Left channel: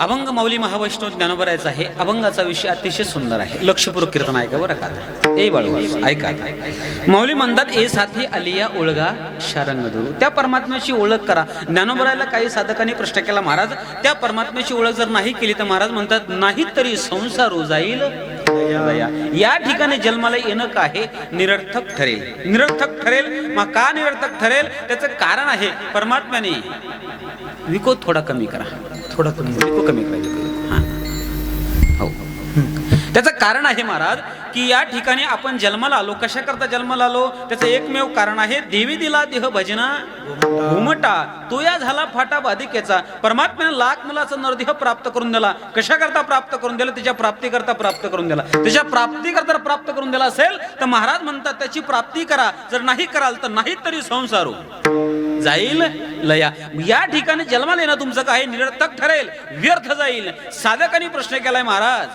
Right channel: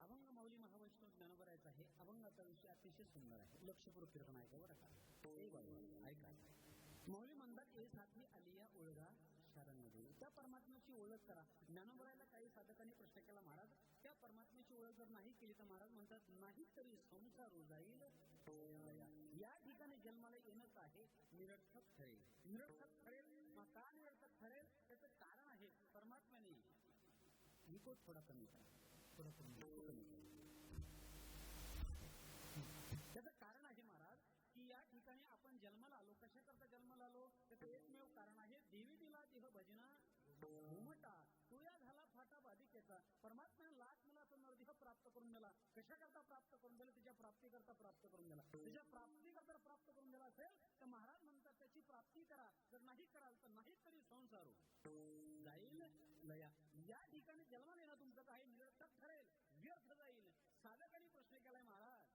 अभंग माऊली महावैष्णव ज्ञानोबरायचा आहे. अभंगाचा विषय अतिशय सुंदर आहे. लक्षपूर्वक कीर्तन ऐका बरं का. ए बाळू ऐका. माऊली म्हणतात ए साथी आलिया ओळगा शारंग दुरू. त्या परमात्म्याची ओळख करा. ज्ञानोबरायला काही साधकांनी प्रश्न केला, महाराज त्या परमात्म्याची ओळख जर नाही केली तर महाराज म्हणतात नाही तरी संसार जाईल. या ठिकाणी जन्माला येणं काय निरर्थक ठरेल. निरर्थक ठरेल. मग का निरर्थक ठरेल त्याचं कारण आहे परमात्म्याने विको थोडा कमी करा. थोडा कमी विको कमी करा. हो त्याचं कारण आहे महाराज की या ठिकाणी आपण जन्माला आलो. कशा करता जन्माला आलो त्याचं एकमेव कारण आहे देवी दिला देह भजना घुमटा तो या झाला फाटा बाधिकेचा. परमात्म्याने लाख मुलाचा नरदेह प्राप्त करून दिला. कशा करता प्राप्त करून दिला? त्याच्या प्राप्ती करता प्राप्त करून दिला. त्याच्या प्राप्ती करता प्राप्त करून दिला असेल तर महाराज म्हणतात त्याची प्राप्ती करा. जर नाही कराल तर नाही तरी संसारू जाईल लया. या ठिकाणी जन्माला येणं तुमचं काय निरर्थक ठरेल, व्यर्थ जाईल. साधकांनी प्रश्न केलाय, महाराज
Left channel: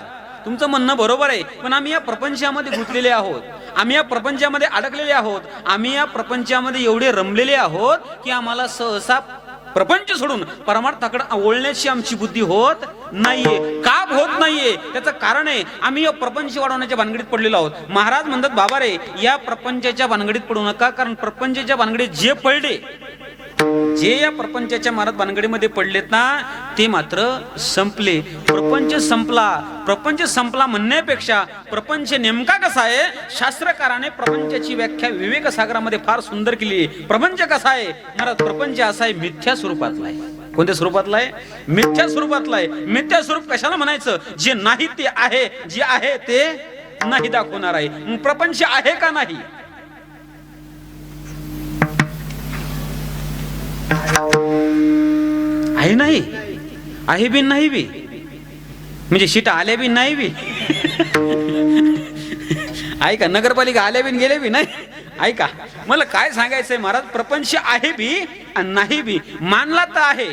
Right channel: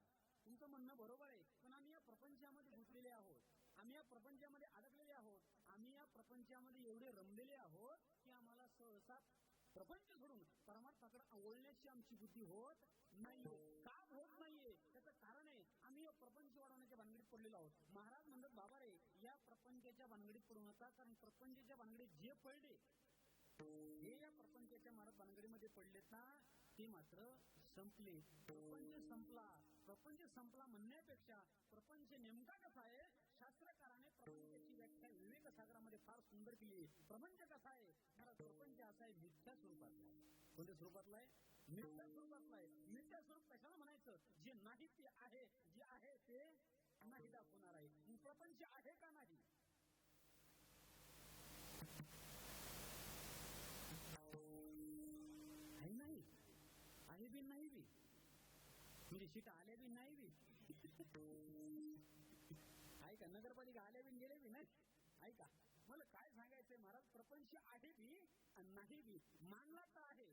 तुमचं म्हणणं बरोबर आहे पण आम्ही या प्रपंचामध्ये गुंतलेले आहोत. आम्ही या प्रपंचामध्ये अडकलेले आहोत. आम्ही या प्रपंचामध्ये एवढे रमलेले आहोत की आम्हाला सहसा प्रपंच सोडून परमार्थाकडे ओळण्याची आमची बुद्धी होत नाहीये. का होत नाहीये त्याचं कारण आहे आम्ही या प्रपंच वाढवण्याच्या भानगडीत पडलेलो आहोत. महाराज म्हणतात बाबा रे या प्रपंचाच्या भानगडीत पडू नका. कारण प्रपंचाच्या भानगडीत जे पडले जे या प्रपंचाच्या महाराज भानगडीमध्ये पडलेत ना ते मात्र संपले. प्रपंच संपला. प्रपंच संपला म्हणण्यापेक्षा प्रपंच नेमका कसा आहे शास्त्रकाराने प्रपंचाची व्याख्या विवेक सागरामध्ये फार सुंदर केली. प्रपंच कसा आहे महाराज? प्रपंच असा आहे मिथ्या स्वरूपातला आहे. कोणत्या स्वरूपातला आहे? मिथ्या स्वरूपातला आहे. मिथ्या स्वरूप कशाला म्हणायचं? जे नाही ते आहे, जे आहे ते नाही दाखवणार आहे. प्रपंच आहे का नाही? आहे नाही आहे बी नाही बी म्हणजे सीट आले बी नाही बी. ऐका नगरपालिका आले बी गेले बी नाही. ऐका मला काय सांगायचंय महाराज प्रपंच आहे बी आणि नाही बी. मानला तर आहे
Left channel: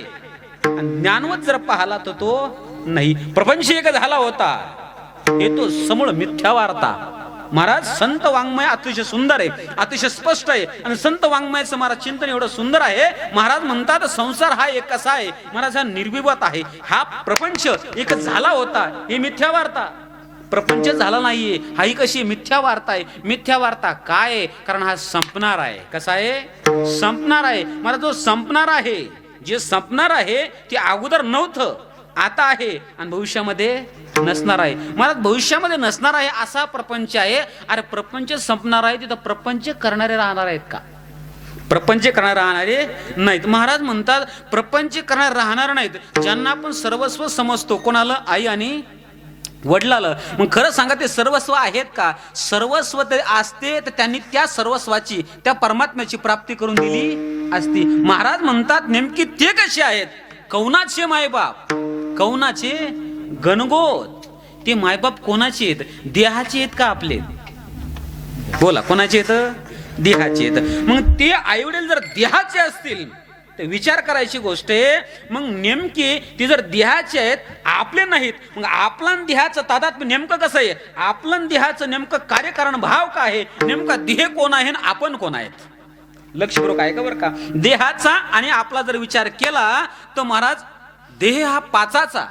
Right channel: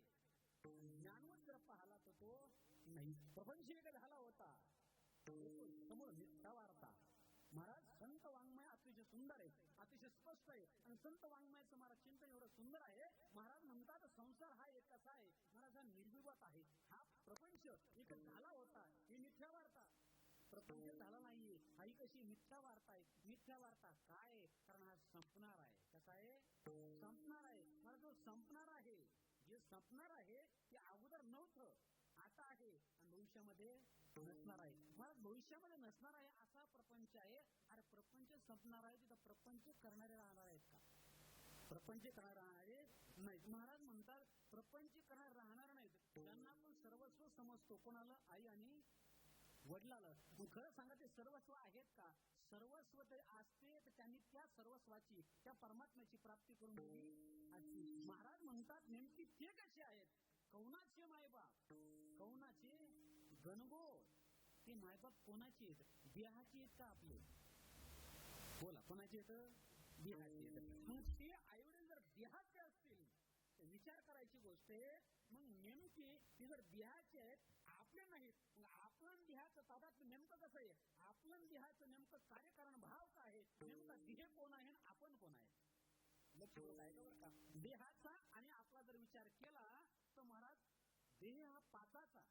ज्ञानवत जर पाहला तर तो नाही. प्रपंच एक झाला होता हे तो समूळ मिथ्या वार्ता. महाराज संत वाङ्मय अतिशय सुंदर आहे, अतिशय स्पष्ट आहे. आणि संत वाङ्मयाचं महाराज चिंतन एवढं सुंदर आहे. महाराज म्हणतात संसार हा एक कसा आहे महाराज हा निर्विवाद आहे. हा प्रपंच एक झाला होता हे मिथ्या वार्ता. प्रपंच झाला नाहीये हा ही कशी मिथ्या वार्ता आहे. मिथ्या वार्ता काय आहे? कारण हा संपणार आहे. कसा आहे? संपणार आहे. महाराज जो संपणार आहे जे संपणार आहे ते अगोदर नव्हतं आता आहे आणि भविष्यामध्ये नसणार आहे. महाराज भविष्यामध्ये नसणार आहे असा प्रपंच आहे. अरे प्रपंच संपणार आहे तिथं प्रपंच करणारे राहणार आहेत का? प्रपंच करणारे राहणारे नाहीत. महाराज म्हणतात प्रपंच करणारे राहणार नाहीत. ज्यांना आपण सर्वस्व समजतो कोणाला? आई आणि वडिलाला. मग खरं सांगा ते सर्वस्व आहेत का? सर्वस्व ते असते तर त्यांनी त्या सर्वस्वाची त्या परमात्म्याची प्राप्ती करून दिली असती. महाराज म्हणतात नेमकी ते कसे आहेत? कौनाचे मायबाप, कौनाचे गणगोत. ते मायबाप कोणाचे आहेत? देहाचे आहेत का आपले? बोला कोणाचे आहेत? देहाचे आहेत. मग ते आईवडील जर देहाचे असतील तर विचार करायची गोष्ट आहे. मग नेमकी ते जर देहाचे आहेत आपले नाहीत मग आपला देहाचं तादात्म्य नेमकं कसं आहे? आपलं देहाचं नेमकं कार्यकारण भाव काय आहे? नेमका देह कोण आहे आणि आपण कोण आहेत? लक्षपूर्वक आहे का बरं का. देहाचा आणि आपला जर विचार केला तर महाराज देह हा पाचाचा.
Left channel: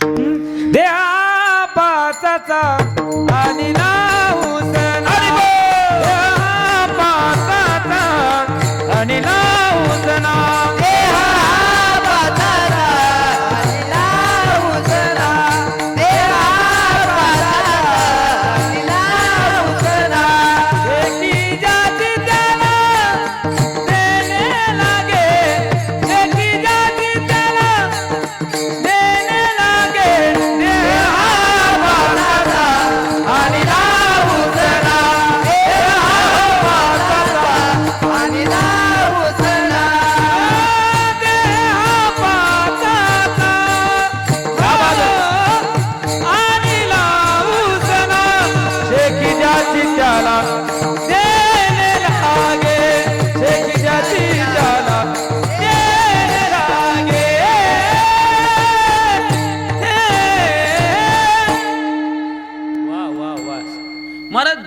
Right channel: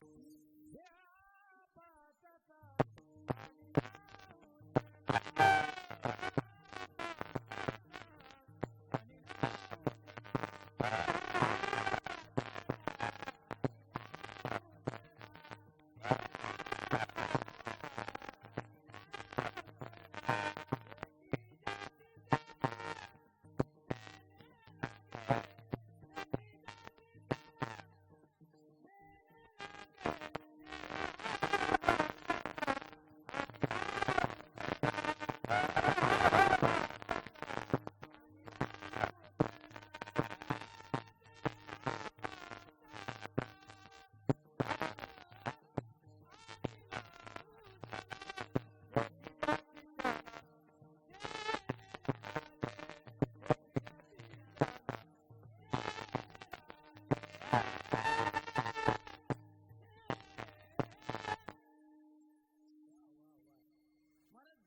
देहा पाचाचा आणि नाव सना. देहा पाचाचा आणि नाव सना. देहा पाचाचा आणि नाव सना. देहा पाचाचा आणि नाव सना. एकी जाती त्याला देणे लागे. एकी जाती त्याला देणे लागे.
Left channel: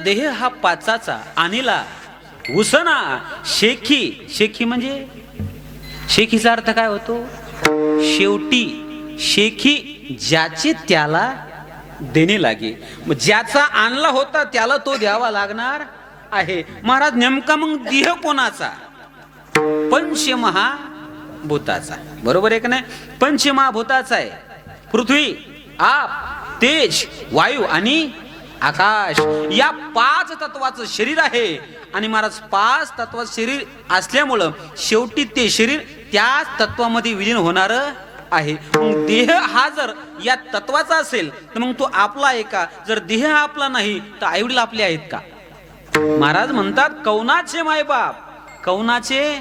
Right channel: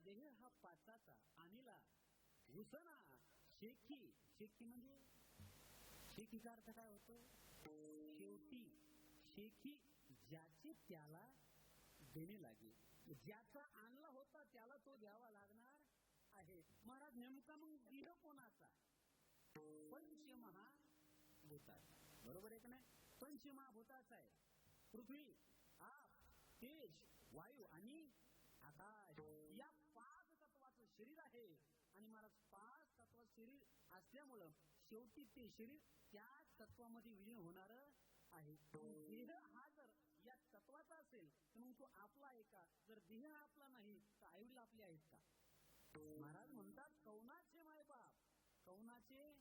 देह हा पाचाचा आणिला उसना शेखी. शेखी म्हणजे शेखीचा अर्थ काय होतो? शेवटी शेखी ज्याचे त्याला देणे लागे. मग ज्याचा आणला होता त्याला तो द्यावा लागणार आहे. महाराज नेमका मग देह कोणाचा? पंचमहाभूताचा. बरोबर आहे का नाही? पंचमहाभूताचा आहे. पृथ्वी, आप, तेज, वायू आणि आकाश या 5 तत्वाचं शरीर आहे. आणि महाराज 5 तत्वाचं शरीर असल्यामुळं शेवटी ते शरीर त्याच तत्वामध्ये विलीन होणार आहे. मग देह हा जर या तत्वाचा असेल तर मग तो आपला आहे का? जर देह आपला नाही तर आईवडील आपले आहेत का? महाराज म्हणतात कौनाचे मायबाप, कौनाचे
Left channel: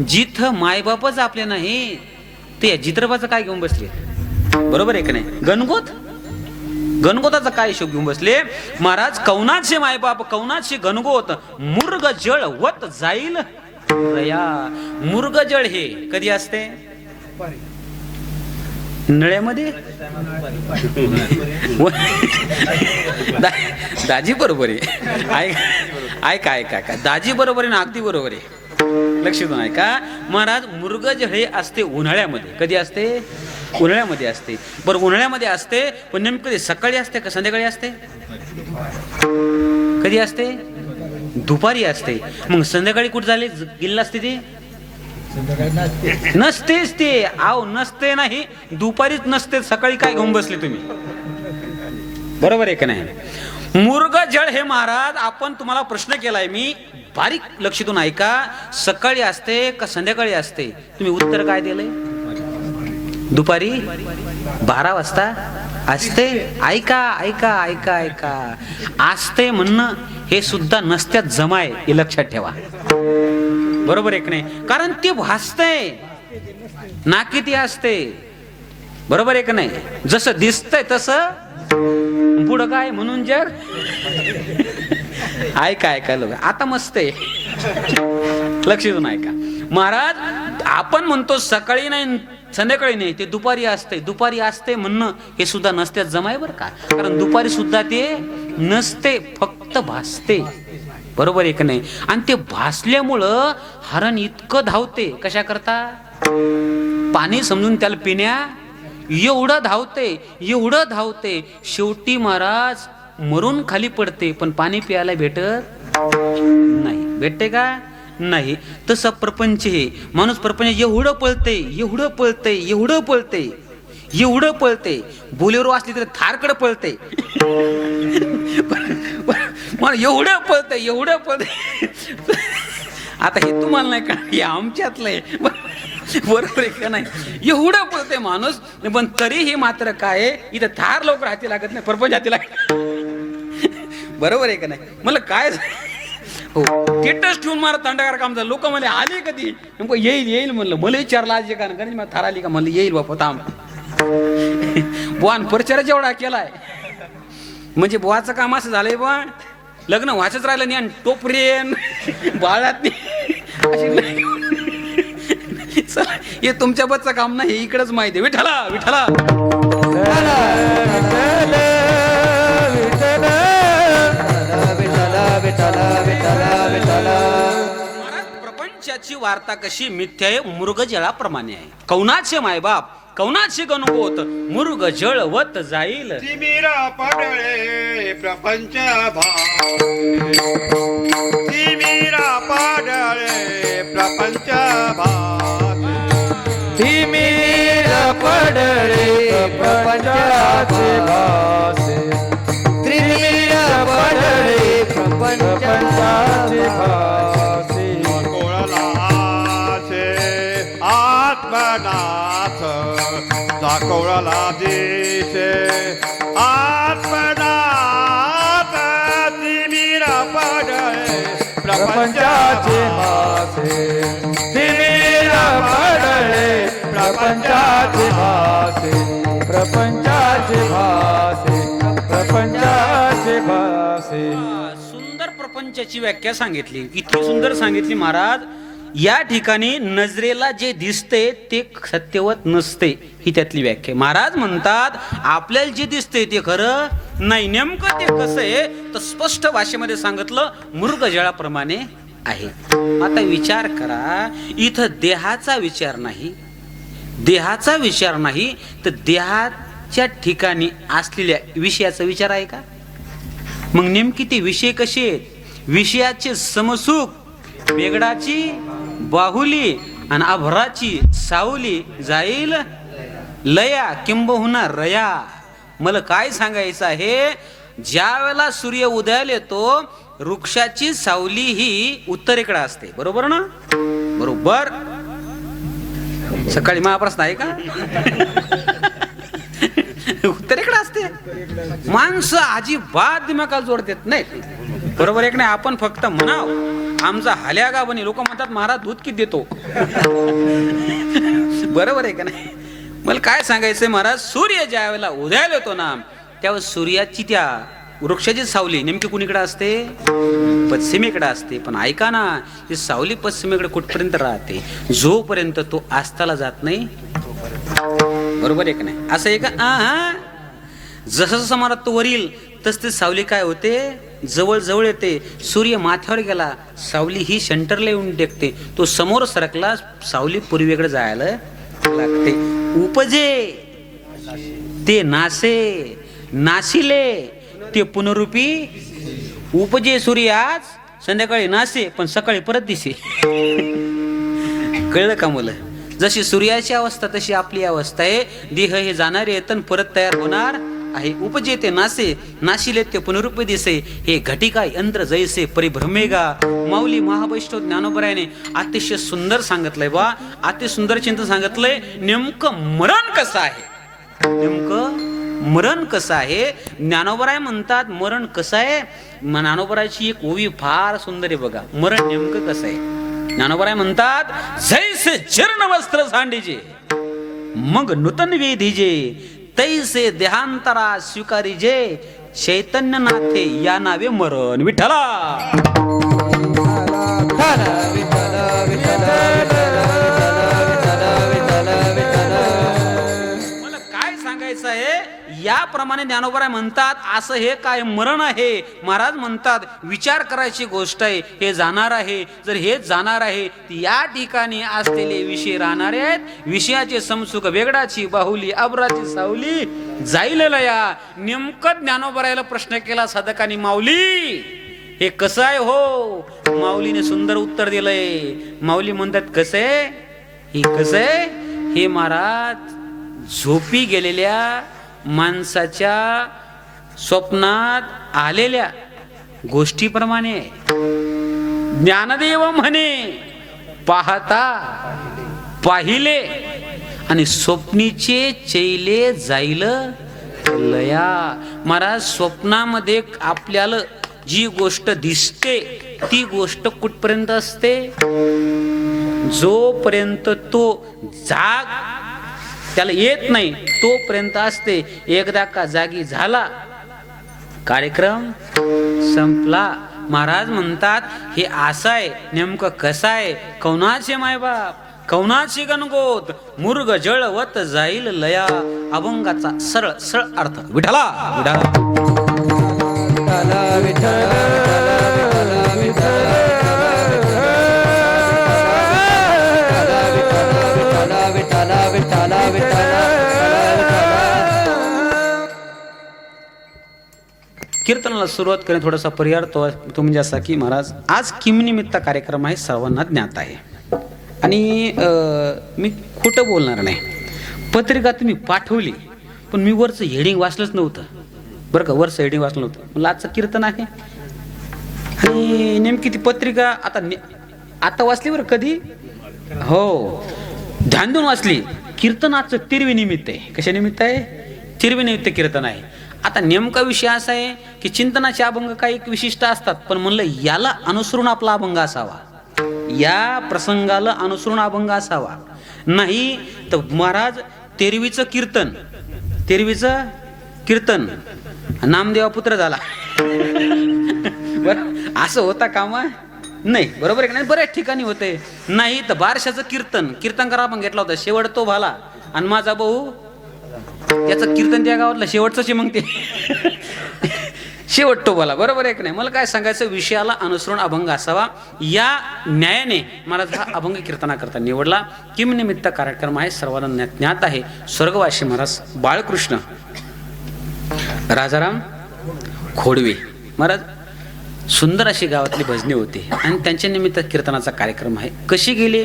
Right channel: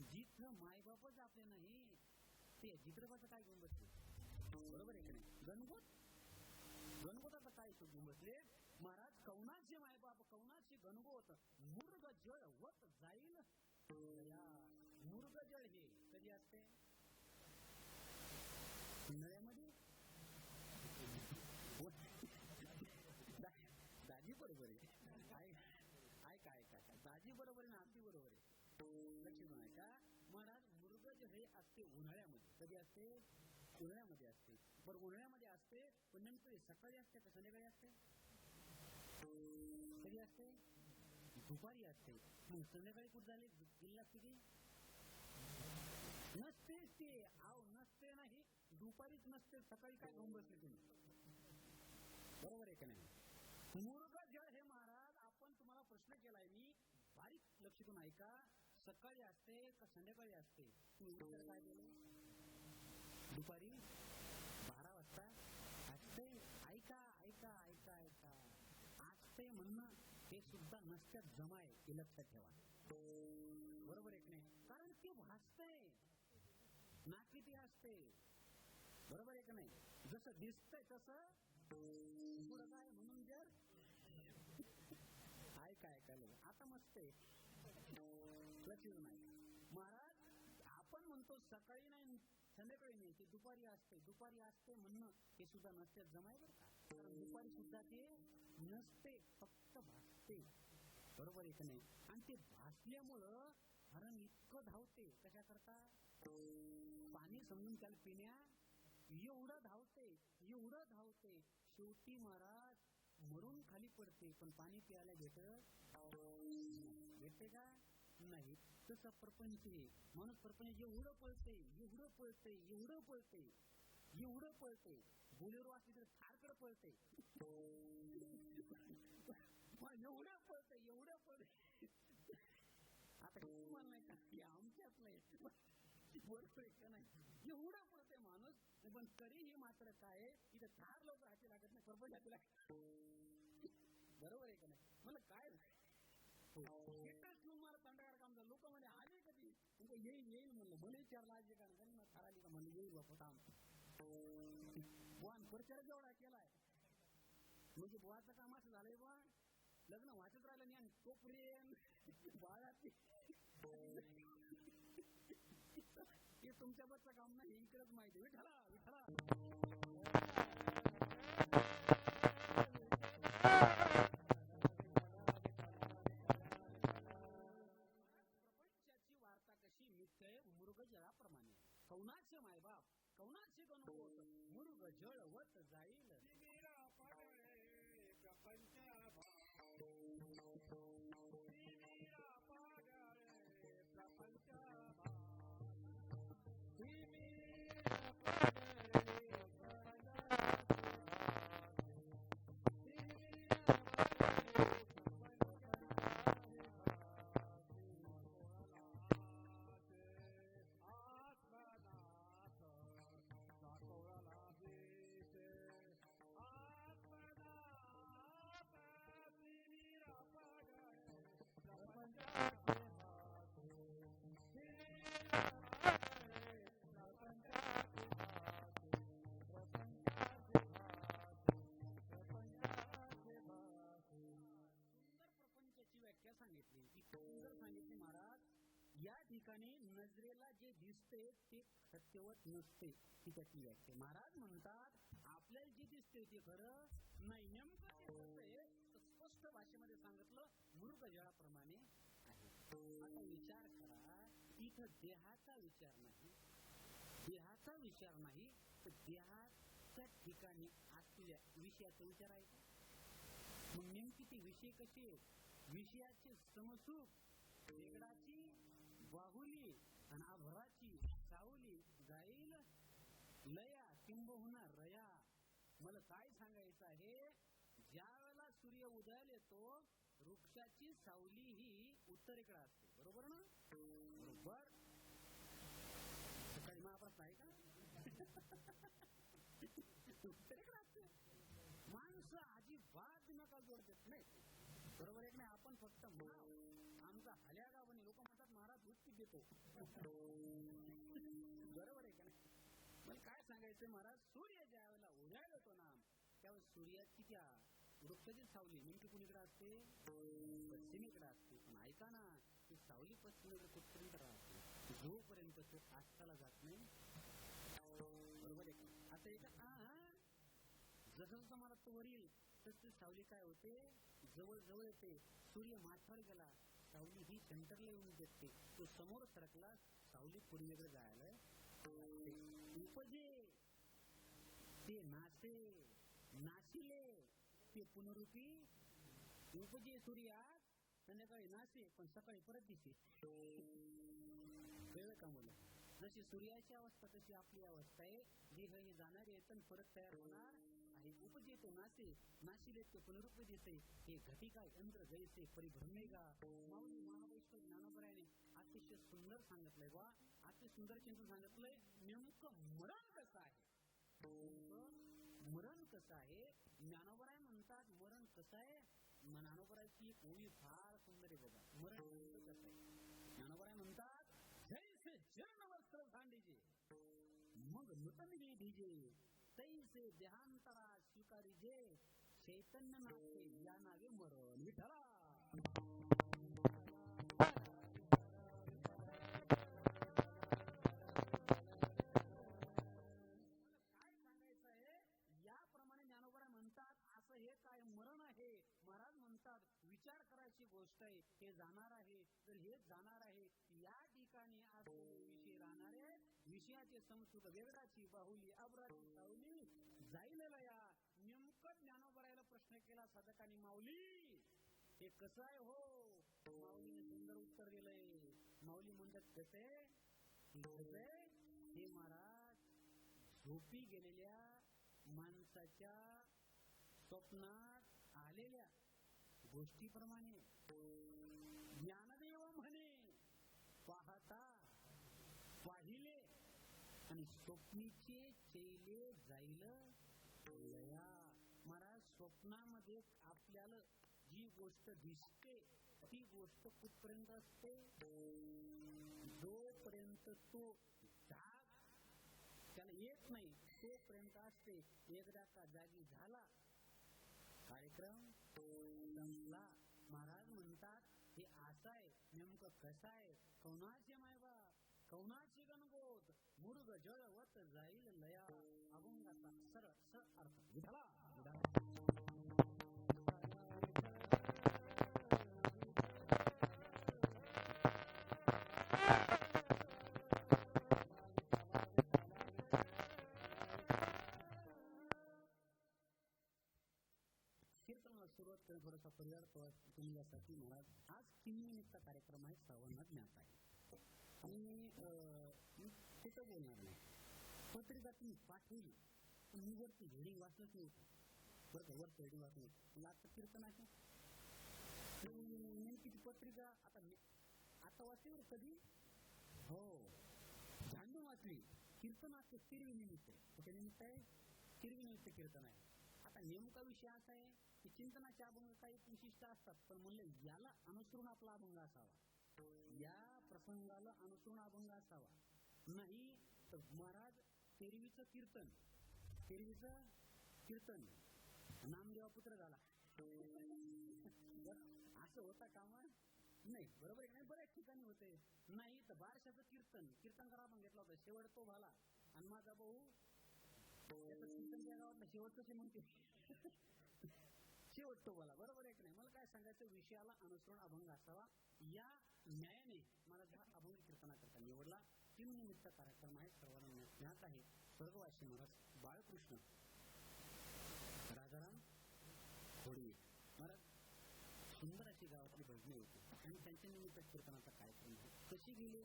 जिथं मायबापच आपले नाही ते जित्रबाचं काय घेऊन बसले? बरोबर आहे का नाही? गणगोताचा काय शोक घेऊन बसले? महाराज कौनाचे मायबाप, कौनाचे गणगोत, मुर्ग जळ वत जाईल रया. मुर्ग जळ हे कधी असते? नळ्यामध्ये. दाजी बरोबर आहे. ऐका ऐका ऐका, दाजी बरोबर आहे ना, अगदी बरोबर आहे. लक्ष देऊन ऐका. महाराज मुर्ग जळ हे असते उन्हाळ्यामध्ये. कधी असते? उन्हाळ्यामध्ये असते. बरं उन्हाळ्यामध्ये असते, पण नेमकं सकाळी असते का संध्याकाळी असते? कधी असते? दुपारी असते. मग संध्याकाळी कुठे झाले गेलेलं असते ते? नसतेच ते. आव नसते नाही, दुपारीच नसते. सकाळी काय घेऊन बसले तुम्ही? बरोबर आहे का नाही? मुर्ग जळ हे महाराज आपण तुम्हाला प्रश्न केलाय मी, बारीक लक्ष देऊन ऐका. सकाळी असते का संध्याकाळी असते? तुम्ही उत्तर काय दिलंय? दुपारी 12 वाजता असते. ऐका ऐका ऐका ऐका, असते म्हणणं हे सुद्धा नसत्यात जमाय, हे लक्षात ठेवा. बरोबर आहे की नाही? कारण ते भासतंय ना की ते असते. बरोबर आहे की नाही? जसं दिसतंय तसं पुढं काय म्हणून जग. ऐका ऐका लोक, आता मस्त आहे. लक्ष देऊन ऐका. महाराज आपण म्हणतो सकाळी नाही संध्याकाळी नाही, ते दुपारी असते. दुपारी असते म्हणणं हे सुद्धा नसत्यात जमाय बरं का. कारण दुपारी सुद्धा ते नसते, फक्त भासते. बरोबर आहे का नाही? आणि ते भासल्यामुळं हरण इतकं धावते. कशा करता? पाणी समजून त्याला पिण्या एवढं धावते, एवढं धावते, शेवटी महाराज मरून खाली पडते. पण पाणी प्यायला भेटत नाही. भेटते का? नाही. तसं प्रपंच हे माणूस प्रपंच एवढं पळते, एवढं पळते, एवढं पळते, एवढं पळते. बोलेरो असली तर थारकडे पळते. एवढं पळते, एवढं पळते. आता हे तुम्हाला नाही का, हे आमच्यातलं आहे. बरोबर आहे का नाही? एवढं पळते माणूस, पण तरीही मात्र काय इथं थार लवकर हाती लागत नाही, प्रपंच हाती लागत. बरोबर आहे का नाही? मला काय हो थिएटर्स ठेवून मला तंडगार काम झालं. लोक मला आले कधी? नेमकं येईल येईल म्हणलं. मला विचारलं आज कारण कारण मला थार आली का? म्हणलं येईल बापा थांब. बुवान परिचय जेवढा केलाय म्हणजे बुवाचं काम असं झालंय बुवा, लग्न व्हायचंच राहिलं नाही आणि टोपरेन बाळात हे तुमच्या बच्चं काम नाही, हे इकडंच माहिती आहे. विठ्ठला विठ्ठला प्रपंचाची वार्ता कशी मिथ्या आहे? मृग जळाप्रमाणे आहे. कौनाचे मायबाप, कौनाचे गणगोत, मृग जळवत जाईल. तिमिरा पडळे प्रपंच भाव, तिमिरा पडळे प्रपंच भाव, तिमिरा पडळे प्रपंचाचे भासे, तिमिरा पडळे प्रपंचाचे भासे. कोळलाचे आत्मनाथ दाखवला दिसे, आत्मनाथ तिमिरा पडळे प्रपंचाचे भासे, तिमिरा पडळे प्रपंचाचे भासे, प्रपंचाचे भासे, प्रपंचाचे भासे. सुंदर प्रपंचाची व्याख्या सांगितली. किती सुंदर सांगितली महाराज. या ठिकाणी नजरेला जे दिसते ते सत्यवत नसते, ही त्यातली व्याख्या. महाराज म्हणतात आपल्याला जे दिसते ते खरं नाही. नेमकं ते कसं आहे तर स्पष्ट भाषेमध्ये सांगितलं, मृग जळाप्रमाणे आहे. आता विचार करा, इथं देहाचा विचार नाही, देहाचा विचार नाही तर देहाच्या ठिकाणी असलेल्या विषयाचा विचार आहे का? मग नेमकी ते विषय कसे आहेत? विषयाचे समसुख, वेगळाची बाहुली आणि अभराची सावली जाईल लया किंबहुना रया. मला काय सांगायचं आहे, ज्या वेळेला सूर्य उदयाला येतो वृक्षाची सावली ही उत्तरेकडे असते, बरोबर ना? बरोबर. सकाळी महाप्रश्न आहे का? उत्तरेकडे असते. माणसं अजिबात दिमागाला जोड देत नाही, बरोबर आहे की नाही? आपण फक्त म्हणाव आमचा हल्यागा बनी, लोक म्हणतात महाराज दूध किती देतो. बरोबर आहे का नाही? मला काय सांगायचंय महाराज, सूर्य ज्या वेळेला उदयाला येतो ना त्यावेळेस सूर्याची त्या वृक्षाची सावली नेमकी कुणीकडे असते? पश्चिमेकडे असते. पण ऐका ना, ती सावली पश्चिमेकडे कुठपर्यंत राहते? जोपर्यंत तो आस्ताला जात नाही. बरोबर आहे का नाही? असं आहे का? जसं जसं मला तो वरील तस ते सावली काय होते, जवळ जवळ येते. सूर्य माथ्यावर गेला, सावली ही सेंटरला येऊन टेकते. तो समोर सरकला, सावली पूर्वेकडे जायला लागते. उपजे ते नासे, नाशिले ते पुनरुपी. उपजे सूर्य आज संध्याकाळी नासे पण सकाळी परत दिसे. कळलं का मुलं? जशी सूर्याची अवस्था तशी आपली अवस्था आहे. देह हे जाणारे येतन परत तयार होणार आहे. उपजे ते नासे, नाशिले ते पुनरुपी दिसे. हे घटिका यंत्र जैसे परिभ्रमेगा. माऊली महावैष्णव ज्ञानोबरायाने अतिशय सुंदर सांगितलंय बा, अति सुंदर चिंतन सांगितलंय. नेमकं मरण कसं आहे, नेमकं मरण कसं आहे. ज्ञानोबराय म्हणतात मरण कसं आहे. ज्ञानोबरायची एक ओवी फार सुंदर आहे बघा. मरण नेमकं कसं आहे. ज्ञानोबराय म्हणतात, जैसे जीर्ण वस्त्र सांडीजे मग नूतन वेधीजे, तैसे देहांतरा स्वीकारीजे, चैतन्य नाथे या नावे मरण. विठ्ठला मला काय सांगायचं आहे, याप्रमाणे ज्ञानोबराय म्हणतात असं हे काय मरण आहे. महाराज म्हणतात विचार करायची गोष्ट आहे, हे जाणार आहे. जर हे जाणार आहे या ठिकाणी असलेले विषय राहणार आहेत. विषयाचे समसुख, वेगळाची बाहुली, अब्राची सावली जाईल लया. नेमकं ज्ञानोबरायला प्रश्न केला साधकांनी, माऊली हे कसं आहे हो? माऊलीने सुंदर उत्तर दिलंय. माऊली म्हणतात कसं आहे हे, कसं आहे हे महाराज, झोपी गेलेल्या माणसाच्या स्वप्नात आलेल्या गोष्टीप्रमाणे. ज्ञानदेव म्हणे पाहता पाहिले आणि स्वप्नीचे चैले जाईल लया. महाराज स्वप्नामध्ये आपल्याला जी गोष्ट दिसते ती गोष्ट कुठपर्यंत असते? जोपर्यंत तो जाग त्याला येत नाही तोपर्यंत असते. एकदा का जागी झाला कार्यक्रम संपला. महाराज म्हणतात हे असं आहे. नेमकं कसं आहे? कौनाचे मायबाप, कौनाची गणगोत, मुर्ग जळवत जाईल लया. अभंगाचा सरळ सरळ अर्थ. विठ्ठला कीर्तनाला सुरुवात करेन. थोडासा पर्याय तो म्हणजे असा की महाराज आज किमनिमित्त कार्यक्रम आहे, सर्वांना ज्ञात आहे. आणि मी खोटं बोलणार नाही. पत्रिका तुम्ही पाठवली पण मी वरचं हेडिंग वाचलंच नव्हतं बरं का. वरचं हेडिंग वाचलं नव्हतं. मला आजचं कीर्तन आहे आणि नेमकी ती पत्रिका आता वाचली बरं. कधी हो ध्यान देऊन वाचली. कीर्तनाचं तिरवी निमित्त आहे. कशा निमित्त आहे? तिरवी निमित्त कीर्तन आहे. आता नेमका विषय असा आहे की चिंतनाचे अभंग काही विशिष्ट असतात, पण म्हणलं याला अनुसरून आपला अभंग असावा, या प्रसंगाला अनुसरून अभंग असावा. नाही तर महाराज तेरवीचं कीर्तन नामदेवा पुत्र झाला. बरं असं होता कामा नाही. बरोबर आहे की नाही? बऱ्याच ठिकाणी होते. नाही तर बारशाचं कीर्तनकार आपण घेतला होता, शेवट तो भाला. आणि माझा भाऊ त्याचं कीर्तन त्या गावातलं शेवटचं मग ते शेवटतो बोला, बरोबर आहे की नाही? मला काय सांगायचं, विषयाला अनुसरून अभंग असावा, या न्यायाने महाराज हा अभंग कीर्तना करता निवडला. किम निमित्त कार्यक्रम आहे, सर्वांना ज्ञात आहे. स्वर्गवासी महाराज बाळकृष्ण राजाराम खोडवे महाराज, सुंदर अशी गावातली भजनी होती आणि त्यांच्या निमित्त कीर्तनाचा कार्यक्रम आहे. कशी गेले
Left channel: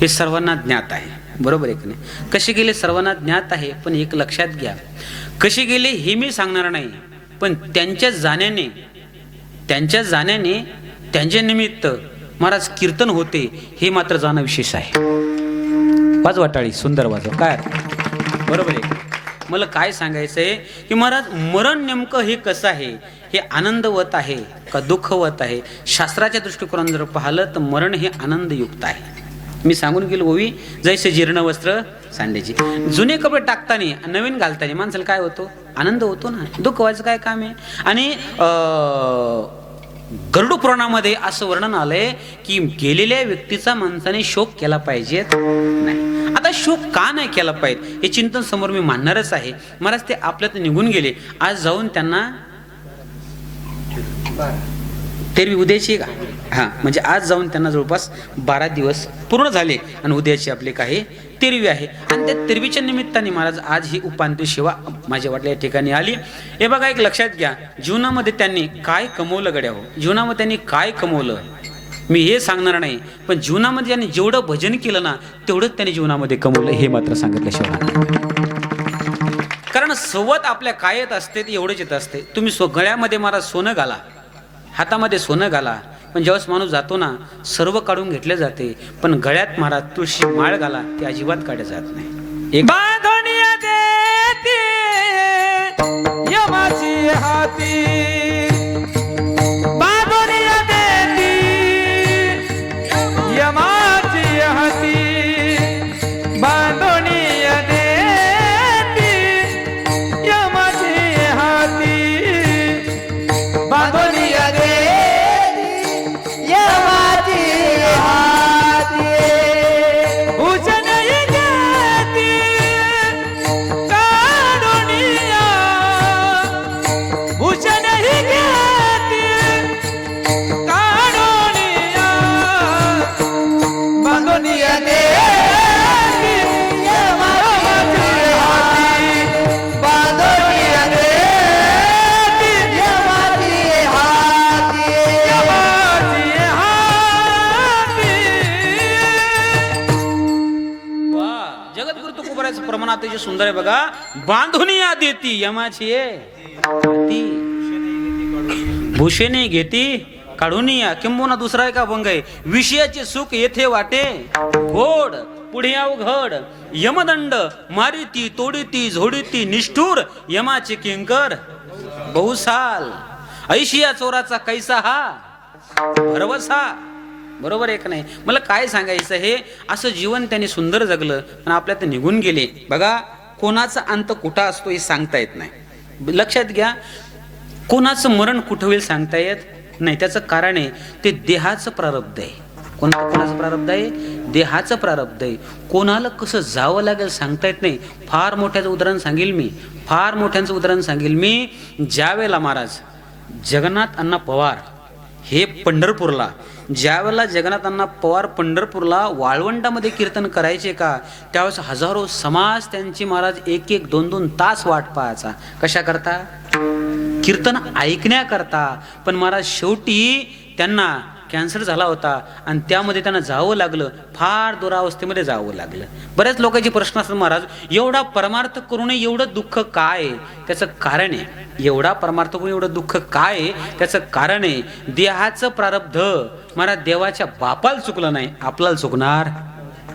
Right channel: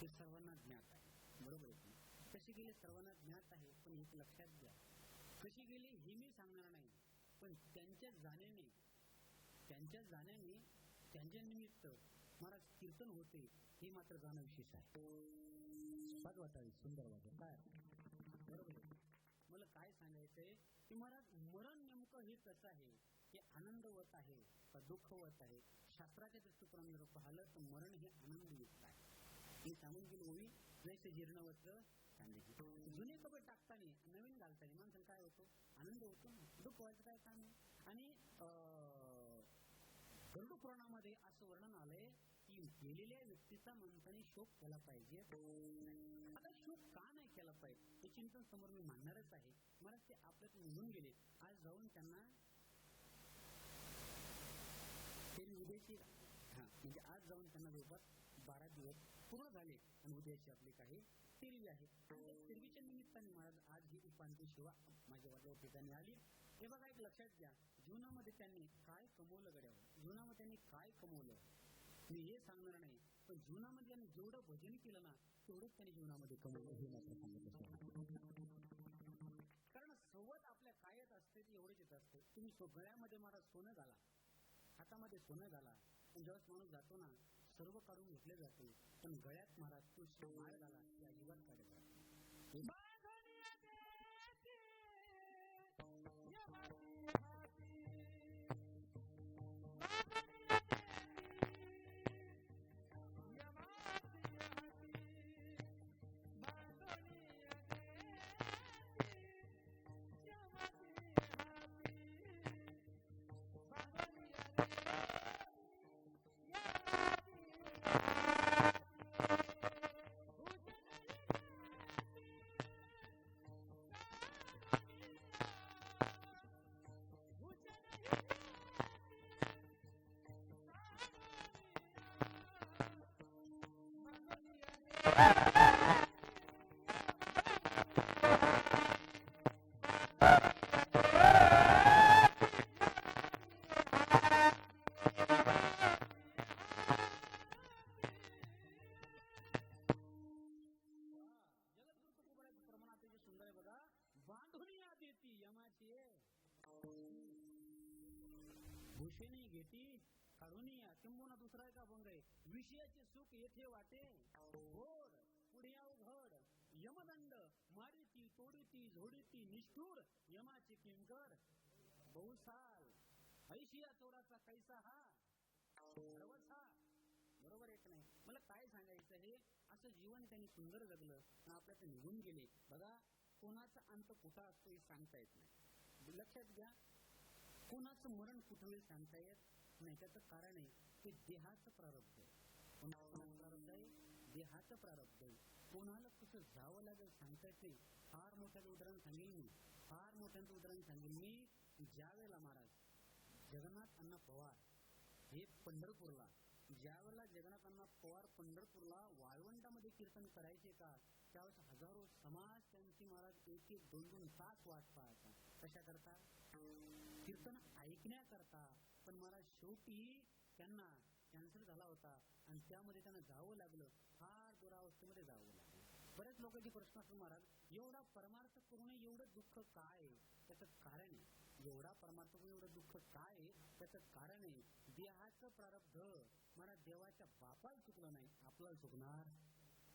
हे सर्वांना ज्ञात आहे, बरोबर आहे की नाही? कशी गेले सर्वांना ज्ञात आहे, पण एक लक्षात घ्या, कशी गेले हे मी सांगणार नाही, पण त्यांच्या जाण्याने त्यांच्या निमित्त महाराज कीर्तन होते हे मात्र जाणं विशेष आहे. वाजवा टाळी, सुंदर वाजवा, काय बरोबर आहे. मला काय सांगायचंय की महाराज मरण नेमकं हे कसं आहे, हे आनंदवत आहे का दुःखवत आहे? शास्त्राच्या दृष्टिकोनातून जर पाहिलं तर मरण हे आनंदयुक्त आहे. मी सांगून गेलो ओवी, जैसे जीर्ण वस्त्र सांडायची. जुने कपडे टाकताना नवीन घालताना माणसाला काय होतो? आनंद होतो ना. दुःख व्हायचं काय काम आहे? आणि गरुड पुराणामध्ये असं वर्णन आलंय की गेलेल्या व्यक्तीचा माणसाने शोक केला पाहिजे नाही. आता शोक का नाही केला पाहिजे हे चिंतन समोर मी मांडणारच आहे. महाराज ते आपल्यात निघून गेले, आज जाऊन त्यांना तेरवी उद्याची का, हा म्हणजे आज जाऊन त्यांना जवळपास 12 दिवस पूर्ण झाले आणि उद्याची आपले काही तेरवी आहे. आणि त्या तेरवीच्या निमित्ताने महाराज आज ही उपांत्य सेवा माझ्या वाटल्या या ठिकाणी आली. हे बघा, एक लक्षात घ्या, जीवनामध्ये त्यांनी काय कमवलं गड्या हो, जीवनामध्ये त्यांनी काय कमवलं मी हे सांगणार नाही, पण जीवनामध्ये त्यांनी जेवढं भजन केलं ना तेवढंच त्यांनी जीवनामध्ये कमवलं हे मात्र सांगितल्याशिवाय. कारण सवत आपल्या काय येत असते ते एवढंच येत असते. तुम्ही गळ्यामध्ये महाराज सोनं घाला, हातामध्ये सोनं घाला, पण ज्यावेळेस माणूस जातो ना सर्व काढून घेतले जाते, पण गळ्यात महाराज तुळशी माळ घाला ते अजिबात काढले जात नाही. एक बांधोनिया देती यमाची हाती, बांधोनिया देती यमाची हाती, बांधोनिया देती यमाची हाती, बांधोनिया अतिशय सुंदर आहे बघा. बांधून या देती यमाची भूषणे घेती काढून या. किंबहुना दुसरा एक अभंग आहे, विषयाचे सुख येथे वाटे गोड पुढे अवघड, यमदंड मारिती तोडीती झोडीती निष्ठूर यमाचे किंकर बहुसाल, ऐशिया चोराचा कैसा हा भरवसा. बरोबर आहे का नाही? मला काय सांगायचं, हे असं जीवन त्यांनी सुंदर जगलं पण आपल्यात निघून गेले. बघा, कोणाचा अंत कुठं असतो हे सांगता येत नाही. लक्षात घ्या, कोणाचं मरण कुठं होईल सांगता येत नाही. त्याचं कारण आहे ते देहाचं प्रारब्ध आहे. कोणाचं प्रारब्ध आहे? देहाचं प्रारब्ध आहे. कोणाला कसं जावं लागेल सांगता येत नाही. फार मोठ्याचं उदाहरण सांगेल मी, फार मोठ्यांचं उदाहरण सांगेल मी. ज्या वेळेला महाराज जगन्नाथ अण्णा पवार हे पंढरपूरला, ज्यावेळेला जगन्नाथ अण्णा पवार पंढरपूरला वाळवंटामध्ये कीर्तन करायचे का, त्यावेळेस हजारो समाज त्यांची महाराज 1-1, 2-2 तास वाट पाहायचा. कशा करता? कीर्तन ऐकण्याकरता. पण महाराज शेवटी त्यांना कॅन्सर झाला होता आणि त्यामध्ये त्यांना जावं लागलं, फार दुरावस्थेमध्ये जावं लागलं. बऱ्याच लोकांचे प्रश्न असतात, महाराज एवढा परमार्थ करून एवढं दुःख काय? त्याचं कारण आहे, एवढा परमार्थ करून एवढं दुःख काय? त्याचं कारण आहे देहाचं प्रारब्ध. महाराज देवाच्या बापाला चुकलं नाही, आपल्याला चुकणार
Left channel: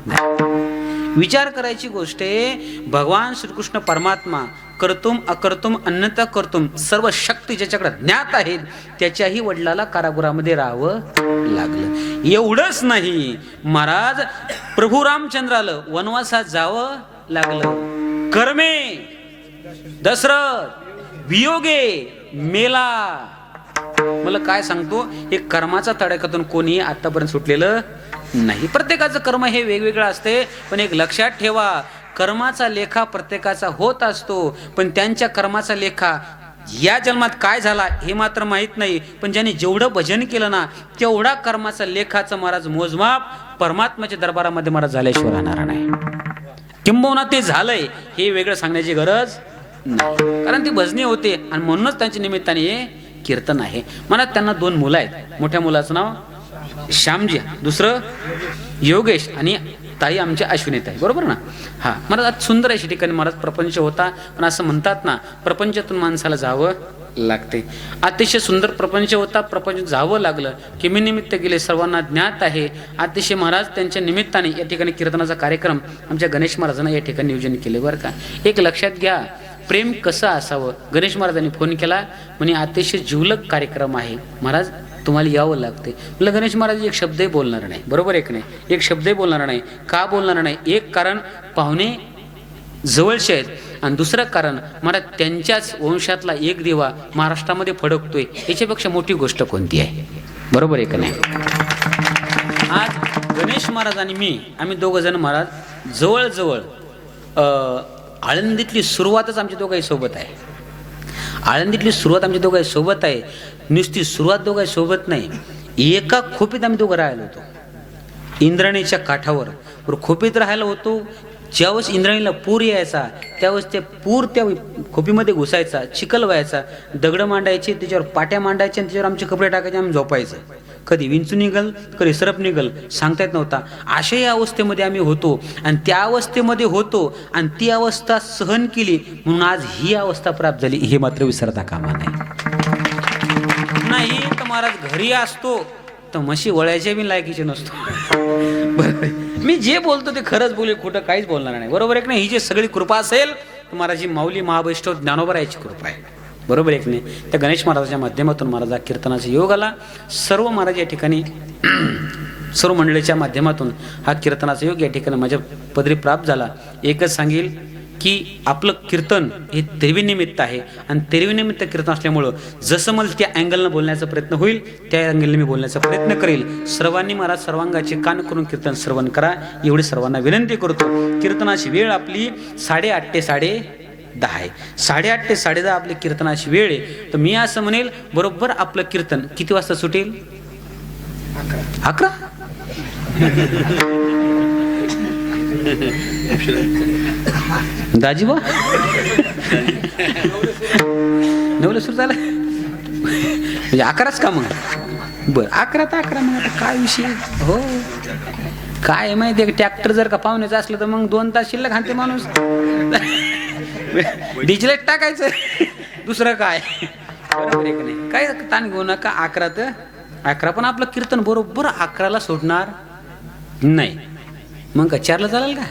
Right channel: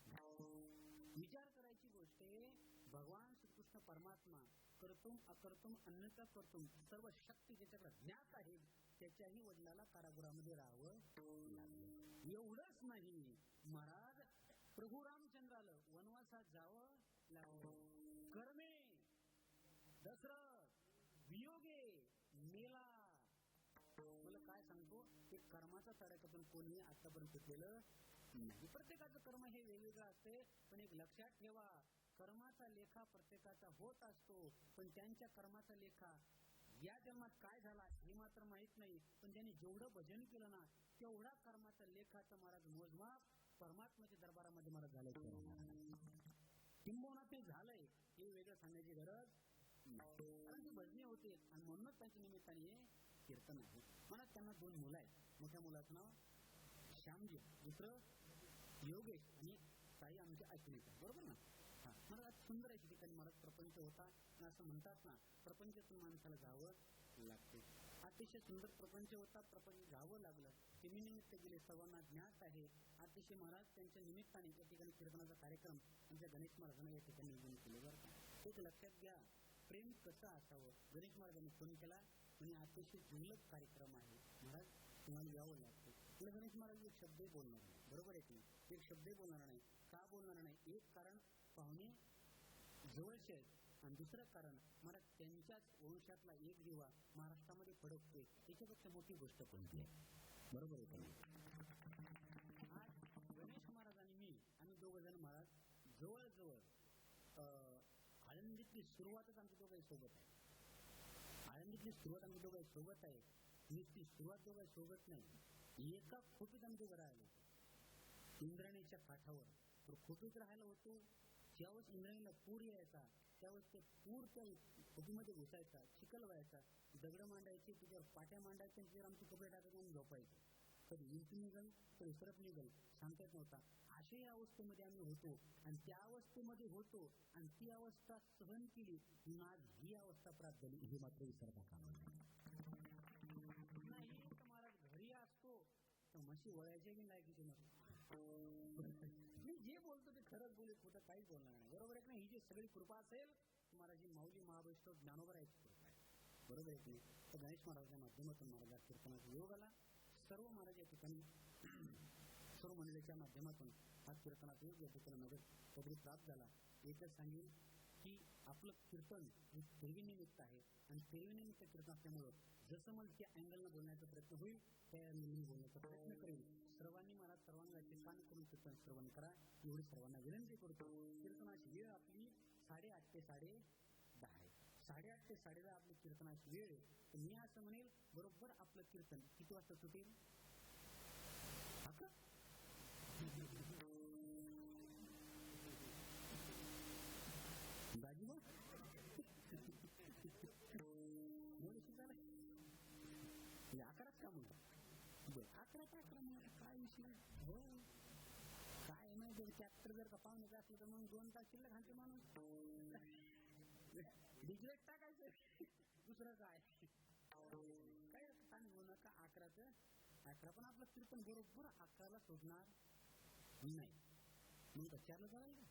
नाही. विचार करायची गोष्ट आहे. भगवान श्रीकृष्ण परमात्मा कर्तुम अकर्तुम अन्यथा कर्तुम सर्व शक्ती ज्याच्याकडे ज्ञात आहेत त्याच्याही वडिलाला कारागृहामध्ये राहावं लागलं. एवढंच नाही, महाराज प्रभू रामचंद्राला वनवासात जावं लागलं. कर्मे दशरथ वियोगे मेला. मला काय सांगतो, हे कर्माचा तडाख्यातून कोणी आतापर्यंत सुटलेलं नाही. प्रत्येकाचं कर्म हे वेगवेगळं असते, पण एक लक्षात ठेवा, कर्माचा लेखा प्रत्येकाचा होत असतो, पण त्यांच्या कर्माचा लेखा या जन्मात काय झाला हे मात्र माहीत नाही, पण ज्यांनी जेवढं भजन केलं ना तेवढा कर्माचा लेखाचं महाराज मोजमाप परमात्म्याच्या दरबारामध्ये महाराज झाल्याशिवाय राहणार नाही. किंबहुना ते झालंय हे वेगळं सांगण्याची गरज नाही, कारण ती भजनी होते आणि म्हणूनच त्यांच्या निमित्ताने हे कीर्तन आहे. मला त्यांना 2 मुलं आहेत. मोठ्या मुलाचं नाव श्यामजी, दुसरं योगेश आणि ताई आमच्या अश्विनीत आहे, बरोबर ना. हा महाराज आज सुंदर अशी ठिकाणी महाराज प्रपंच होता, पण असं म्हणतात ना प्रपंचातून माणसाला जावं लागते. अतिशय सुंदर प्रपंच होता, प्रपंच जावं लागलं की मी निमित्त गेले सर्वांना ज्ञात आहे. अतिशय महाराज त्यांच्या निमित्ताने या ठिकाणी कीर्तनाचा कार्यक्रम आमच्या गणेश महाराजांना या ठिकाणी नियोजन केले बरं का. एक लक्षात घ्या, प्रेम कसं असावं. गणेश महाराजांनी फोन केला म्हणे अतिशय जिवलग कार्यक्रम आहे महाराज, तुम्हाला यावं लागते. म्हटलं गणेश महाराज एक शब्दही बोलणार नाही, बरोबर आहे की नाही, एक शब्दही बोलणार नाही. का बोलणार नाही? एक कारण पाहुणे जवळचे आहेत आणि दुसरं कारण मला त्यांच्याच वंशातला एक दिवा महाराष्ट्रामध्ये फडकतोय, याच्यापेक्षा मोठी गोष्ट कोणती आहे, बरोबर आहे की नाही. आज गणेश महाराज आणि मी आम्ही 2 जण महाराज जवळजवळ आळंदीतली सुरुवातच आमच्या दोघाही सोबत आहे. आळंदीतली सुरुवात आमच्या दोघाही सोबत आहे. नुसती सुरुवात दोघाही सोबत नाही, एका खोपीत आम्ही दोघं राहिलो होतो इंद्रायणीच्या काठावर. खोपीत राहायला होतो. ज्यावेळेस इंद्रायणीला पूर यायचा त्यावेळेस ते पूर त्या खोपीमध्ये घुसायचा, चिखल व्हायचा, दगडं मांडायचे, त्याच्यावर पाट्या मांडायच्या आणि त्याच्यावर आमचे कपडे टाकायचे, आम्ही झोपायचं. कधी विंचू निघल कधी सरप निघल सांगता येत नव्हता. अशा या अवस्थेमध्ये आम्ही होतो आणि त्या अवस्थेमध्ये होतो आणि ती अवस्था सहन केली म्हणून आज ही अवस्था प्राप्त झाली, हे मात्र विसरता कामा नाही. तर महाराज घरी असतो तर म्हशी वळायच्या बी लायकीचे नसतो. बरोबर, मी जे बोलतो ते खरंच बोले, खोटं काहीच बोलणार नाही, बरोबर आहे की नाही. ही जी सगळी कृपा असेल तर महाराज ही माऊली महावैष्णव ज्ञानोबा याची कृपा आहे, बरोबर आहे की नाही. त्या गणेश महाराजाच्या माध्यमातून महाराजा कीर्तनाचा योग आला. सर्व महाराज या ठिकाणी सर्व मंडळीच्या माध्यमातून हा कीर्तनाचा योग या ठिकाणी माझ्या पदरी प्राप्त झाला. एकच सांगेल की आपलं कीर्तन हे तेरवीनिमित्त आहे आणि तेरवीनिमित्त कीर्तन असल्यामुळं जसं मला त्या अँगलनं बोलण्याचा प्रयत्न होईल त्या अँगलने मी बोलण्याचा प्रयत्न करेल. सर्वांनी महाराज सर्वांगाचे कान करून कीर्तन श्रवण करा एवढी सर्वांना विनंती करतो. कीर्तनाची वेळ आपली 8:30 ते 10:30 आहे. 8:30 ते 10:30 आपली कीर्तनाची वेळ आहे. तर मी असं म्हणेल बरोबर आपलं कीर्तन किती वाजता सुटेल? 11. दाजीबा 9ला सुरू झाला म्हणजे 11च का मग? बरं 11 तर 11. मग आता काय विषय हो काय माहिती आहे, ट्रॅक्टर जर का पाहुण्याचं असलं तर मग 2 तास शिल्लक हाणते माणूस. डिजिलेट टाकायचं दुसरं काय, बरोबर आहे की नाही. काय ताण घेऊ नका. 11 तर 11 पण आपलं कीर्तन बरोबर 11ला सोडणार नाही. मग का 4ला चालेल का?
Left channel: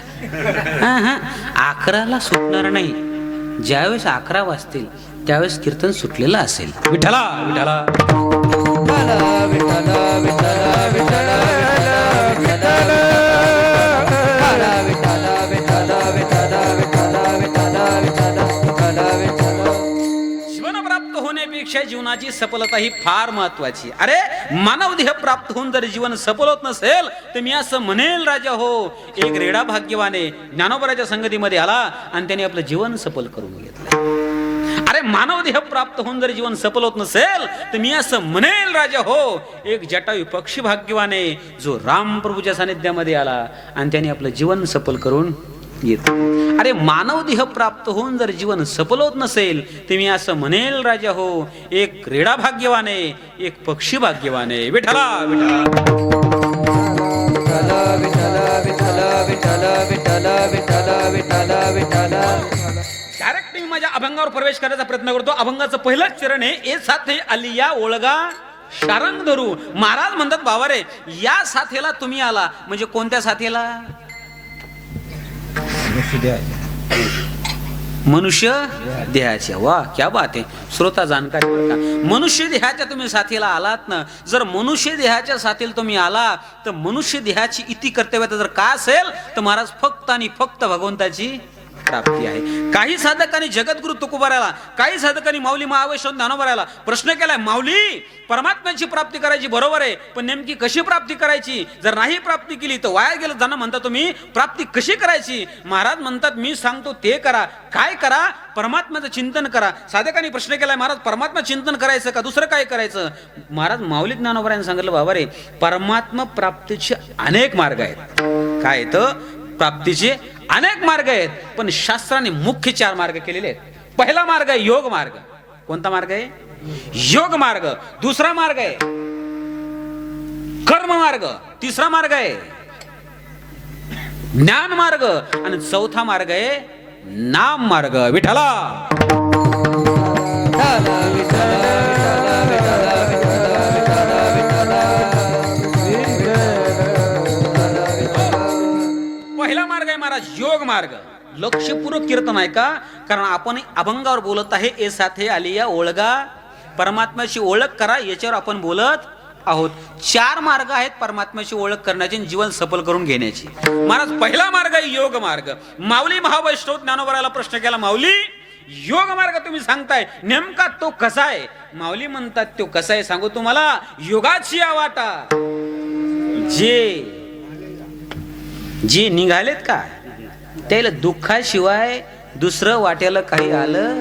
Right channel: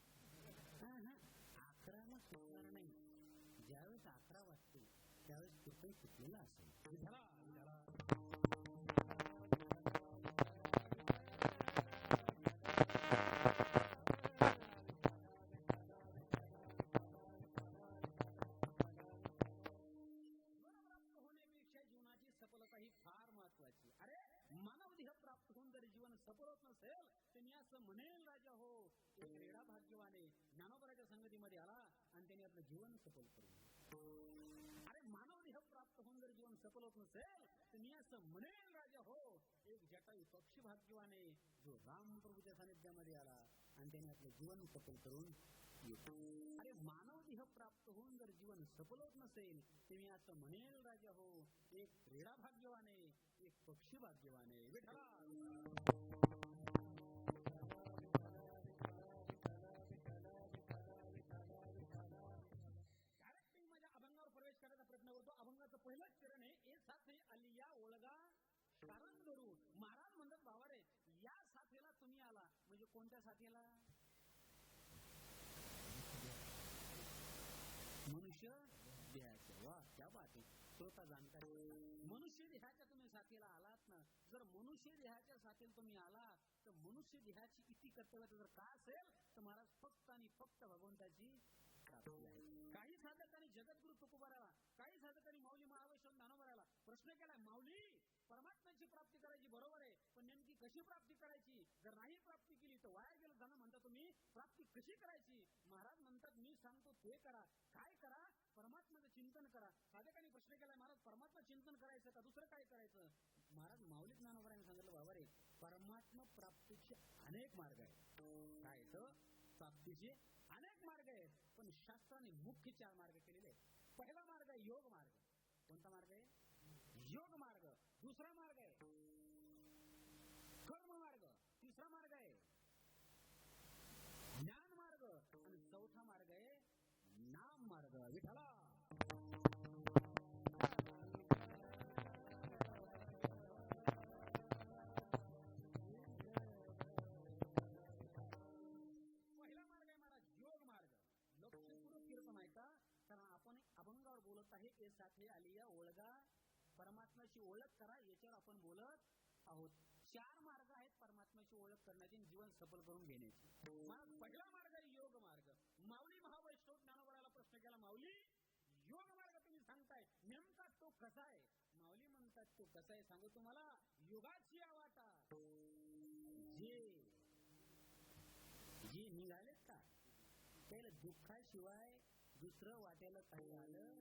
हा 11ला सुटणार नाही. ज्यावेळेस 11 वाजतील त्यावेळेस कीर्तन सुटलेलं असेल. विठ्ठला विठ्ठला जीवनाची सफलता ही फार महत्वाची. अरे मानव देह प्राप्त होऊन जर जीवन सफल होत नसेल तर मी असं म्हणेल राजा हो एक रेडा भाग्यवाने ज्ञानोबराच्या संगतीमध्ये आला आणि त्याने आपलं जीवन सफल करून घेतलं. अरे मानव देह प्राप्त होऊन जर जीवन सफल होत नसेल तर मी असं म्हणेल राजा हो एक जटायू पक्षी भाग्यवाने जो राम प्रभूच्या सानिध्यामध्ये आला आणि त्याने आपलं जीवन सफल करून येत. अरे मानव देह प्राप्त होऊन जर जीवन सफल होत नसेल तर मी असं म्हणेल राजा हो एक रेडा भाग्यवाने एक पक्षी भाग्यवाने. विठ्ठला विठ्ठला डायरेक्ट मी माझ्या अभंगावर प्रवेश करायचा प्रयत्न करतो. अभंगाचं पहिलंच चरण आहे ए साथे आलिया ओळगा शारंग धरू. महाराज म्हणतात बाबा रे या साथेला तुम्ही आला म्हणजे कोणत्या साथेला? मनुष्य देहाच्या. वा क्या बात आहे. श्रोता जाणकारी बरं का. मनुष्य देहाच्या तुम्ही साथीला आलात ना. जर मनुष्य देहाच्या साथीला तुम्ही आला तर मनुष्य देहाची इति कर्तव्यता जर का असेल तर महाराज फक्त आणि फक्त भगवंताची प्राप्ती आहे. काही साधकांनी जगद्गुरु तुकोबाराला, काही साधकांनी माऊली महावैष्णव ज्ञानोबाराला प्रश्न केलाय, माऊली परमात्म्याची प्राप्ती करायची बरोबर आहे, पण नेमकी कशी प्राप्ती करायची? जर नाही प्राप्ती केली तर वाया गेलं जाणं म्हणता तुम्ही, प्राप्ती कशी करायची? महाराज म्हणतात मी सांगतो ते करा. काय करा? परमात्म्याचं चिंतन करा. साधकांनी प्रश्न केलाय, महाराज परमात्मा चिंतन करायचं का दुसरं काय करायचं? महाराज माऊली ज्ञानोबारांनी सांगितलं, बाबा रे परमात्मा प्राप्तीचे अनेक मार्ग आहेत. काय तर प्राप्तीचे अनेक मार्ग आहेत, पण शास्त्राने मुख्य 4 मार्ग केलेले आहेत. पहिला मार्ग आहे योग मार्ग. कोणता मार्ग आहे? योग मार्ग. दुसरा मार्ग आहे कर्म मार्ग. तिसरा मार्ग आहे ज्ञान मार्ग. आणि चौथा मार्ग आहे नाम मार्ग. विठ्ठला पहिला मार्ग आहे महाराज योग मार्ग. लक्षपूर्वक कीर्तन आहे का? कारण आपण अभंगावर बोलत आहे. ए साथे आलिया ओळगा, परमात्म्याची ओळख करा, याच्यावर आपण बोलत आहोत. 4 मार्ग आहेत परमात्म्याची ओळख करण्याची, जीवन सफल करून घेण्याची. महाराज पहिला मार्ग आहे योग मार्ग. माऊली महावैष्णव ज्ञानोबाराला प्रश्न केला, माऊली योग मार्ग तुम्ही सांगताय, नेमका तो कसा आहे? माऊली म्हणतात तो कसा आहे सांगू तुम्हाला. योगाची वाटा जे निघालेत का त्याला दुःखाशिवाय दुसरं वाट्याला काही आलं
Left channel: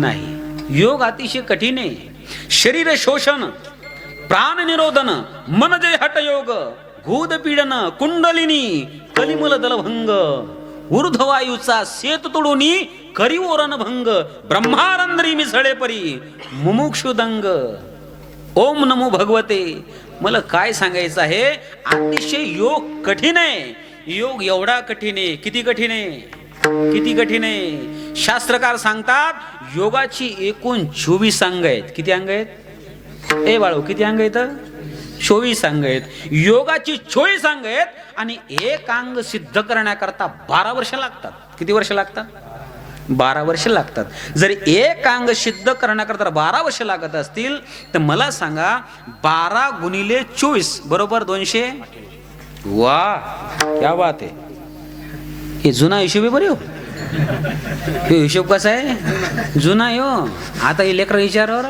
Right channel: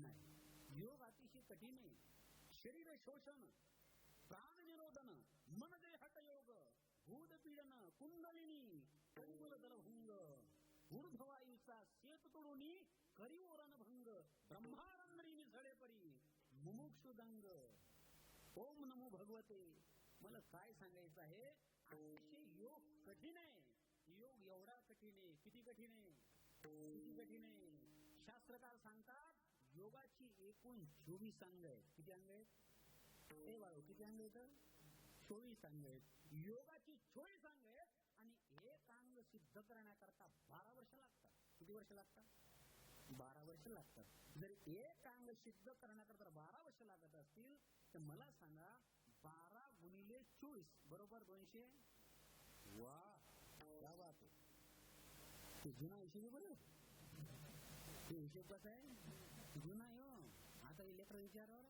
नाही. योग अतिशय कठीण आहे. शरीर शोषण, प्राण निरोधन, मन जे हट योग, भूत पीडन, कुंडलिनी, कलिमल दलभंग, ऊर्ध्ववायूचा सेत तोडूनी करी ओरण भंग, ब्रह्मारंद्री मिसळे परी मुमुक्षुदंग. ओम नमो भगवते. मला काय सांगायचं आहे, अतिशय योग कठीण आहे. योग एवढा कठीण आहे. किती कठीण आहे? किती कठीण आहे? शास्त्रकार सांगतात योगाची एकूण 24 अंग आहेत. किती अंग आहेत? ए बाळू किती अंग आहेत? 24 अंग आहेत. योगाची 24 अंग आहेत. आणि एक अंग सिद्ध करण्याकरता 12 वर्ष लागतात. किती वर्ष लागतात? 12 वर्ष लागतात. जर एक अंग सिद्ध करण्याकरता 12 वर्ष लागत असतील तर मला सांगा 12 गुणिले 24 बरोबर 200. वा क्या बात आहे. हे जुना हिशोब आहे बरे हो. हे हिशोब कसा आहे? जुना आहे हो. आता हे लेकर विचारावर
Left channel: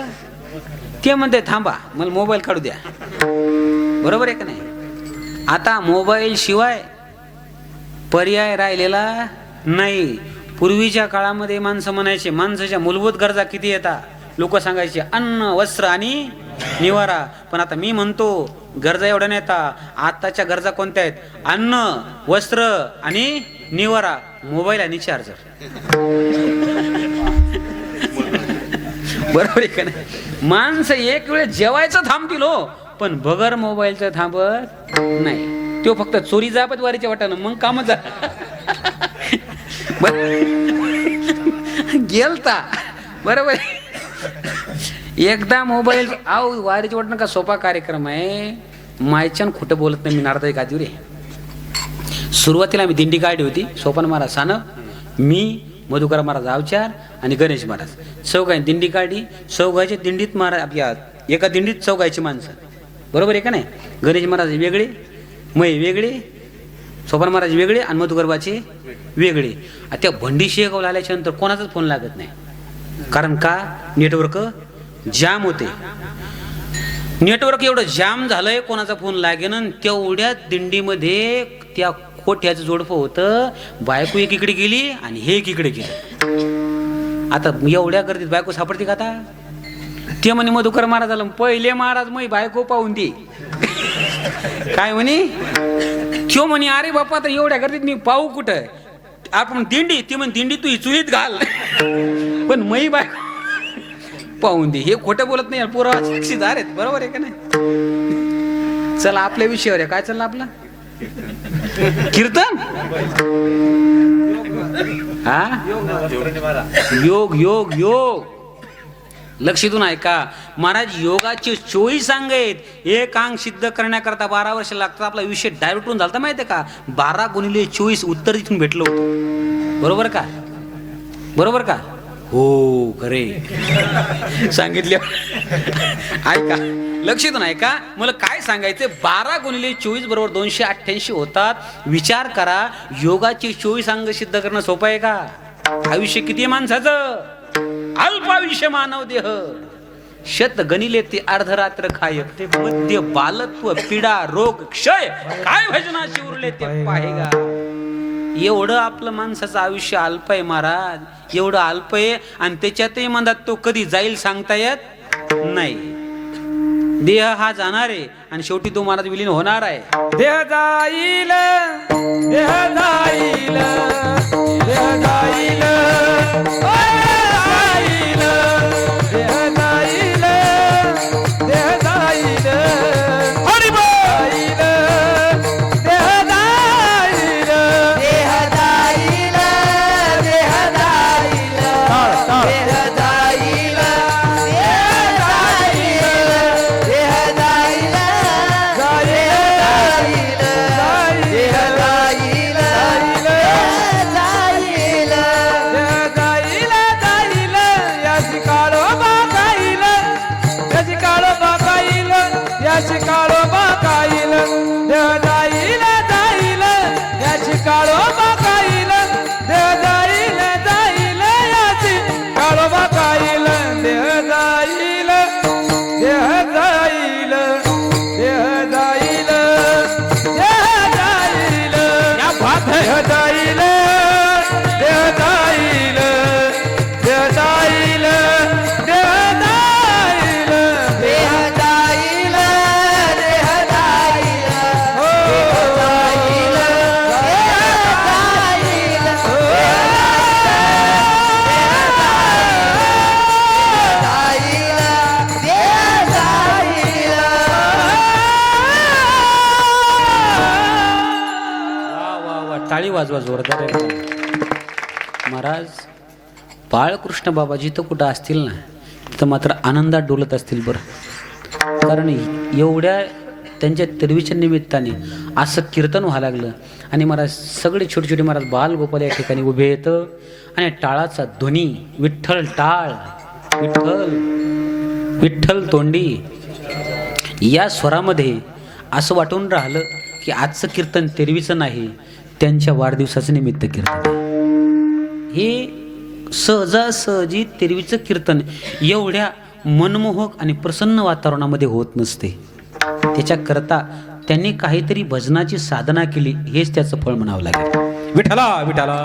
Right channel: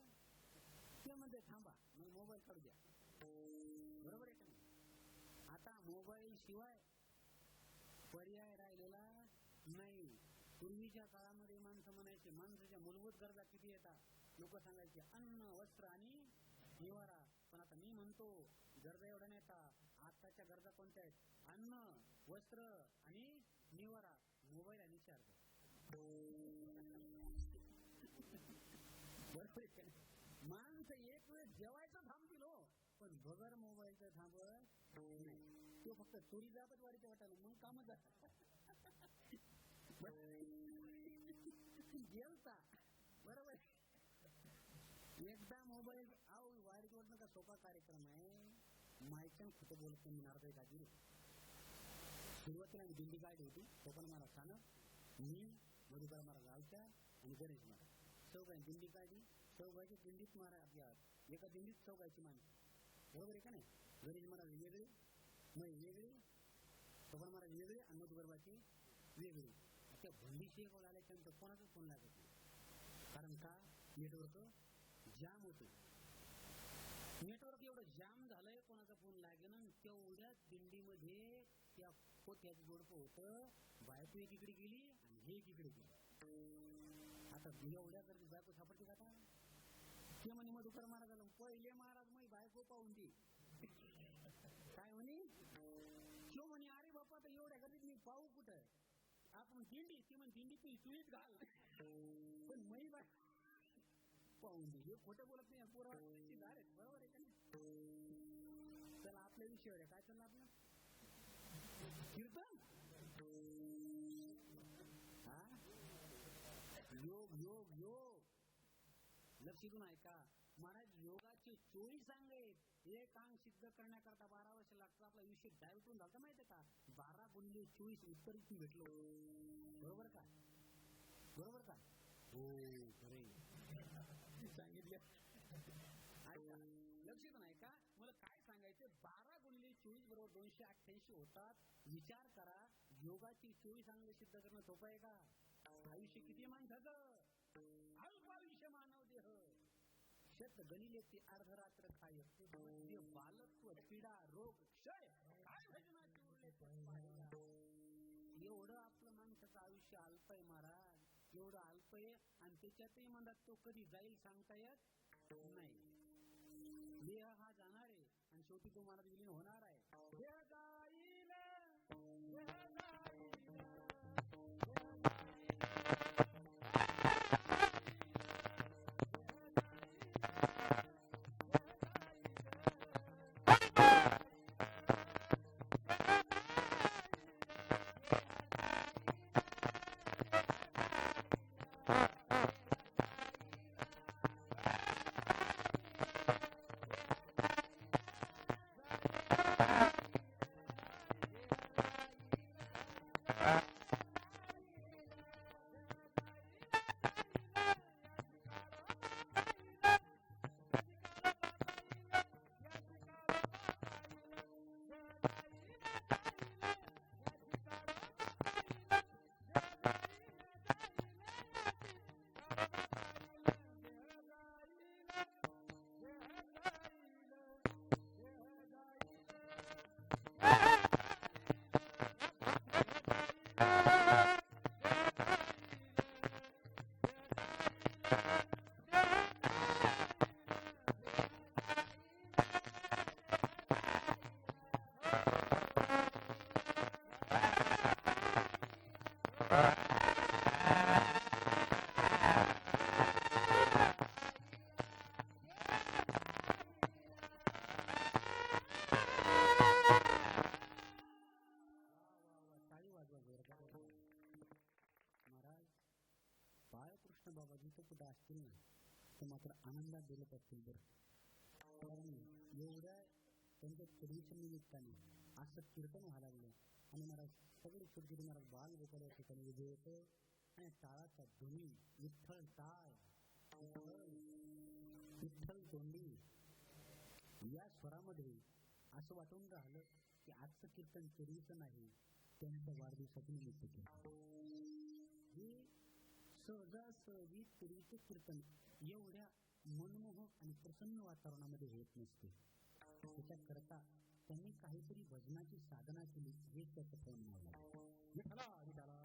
ते म्हणते थांबा मला मोबाईल काढू द्या. बरोबर आहे का नाही? आता मोबाईल शिवाय पर्याय राहिलेला नाही. पूर्वीच्या काळामध्ये माणसं म्हणायचे माणसाच्या मूलभूत गरजा किती येतात? लोक सांगायचे अन्न, वस्त्र आणि निवारा. पण आता मी म्हणतो गरजा एवढ्या नाही येतात. आताच्या गरजा कोणत्या आहेत? अन्न, वस्त्र आणि निवारा, मोबाईल आणि चार्जर. बरोबर आहे का नाही? माणसं एक वेळ जेवायचं थांबतील हो, पण बगर मोबाईलचं थांबत नाही. तो फक्त चोरी जापत वारीच्या वाटानं मग काम जा गेलता. बरोबर. एकदा मोबाईल आव वारीच्या वाटणं का सोपा कार्यक्रम आहे. मायच्यान खोटं बोलत नाही मी नारदा गादीवर रे. सुरुवातीला आम्ही दिंडी काढली होती. सोपान महाराज सानप, मी, मधुकर महाराज अवचार आणि गणेश महाराज चौघांनी दिंडी काढली. चौघाच्या दिंडीत महाराज आपल्या एका दिंडीत चौघायची माणसं. बरोबर आहे का नाही? गणेश महाराज वेगळे, मै वेगळे, सोपान महाराज वेगळे आणि मधुकरबाचे वेगळे. त्या भंडी शेगावला आल्याच्या नंतर कोणाचाच फोन लागत नाही. कारण का? नेटवर्क जाम होते. नेटवर्क एवढं जाम झालंय कोणाचा फोन लागेना. तेवढ्या दिंडीमध्ये त्या कोठ्याचं जोडपं होतं. बायको एकीकडे गेली आणि हे एकीकडे गेलं. आता एवढ्या गर्दीत बायको सापडते का? आता ते म्हणे मधुकर महाराजाला पहिले महाराज मै बायको पाहून दे. काय म्हणे? त्यो म्हणे अरे बापा आता एवढ्या गर्दीत मी पाहू कुठं? आपण दिंडी, ती म्हणे दिंडी तू चुलीत घाल पण मै बायको पाहून दे. हे खोटं बोलत नाही. पुरावा साक्षीदार आहेत. बरोबर आहे का नाही? चला आपल्या विषयावर आहे. काय चाललं आपलं कीर्तन? हा योग योग योग. लक्षातून ऐका महाराज. योगाचे 24 अंग आहेत. एक अंग सिद्ध करण्याकरता 12 वर्ष लागतात. आपला विषय डायव्हर्ट होऊन झाला माहितीये का? 12 गुणिले 24 उत्तर इथून भेटलं होतं. बरोबर का? बरोबर का? हो खरे सांगितले. ऐका लक्षात नाही का? मला काय सांगायचं, 12 गुणिले 24 बरोबर 288 होतात. विचार करा, योगाचे 24 अंग सिद्ध करणं सोपं आहे का? आयुष्य किती आहे माणसाचं? अल्पायुष्य मानव देह. शत गणिले ते अर्धरात्र खायक, ते मध्य बालत्व पीडा रोग क्षय, काय भजनाशी उरले ते पाहेगा. एवढं आपलं माणसाचं आयुष्य अल्प आहे महाराज, एवढं अल्प आहे. आणि त्याच्यातही म्हणतात तो कधी जाईल सांगता येत नाही. देह हा जाणार आहे आणि शेवटी तो महाराज विलीन होणार आहे. देह जाईल, देह जाईल, देह जाईल, टाळी वाजवा जोरदार आहे. महाराज बाळकृष्ण बाबा जिथं कुठं असतील ना, तिथं मात्र आनंदात डोलत असतील बरं. कारण एवढ्या त्यांच्या तेरवीच्या निमित्ताने असं कीर्तन व्हायला लागलं. आणि महाराज सगळे छोटे छोटे महाराज बालगोपाल या ठिकाणी उभे येतं आणि टाळाचा ध्वनी, विठ्ठल टाळ, विठ्ठल विठ्ठल तोंडी, या स्वरामध्ये असं वाटून राहिलं की आजचं कीर्तन तेरवीचं नाही, त्यांच्या वाढदिवसाचं निमित्त कीर्तन. हे सहजासहजी तेरवीचं कीर्तन एवढ्या मनमोहक आणि प्रसन्न वातावरणामध्ये होत नसते. त्याच्याकरता त्यांनी काहीतरी भजनाची साधना केली, हेच त्याचं फळ म्हणावं लागेल. विठ्ठला विठ्ठला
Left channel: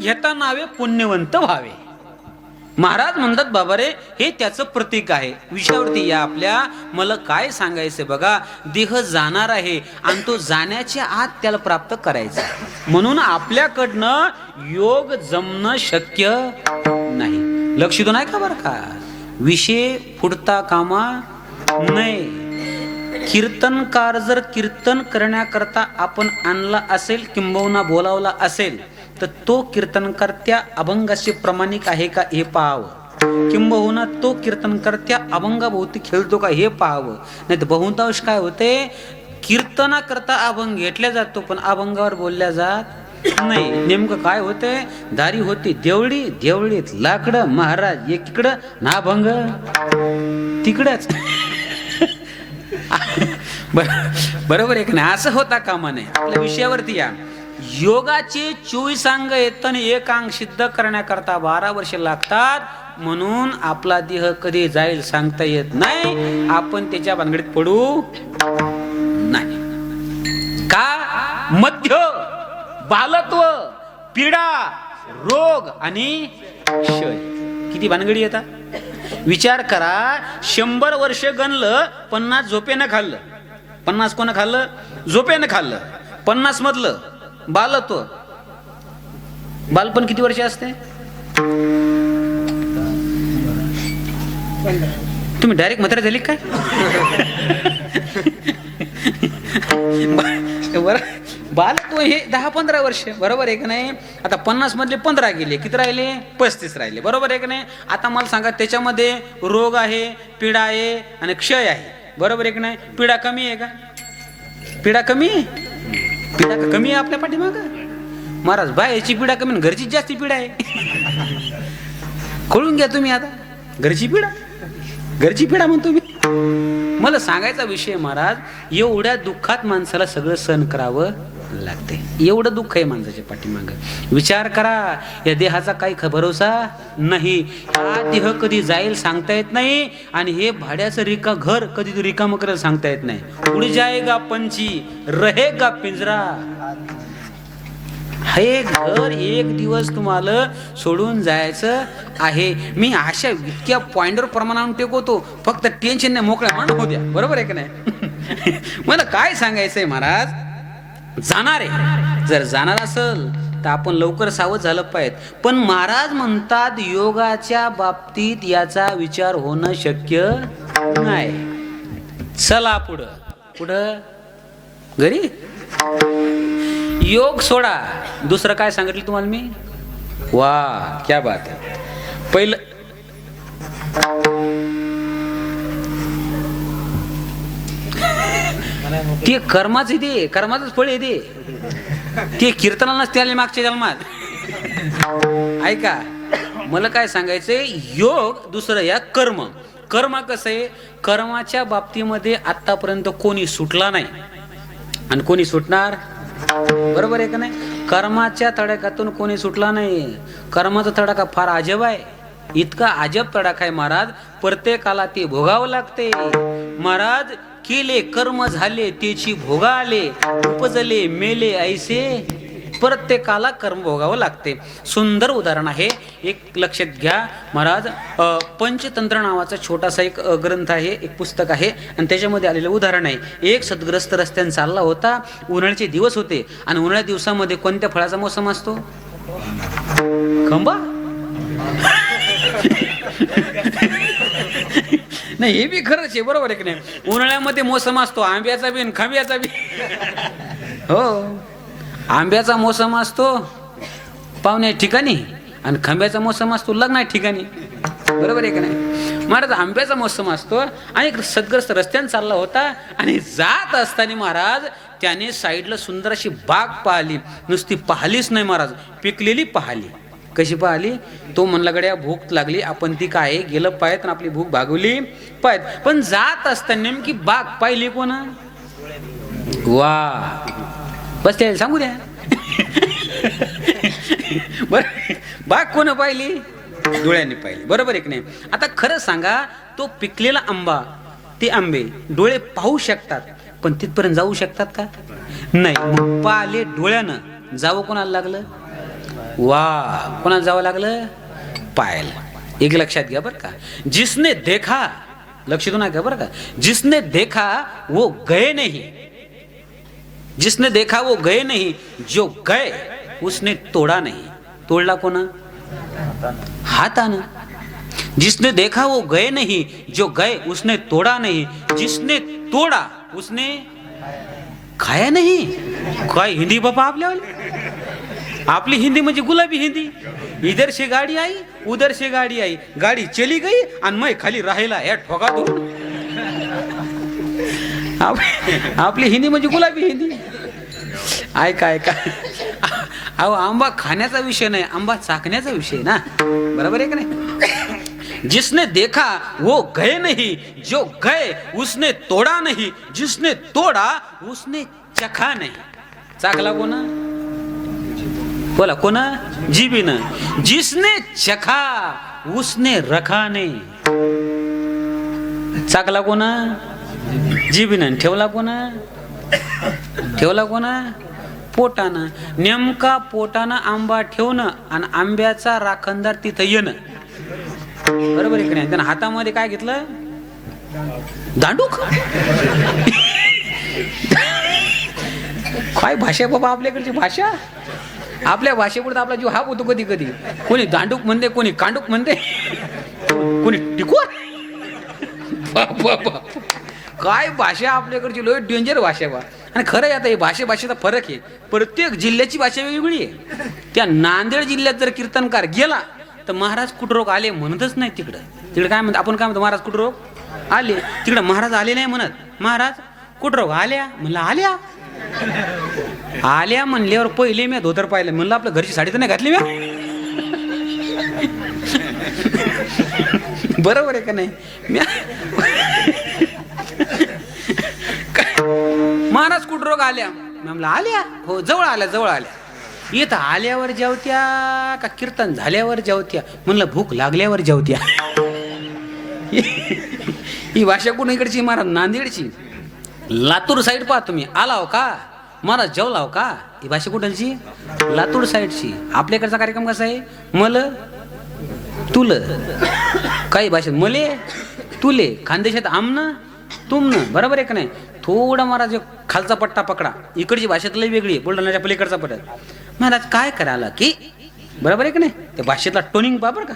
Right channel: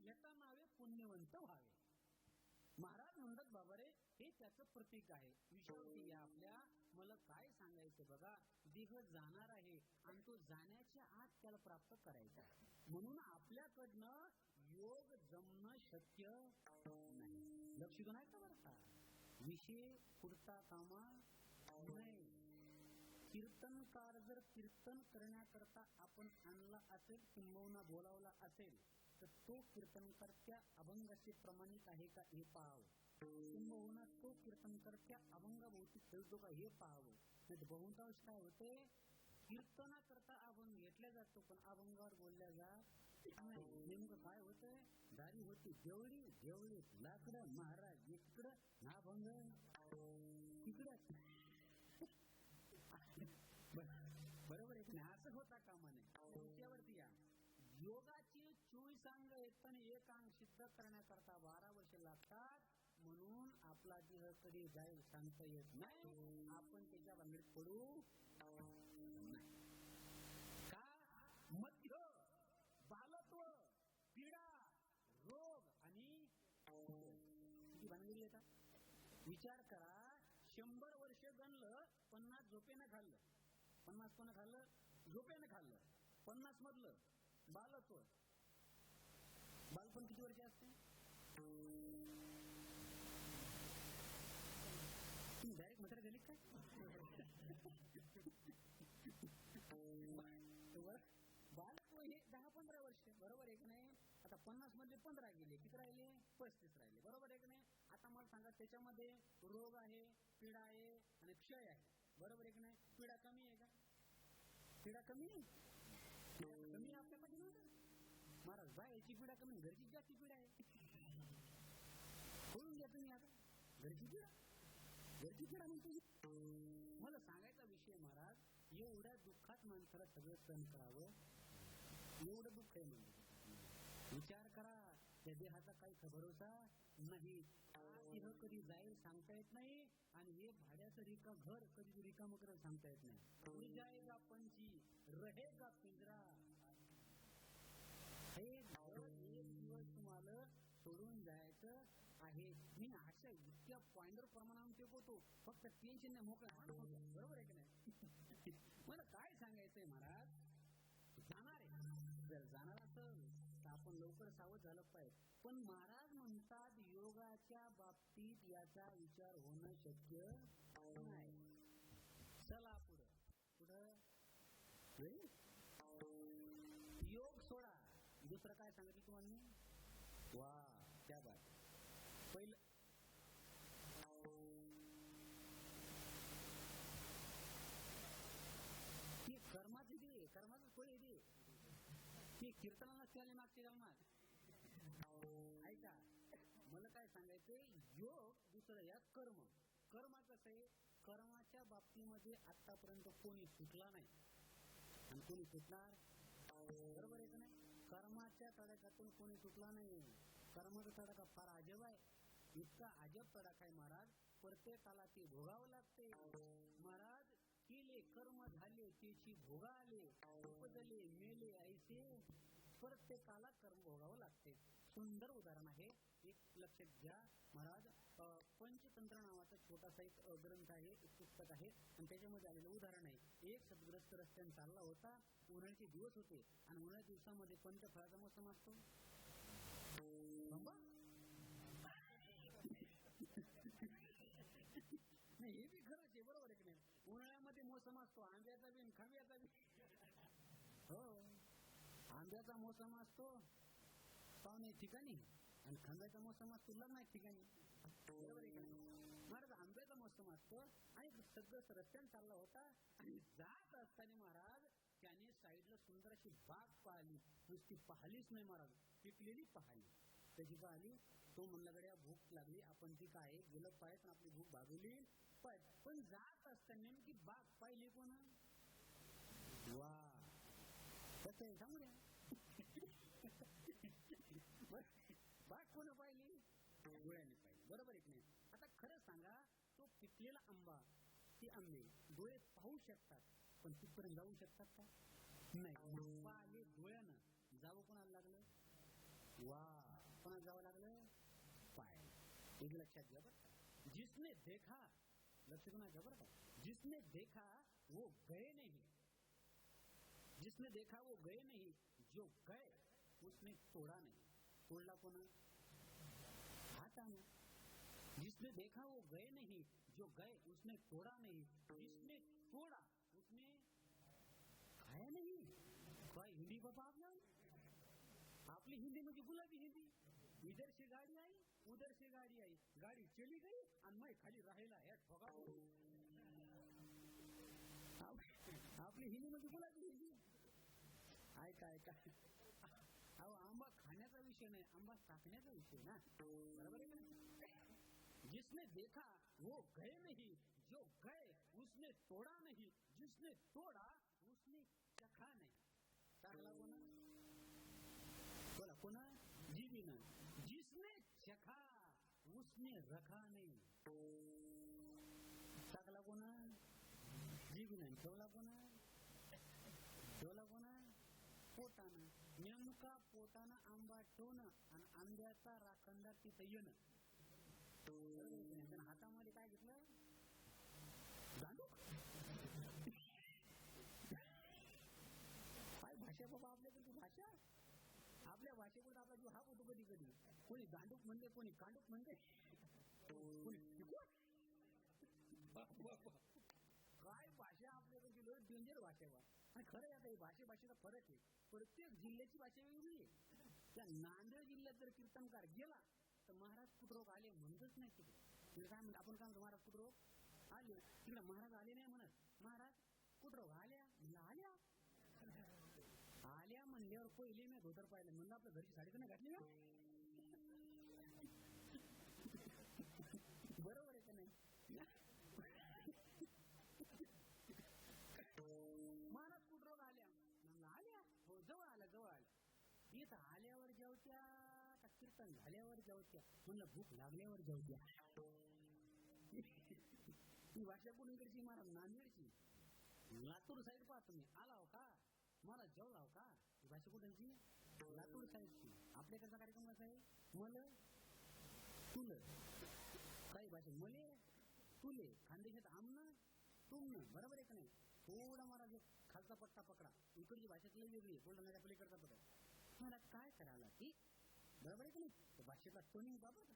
घेता नावे पुण्यवंत व्हावे. महाराज म्हणतात बाबा रे, हे त्याचं प्रतीक आहे. विषयावरती या आपल्या. मला काय सांगायचं बघा, देह जाणार आहे आणि तो जाण्याच्या आत त्याला प्राप्त करायचा. म्हणून आपल्याकडनं योग जमणं शक्य नाही. लक्षित नाही का बरं का? विषय फुटता कामा नाही. कीर्तनकार जर कीर्तन करण्याकरता आपण आणला असेल, किंबहुना बोलावला असेल, तर तो कीर्तनकार त्या अभंगाशी प्रामाणिक आहे का हे पाहावं. किंबहुना तो कीर्तनकार त्या अभंगाभोवती खेळतो का हे पाहावं. नाही तर बहुतांश काय होते, कीर्तनाकरता अभंग घेतल्या जातो पण अभंगावर बोलल्या जात नाही. नेमकं काय होते, दारी होती देवळी, देवळीत लाकडं, महाराज एकीकडं ना अभंग तिकडच. बरोबर आहे की नाही? असं होता कामा नये. आपल्या विषयावरती या. योगाचे 24 अंग येत आणि एक अंग सिद्ध करण्याकरता 12 वर्ष लागतात. म्हणून आपला देह कधी जाईल सांगता येत नाही. आपण त्याच्या भानगडीत पडू नाही. का? मध्य बालत्व पीडा रोग आणि क्षय, किती भानगडी येतात. विचार करा, 100 वर्ष गणलं, 50 झोपेनं खाल्लं. 50 कोण खाल्लं? झोपेनं खाल्लं. 50 मधलं बालत्व. बालपण किती वर्ष असते? तुम्ही डायरेक्ट म्हातारे झाली काय? बालत्व हे 10-15 वर्ष, बरोबर आहे का नाही? आता 50 मधले 15 गेले, किती राहिले? 35 राहिले, बरोबर आहे का नाही? आता मला सांगा, त्याच्यामध्ये रोग आहे, पीडा आहे आणि क्षय आहे, बरोबर आहे का नाही? पीडा कमी आहे का? पीडा कमी आहे? पीडा का कमी आहे आपल्या पाठीमागं? महाराज, बाहेरची पीडा कमी आणि घरचीच जास्ती पीडा आहे. कळून घ्या तुम्ही. आता घरची पीडा म्हणतो मी. मला सांगायचा विषय महाराज, एवढ्या दुःखात माणसाला सगळं सहन करावं लागते. एवढं दुःख आहे माणसाच्या पाठीमागं. विचार करा, या देहाचा काही भरोसा नाही. हा देह कधी जाईल सांगता येत नाही, आणि हे भाड्याचं घर कधी रिकामं करायला सांगता येत नाही. उड जाएगा पंछी, रहेगा पिंजरा. हे घर एक दिवस तुम्हाला सोडून जायचं आहे. मी अशा इतक्या पॉइंटवर प्रमाणात टेकवतो, फक्त टेन्शन नाही, मोकळ्या मान होत्या, बरोबर आहे का नाही? मला काय सांगायचंय महाराज, जाणार आहे. जर जाणार असेल तर आपण लवकर सावध झालं पाहिजे. पण महाराज म्हणतात, योगाच्या बाबतीत याचा विचार होणं शक्य नाही. चला पुढं घरी. योग सोडा, दुसरं काय सांगितलं तुम्हाला मी? वा, क्या बात आहे. पहिलं ते कर्माच येते, कर्माचंच फळ येते. ते कीर्तनाला नसते आले मागच्या जन्मात. ऐका, मला काय सांगायचंय, योग दुसरं या कर्म. कर्म कसं आहे, कर्माच्या बाबतीमध्ये आतापर्यंत कोणी सुटला नाही आणि कोणी सुटणार, बरोबर आहे का नाही? कर्माच्या तडाख्यातून कोणी सुटला नाही. कर्माचा तडाखा फार अजब आहे. इतका अजब तडाखा आहे महाराज, प्रत्येकाला ते भोगावं लागते. महाराज, केले कर्म झाले त्याची भोगा आले, उपजले मेले ऐसे. प्रत्येकाला कर्म भोगावं लागते. सुंदर उदाहरण आहे, एक लक्षात घ्या महाराज. पंचतंत्र नावाचा छोटासा एक ग्रंथ आहे, एक पुस्तक आहे, आणि त्याच्यामध्ये आलेलं उदाहरण आहे. एक सद्ग्रस्त रस्त्याने चालला होता. उन्हाळ्याचे दिवस होते, आणि उन्हाळ्या दिवसामध्ये कोणत्या फळाचा मोसम असतो? खंबा. नाही, हे बी खरंच आहे, बरोबर आहे की नाही? उन्हाळ्यामध्ये मोसम असतो आंब्याचा बी आणि खांब्याचा बी. हो, आंब्याचा मोसम असतो पाहुण्या ठिकाणी, आणि खांब्याचा मोसम असतो लग्ना ठिकाणी, बरोबर आहे का नाही? महाराज, आंब्याचा मोसम असतो, आणि एक सद्ग्रस्त रस्त्याने चालला होता, आणि जात असताना महाराज त्याने साईडला सुंदर अशी बाग पाहिली. नुसती पाहिलीच नाही महाराज, पिकलेली पाहिली. कशी पाहिली? तो म्हणला, गड्या भूक लागली, आपण ती काय गेलं पाहिजे आणि आपली भूक भागवली पाहिजे. पण जात असताना नेमकी बाग पाहिली कोण? वा, बस त्याला सांगू द्या. बर, बाग कोण पाहिली? डोळ्यांनी पाहिली, बरोबर आहे की नाही? आता खरं सांगा, तो पिकलेला आंबा, ते आंबे डोळे पाहू शकतात, पण तिथपर्यंत जाऊ शकतात का? नाही. पाहिले डोळ्यानं, जावं कोणाला लागलं? वा, कोणाला जावं लागलं? पाहायला. एक लक्षात घ्या बरं का, जिसने देखा, लक्ष देऊ नका बरं का, जिसने देखा वो गए नहीं, जिसने देखा वो गए नहीं, जो गए उसने तोड़ा नहीं. तोडला कोणा? हातानं. जिसने देखा वो गए नहीं, जो गए उसने तोड़ा नहीं, जिसने तोड़ा उसने खाया नहीं. काय हिंदी बाबा आपल्यावाली? आपली हिंदी म्हणजे गुलाबी हिंदी. इधर से गाडी आई, उधर से गाडी आई, गाडी चली गई आणि मैं खाली राहिला या ठोका धरून. आपली हिंदी म्हणजे गुलाबी हिंदी. ऐका, अहो, आंबा खाण्याचा विषय नाही, आंबा चाखण्याचा विषय ना, बरोबर आहे का नाही? जिसने देखा वो गए नहीं, जो गए उसने तोड़ा नहीं, जिसने तोड़ा उसने चखा नहीं. चाखला कोणा? बोला कोणा? जीबीनं. जिसने चखा उसने रखा नहीं. चाखला कोणा? जीबीनं. ठेवला कोणा? ठेवला कोणा? पोटानं. नेमका पोटानं आंबा ठेवणं आणि आंब्याचा राखणदार तिथं येणं. बरोबर आहे की नाही? त्यानं हातामध्ये काय घेतलं? दांडूक. काय भाषा बाबा आपल्याकडची भाषा. आपल्या भाषेपुढे आपला जीव हा होतो कधी कधी. कोणी दांडूक म्हणते, कोणी कांडूक म्हणते, कोणी टिकवा. काय भाषा आपल्याकडची लोक डेंजर भाषा बा. आणि खरं आहे आता हे भाषेचा फरक आहे. प्रत्येक जिल्ह्याची भाषा वेगवेगळी आहे. त्या नांदेड जिल्ह्यात जर कीर्तनकार गेला तर महाराज कुटरोग आले म्हणतच नाही. तिकडे काय म्हणतो, आपण काय म्हणतो, महाराज कुटरोग आले. तिकडे महाराज आले नाही म्हणत, महाराज कुटरोग आल्या. म्हणलं आल्या आल्या म्हणल्यावर पहिले मी धोतर पाहिलं. म्हणलं आपल्या घरची साडी तर नाही घातली मी. बरोबर आहे का नाही? महाराज कुटरोग आल्या. म्हणलं आल्या, हो जवळ आल्या. येत आल्यावर जेवत्या का कीर्तन झाल्यावर जेवत्या? म्हणलं भूक लागल्यावर जेवत्या. ही भाषा कोण इकडची? महाराज नांदेडची. लातूर साईड पहा तुम्ही. आलाव का महाराज, जेवलाव का? ही भाषा कुठलची? लातूर साईडची. आपल्याकडचा कार्यक्रम कसा आहे? मल तुल. काही भाषेत मले तुले, खानदेशात आमनं तुमनं. बरोबर आहे का नाही? थोडा महाराज खालचा पट्टा पकडा. इकडची भाषेत लई वेगळी आहे, बुलढाण्याच्या पलीकडचा पट्टा. महाराज काय करायला की, बरोबर आहे का नाही? त्या भाषेतला टोनिंग पहा बरं का.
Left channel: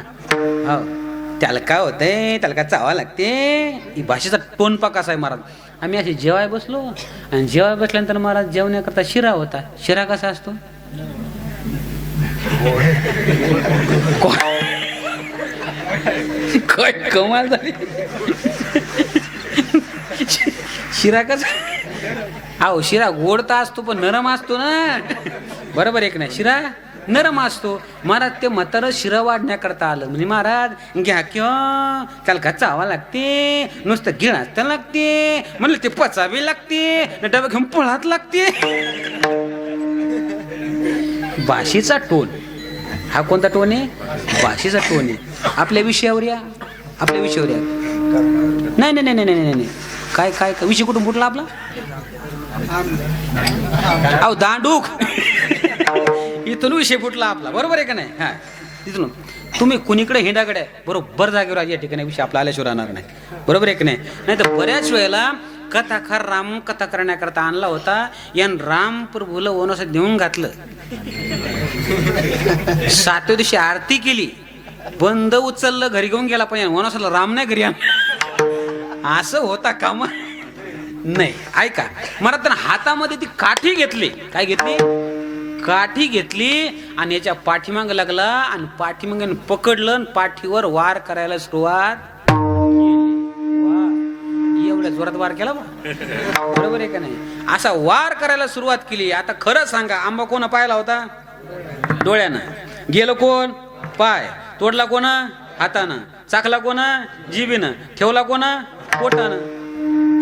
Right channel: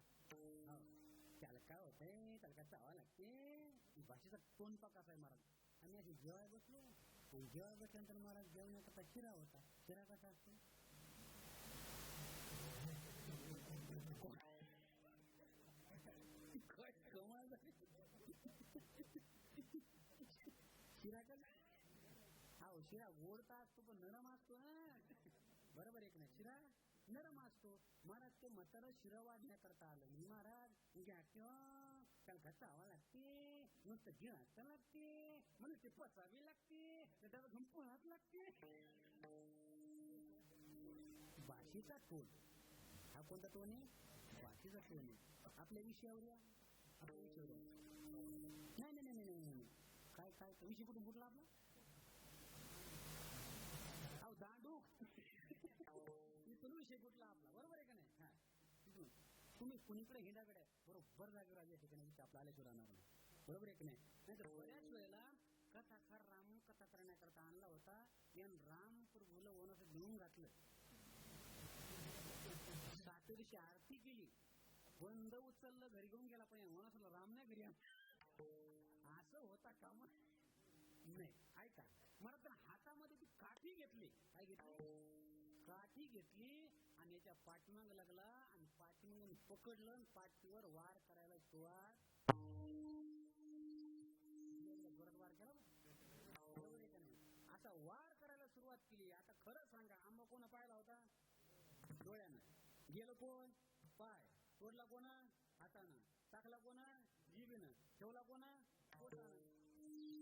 हो, त्याला काय होतंय, त्याला काय चावा लागते. ही भाषेचा टोन पा कसा आहे महाराज. आम्ही असे जेवाय बसलो आणि जेवाय बसल्यानंतर महाराज जेवण्याकरता शिरा होता. शिरा कसा असतो? काय कमाल झाली. शिरा कसा? अहो शिरा गोडता असतो पण नरम असतो ना. बरोबर आहे की नाही? शिरा नरम असतो. महाराज ते म्हातारं शिरा वाढण्याकरता आलं. म्हणजे महाराज घ्या किंवा त्याला घाचा हवा लागते, नुसतं गिळाच लागते. म्हणलं ते पचावी लागते, डबा घेऊन पळात लागते. भाषेचा टोन हा कोणता टोन आहे? भाषेचा टोन आहे. आपल्या विषयावर या, आपल्या विषयावर या. नाही नाही नाही नाही नाही नाही. काय काय विषय कुठून फुटला आपला? अहो दांडूक. इथून विषय फुटला आपला. बरोबर आहे का नाही? हा, इथून तुम्ही कुणीकडे हिंडाकडे बरोबर जागेवर आज या ठिकाणी विषय आपला आल्याशिवाय राहणार नाही. बरोबर आहे की नाही? नाही तर बऱ्याच वेळेला कथाकार राम कथा करण्याकरता आणला होता. यान राम प्रभूला वनवासात देऊन घातलं. 7व्या दिवशी आरती केली, बंद उचललं, घरी घेऊन गेला. पण वनवासाला राम नाही घरी आण. असं होता कामा नाही. ऐका, मला तर हातामध्ये ती काठी घेतली. काय घेतली? काठी घेतली आणि याच्या पाठीमाग लागला आणि पाठीमाग पकडलं आणि पाठीवर वार करायला सुरुवात. एवढ्या जोरात वार केला बा. बरोबर आहे का नाही? असा वार करायला सुरुवात केली. आता खरं सांगा, आंबा कोण पाहिला होता? डोळ्यानं. गेलं कोण? पाय. तोडला कोण? हातानं. चाकला कोण? जिभीनं. ठेवला कोण? पोटानं.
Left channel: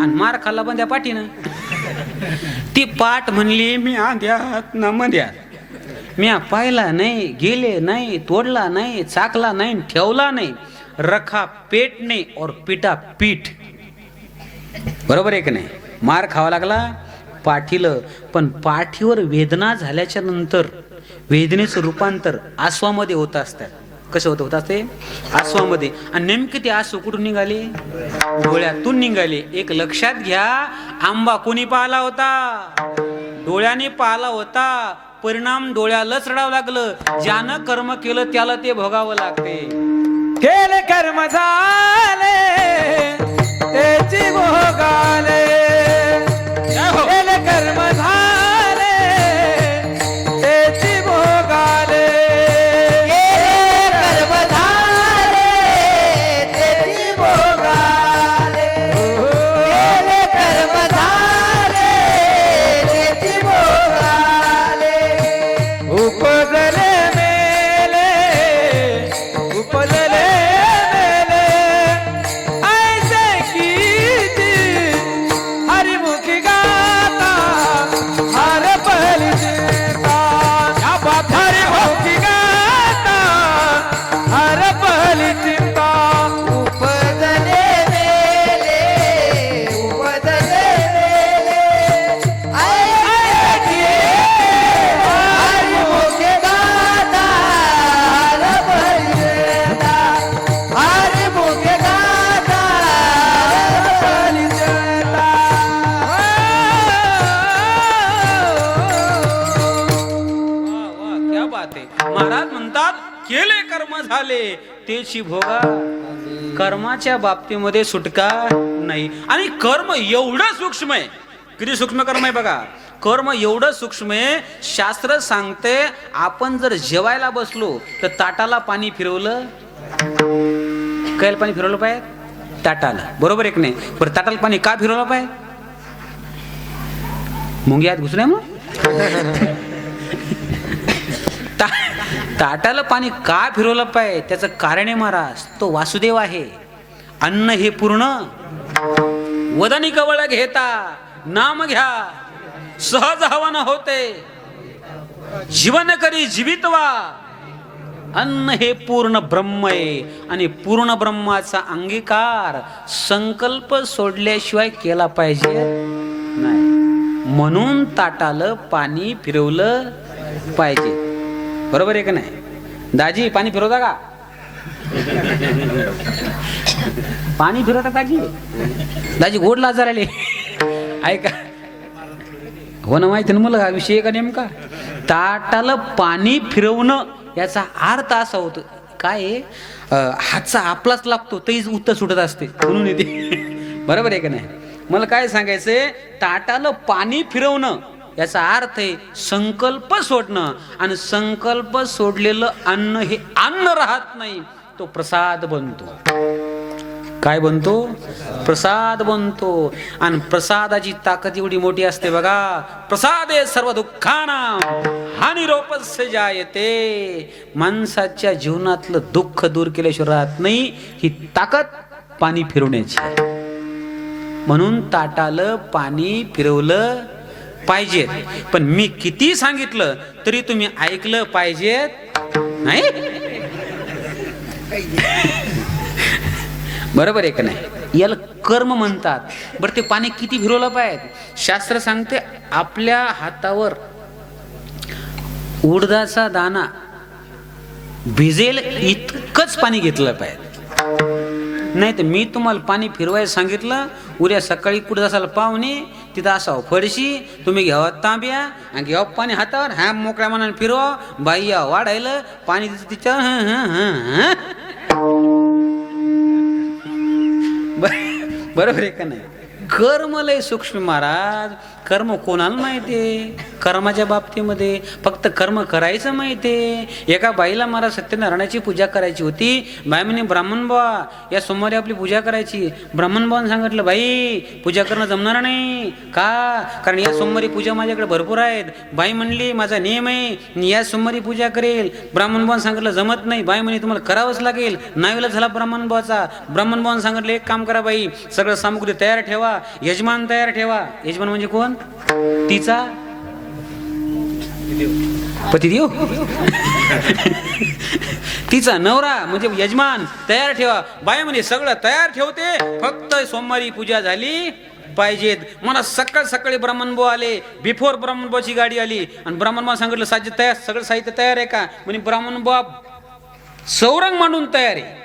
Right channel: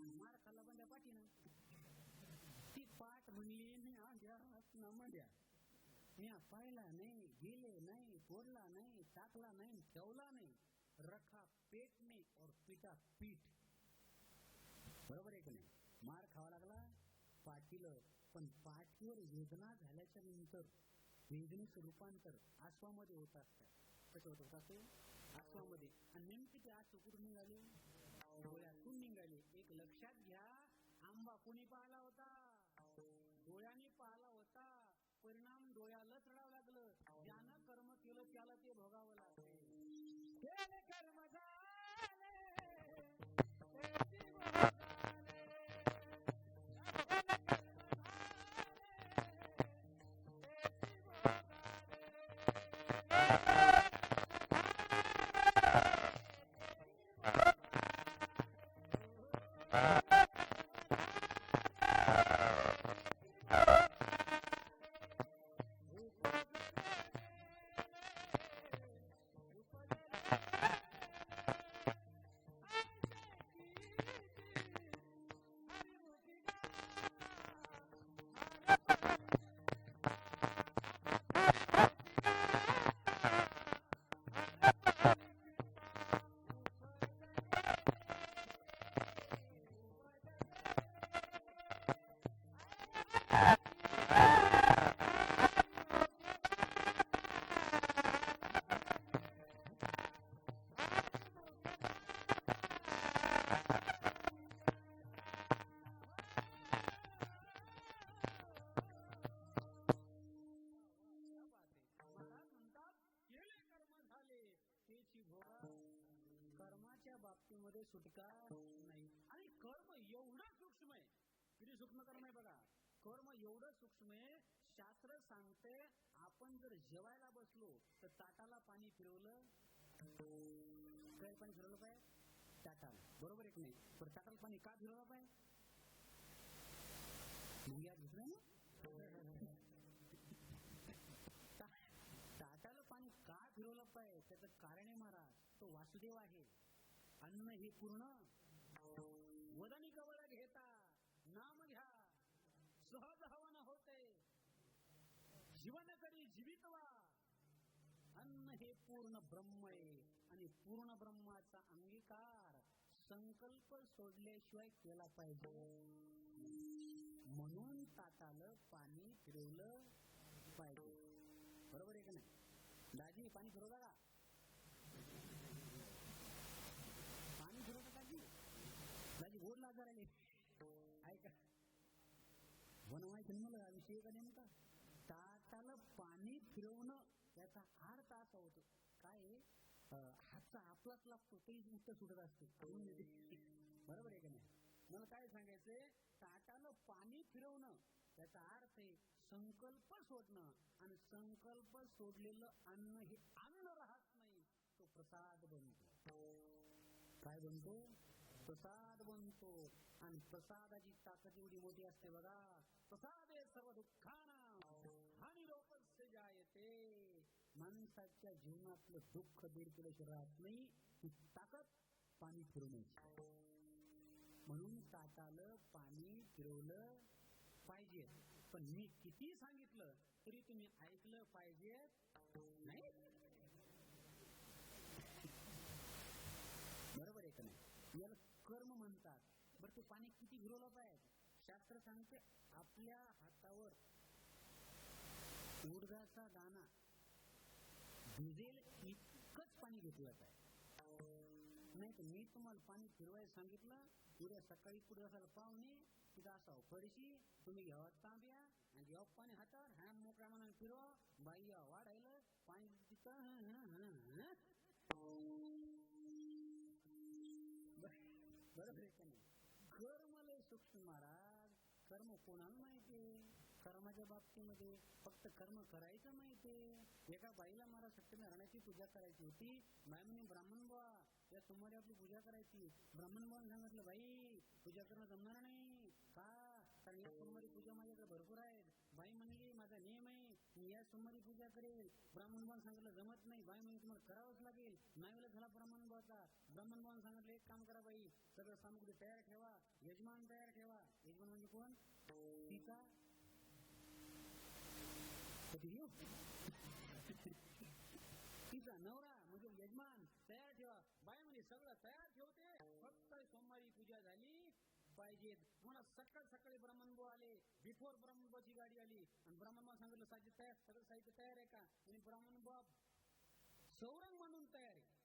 आणि मार खाल्ला पण त्या पाठीनं. ती पाठ म्हणली मी आंध्यात ना मध्यात. म्या पाहिला नाही, गेले नाही, तोडला नाही, चाकला नाही, ठेवला नाही. रखा पेट नाही और पिटा पीठ. बरोबर आहे की नाही? मार खावा लागला पाठीलं. पण पाठीवर वेदना झाल्याच्या नंतर वेदनेचं रूपांतर आसवामध्ये होत असतात. कसं होत असते? आसवामध्ये. आणि नेमके ते आसू कुठून निघाले? डोळ्यातून निघाले. एक लक्षात घ्या, आंबा कोणी पाहिला होता? डोळ्याने पाहिला होता. परिणाम डोळ्यालाच रडावं लागलं. ज्यानं कर्म केलं त्याला ते भोगावं लागते. केले कर्म झाले त्याची भोगाले. केले कर्म झाले त्याची भोगाले. कर्म झाले त्याची भोगाले. केले कर्म झाले त्याची भोगाले. उपजले मेले, उपजले मेले, ऐसे कीजिए बात आहे. महाराज म्हणतात केले कर्म झाले तेची भोगा. कर्माच्या बाबतीमध्ये सुटका नाही. आणि कर्म एवढं सूक्ष्म आहे. किती सूक्ष्म कर्म आहे बघा. कर्म एवढं सूक्ष्म आहे. शास्त्र सांगते आपण जर जेवायला बसलो तर ताटाला पाणी फिरवलं. कैल पाणी फिरवलं पाहिजे ताटाला, बरोबर एक नाही. बरं ताटाला पाणी का फिरवलं पाहिजे? मुंग्यात घुसल्या मग. ताटाला पाणी का फिरवलं पाहिजे त्याचं कारण आहे महाराज. तो वासुदेव आहे. अन्न हे पूर्ण वदनी कवळ घेता नाम घ्या सहज हवन होते जीवन करी जीवितवा. अन्न हे पूर्ण ब्रह्म आहे आणि पूर्ण ब्रह्माचा अंगीकार संकल्प सोडल्याशिवाय केला पाहिजे नाही. म्हणून ताटाला पाणी फिरवलं पाहिजे, बरोबर आहे का नाही? दाजी पाणी फिरवता का? पाणी फिरवता दाजी? दाजी गोड लाजार आले ऐका. हो ना, माहिती ना मला हा विषय का नेमका. ताटाला पाणी फिरवणं याचा अर्थ असा होतो काय, हातचा आपलाच लागतो तरीच उत्तर सुटत असते म्हणून येते. बरोबर आहे का नाही? मला काय सांगायचंय, ताटाला पाणी फिरवणं याचा अर्थ आहे संकल्प सोडणं. आणि संकल्प सोडलेलं अन्न हे अन्न राहत नाही, तो प्रसाद बनतो. काय बनतो? प्रसाद बनतो. आणि प्रसादाची ताकद एवढी मोठी असते बघा. प्रसादे सर्व दुःखानां हानिरोपस्य जायते. माणसाच्या जीवनातलं दुःख दूर केल्याशिवाय राहत नाही. ही ताकद पाणी फिरवण्याची. म्हणून ताटाला पाणी फिरवलं पाहिजे. पण मी किती सांगितलं तरी तुम्ही ऐकलं पाहिजेत नाही. बरोबर आहे का नाही? याला कर्म म्हणतात. बरं ते पाणी किती फिरवलं पाहिजे? शास्त्र सांगते आपल्या हातावर उडदाचा दाना भिजेल इतकंच पाणी घेतलं पाहिजे. नाही तर मी तुम्हाला पाणी फिरवायला सांगितलं, उद्या सकाळी कुठं असाल पाहुणे तिथं असावं फडशी, तुम्ही घ्यावा तांब्या आणि घ्यावा पाणी हातावर, ह्या मोकळ्या मनाने फिरवा. बाई या वाढायला पाणी तिच्या बरोबर आहे का नाही? कर्म लय सूक्ष्म महाराज. कर्म कोणाला माहितीये? कर्माच्या बाबतीमध्ये फक्त कर्म करायचं माहितीये. एका बाईला महाराज सत्यनारायणाची पूजा करायची होती. बाई म्हणे ब्राह्मण बुवा या सोमवारी आपली पूजा करायची. ब्राह्मण बुवाने सांगितलं बाई पूजा करणं जमणार नाही का, कारण या सोमवारी पूजा माझ्याकडे भरपूर आहेत. बाई म्हणली माझा नियम आहे मी या सोमवारी पूजा करेल. ब्राह्मण बुवाने सांगितलं जमत नाही. बाई म्हणे तुम्हाला करावंच लागेल. नावीला झाला ब्राह्मण बुवाचा. ब्राह्मण बुवाने सांगितलं एक काम करा बाई, सगळं सामुग्री तयार ठेवा, यजमान तयार ठेवा. यजमान म्हणजे कोण? तिचा पतिदेव. तिचा नवरा म्हणजे यजमान तयार ठेवा. बाई म्हणे सगळं तयार ठेवते, फक्त सोमवारी पूजा झाली पाहिजेत. मला सकाळ सकाळी ब्राह्मणबुवा आले. बिफोर ब्राह्मणबुवाची गाडी आली आणि ब्राह्मणबुवा सांगितलं साहित्य तयार, सगळं साहित्य तयार आहे का? म्हणे ब्राह्मणबुवा सौरंग मांडून तयार आहे.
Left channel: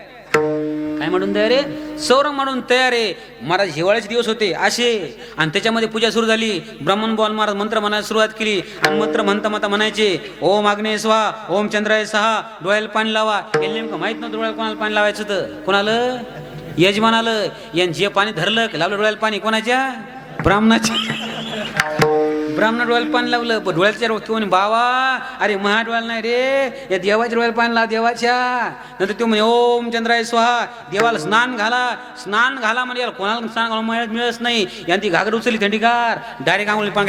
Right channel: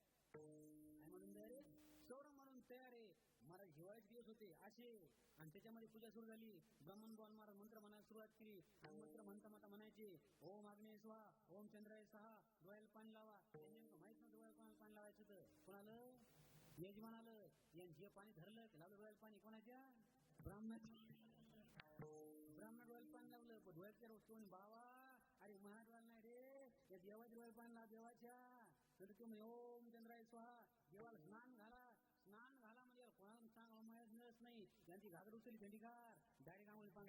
काय म्हणून तयार आहे? सौरंग म्हणून तयार आहे. महाराज हिवाळ्याचे दिवस होते असे आणि त्याच्यामध्ये पूजा सुरू झाली. ब्राह्मण बोल महाराज मंत्र म्हणायला सुरुवात केली आणि मंत्र म्हणता म्हणता म्हणायचे ओम आग्नेय स्वाहा, ओम चंद्राय सहा, डोळ्याला पाणी लावा. हे नेमकं माहित नव्हतं डोळ्याला कोणाला पाणी लावायचं होतं. कोणाला? यजमानाला. यांनी जे पाणी धरलं लावलं डोळ्याला पाणी. कोणाच्या? ब्राह्मणाच्या. ब्राह्मण डोळ्याला पाणी लावलं. पण डोळ्याच्या म्हणे बाबा अरे महा डोळ्याला नाही रे, या देवाच्या डोळ्याला पाणी लाव देवाच्या. नंतर तो म्हणे ओम चंद्राय स्वाहा, देवाला स्नान घाला. स्नान घाला म्हणजे याला कोणाला स्नान घाला मिळत नाही. यांनी ती घागर उचलली थंडीगार, डायरेक्ट आंघोळी पांग.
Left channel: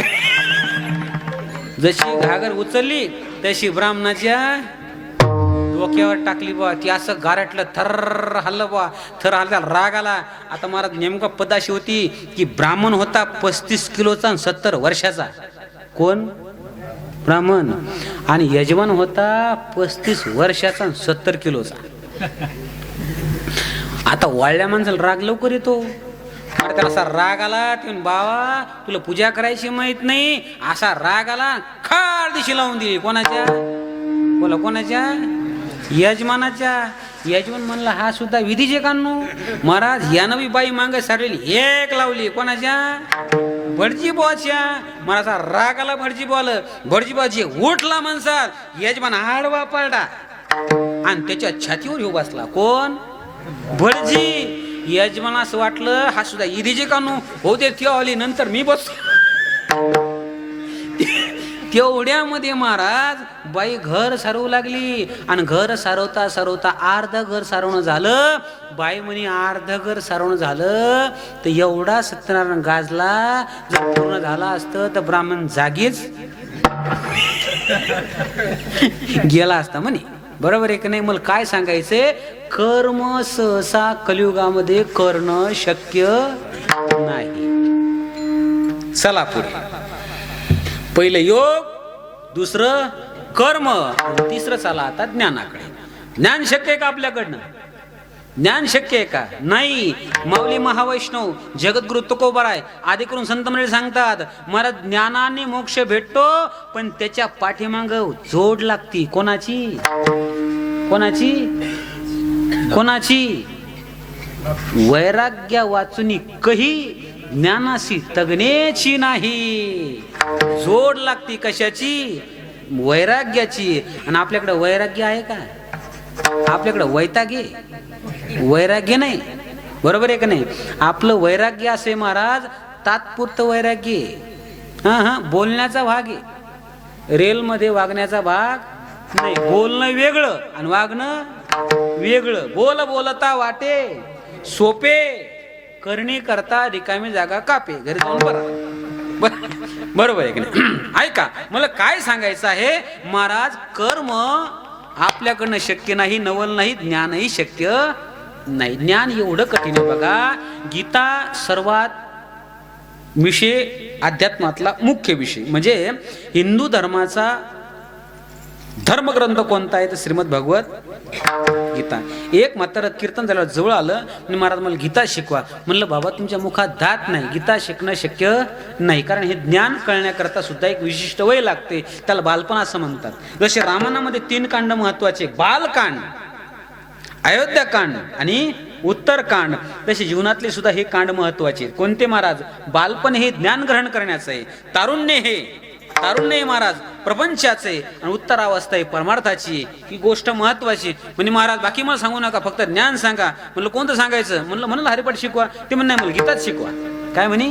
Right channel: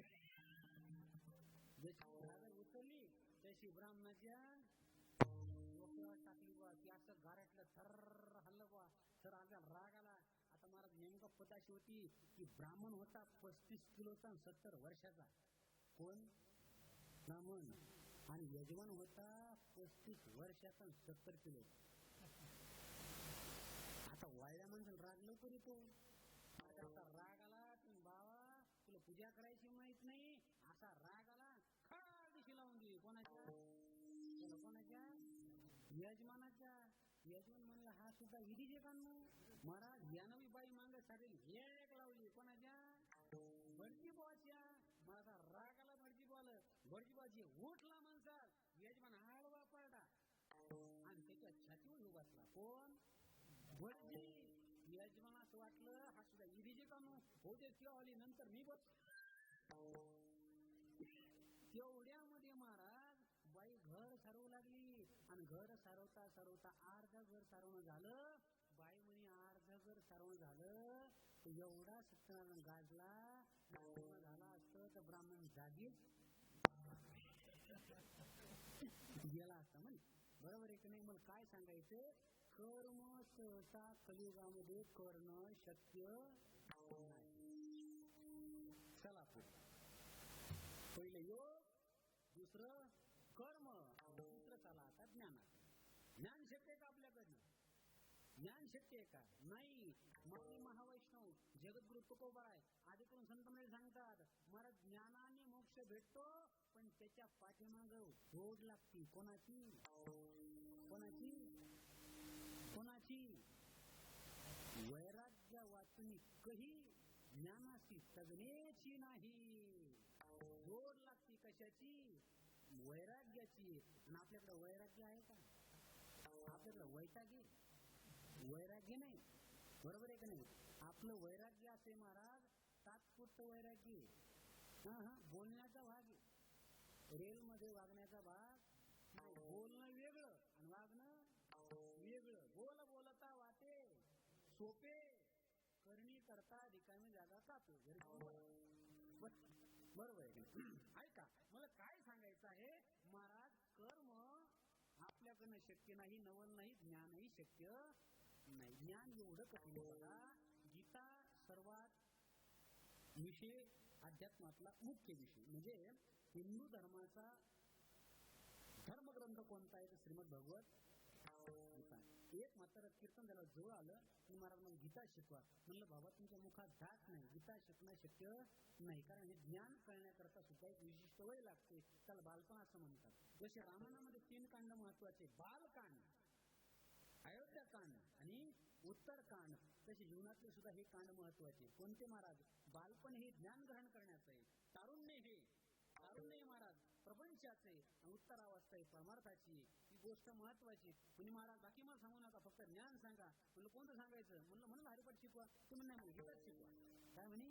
जशी घागर उचलली तशी ब्राह्मणाच्या डोक्यावर टाकली बा. ती असं गारटलं, थर हल्लं बा. थर हल्ला, राग आला. आता महाराज नेमका पदाशी होती की ब्राह्मण होता 35 किलोचा आणि 70 वर्षाचा. कोण? ब्राह्मण. आणि यजमान होता 35 वर्षाचा आणि 70 किलोचा. आता वाळल्या माणसाला राग लवकर येतो. त्याला असा राग आला ते बाबा तुला पूजा करायची माहित नाही, असा राग आला खाड दिशी लावून दिली. कोणाच्या? बोला कोणाच्या? यजमानाच्या. यजमान म्हणला हा सुद्धा विधीचे कानू. महाराज यानं बी बाई मागे सारलेली एक लावली. कोणाच्या? भटजी बुवाच्या मला राग आला. भटजी बुवाला भटजी बुवाची उठला म्हणसात यजमान आडवा पडला आणि त्याच्या छातीवर येऊ बसला. कोण? भटजी. यजमान असं वाटलं हा सुद्धा इरीजे कानू होते ती आली नंतर मी बस. तेवढ्यामध्ये महाराज बाई घर सारवू लागली आणि घर सारवता सारवता अर्ध घर सारवणं झालं. बाई म्हणे अर्ध घर सारवणं झालं तर एवढा सत्यनारायण गाजला. जर पूर्ण झाला असतं तर ब्राह्मण जागीच गेला असता म्हणे. बरोबर आहे की नाही? मला काय सांगायचंय, कर्म सहसा कलियुगामध्ये करणं शक्य नाही. चला पुढे. पहिलं योग, दुसरं कर्म, तिसरं चला आता ज्ञानाकडे. ज्ञान शक्य आहे का आपल्याकडनं? ज्ञान शक्य आहे का? नाही. माऊली महावैष्णव जगद्गुरु तुकोबाराय आधी करून संत मंडळी सांगतात मला ज्ञानाने मोक्ष भेटतो पण त्याच्या पाठीमाग जोड लागती. कोणाची? कोणाची? कोणाची? वैराग्य वाचुनी कही ज्ञानाशी तगण्याची नाही. जोड लागती. कशाची? वैराग्याची. आणि आपल्याकडे वैराग्य आहे का? आपल्याकडे वैतागे वैराग्य नाही. बरोबर आहे का नाही? आपलं वैराग्य असे महाराज तात्पुरतं वैराग्य. हा बोलण्याचा भाग आहे, रेलमध्ये वागण्याचा भाग नाही. बोलणं वेगळं आणि वागणं वेगळं. बोलता वाटे सोपे, करणी करता रिकामी जागा कापे. घरी जाऊन बरोबर आहे की नाही? ऐका, मला काय सांगायचं आहे महाराज, कर्म आपल्याकडनं शक्य नाही, नवल नाही, ज्ञानही शक्य नाही. ज्ञान एवढं कठीण आहे बघा. गीता सर्वात विषय अध्यात्मातला मुख्य विषय. म्हणजे हिंदू धर्माचा धर्मग्रंथ कोणता आहे तर श्रीमद भगवत गीता. एक म्हातारं कीर्तन झाल्यावर जवळ आलं आणि महाराज मला गीता शिकवा. म्हणलं बाबा तुमच्या मुखात दात नाही, गीता शिकणं शक्य नाही. कारण हे ज्ञान कळण्याकरता सुद्धा एक विशिष्ट वय लागते. त्याला बालपण असं म्हणतात. जसे रामायणामध्ये 3 कांड महत्वाचे, बालकांड, अयोध्याकांड आणि उत्तरकांड, तसे जीवनातले सुद्धा हे कांड महत्वाचे. कोणते महाराज? बालपण हे ज्ञान ग्रहण करण्याचं आहे, तारुण्य महाराज प्रपंचाचे, आणि उत्तरावस्था आहे परमार्थाची. ही गोष्ट महत्वाची. म्हणजे महाराज बाकी मला सांगू नका, फक्त ज्ञान सांगा. म्हणलं कोणतं सांगायचं? म्हणलं हरिपाठ शिकवा. ते म्हणणं मला गीताच शिकवा. काय म्हणे?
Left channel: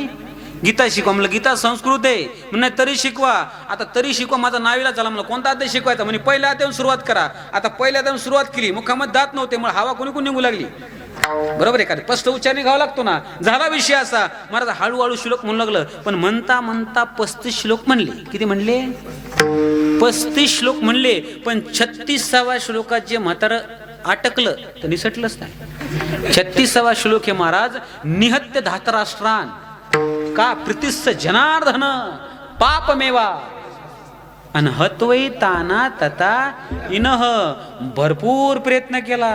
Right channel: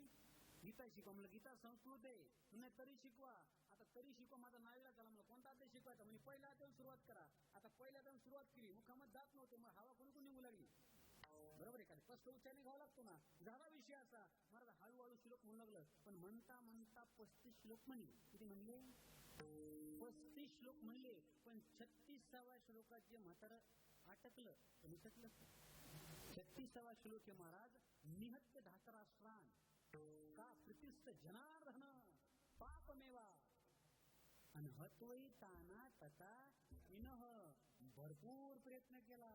गीता शिकवा. म्हणलं गीता संस्कृत आहे. म्हणणं तरी शिकवा. आता तरी शिकवा माझा नावीला झाला. म्हणलं कोणता अध्याय शिकवायचा? म्हणजे पहिल्या अध्यायातून सुरुवात करा. आता पहिल्या अध्यायातून सुरुवात केली, मुखामध्ये दात नव्हते, मग हवा कोणी निघू लागली. बरोबर आहे का? स्पष्ट उच्चारणी घ्यावा लागतो ना. झाला विषय असा. महाराज हळूहळू श्लोक म्हणू लागलं, पण म्हणता म्हणता 35 श्लोक म्हणले. किती म्हणले? 35 श्लोक म्हणले. पण 36व्या श्लोकात जे म्हातारं अटकलं तर निसटलंच नाही. 36वा श्लोक हे महाराज निहत्य धातराष्ट्रान का प्रीतिस्स जनार्दन पापमेवा अनहत्वै ताना तथा इनह. भरपूर प्रयत्न केला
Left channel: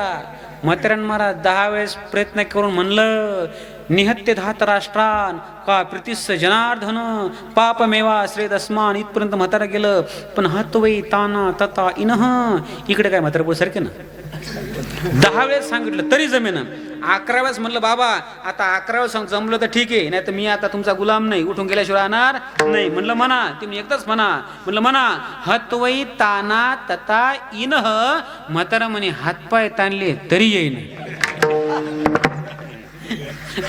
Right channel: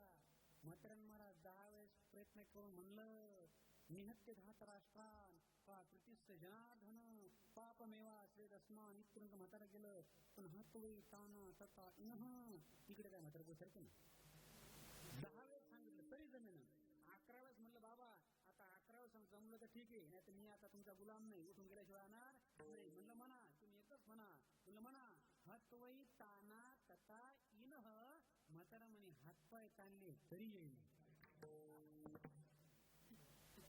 म्हाताऱ्यानं महाराज. 10 वेळेस प्रयत्न करून म्हणलं निहत्य धातराष्ट्रान का प्रीतिस्स जनार्दन पापमेवा श्रेदस्मान. इथपर्यंत म्हातारा गेलं. पण हत्वै ताना तथा इनह, इकडे काय म्हातारा सारखे ना. 10 वेळेस सांगितलं तरी जमेन. 11 वेळेस म्हणलं बाबा आता 11 वेळेस जमलं तर ठीक आहे, नाही तर मी आता तुमचा गुलाम नाही, उठून गेल्याशिवाय राहणार नाही. म्हणलं म्हणा. तुम्ही एकदाच म्हणा. म्हणलं म्हणा. हत्वै ताना तथा इनह. म्हातारा म्हणे हातपाय ताणले तरी येईन.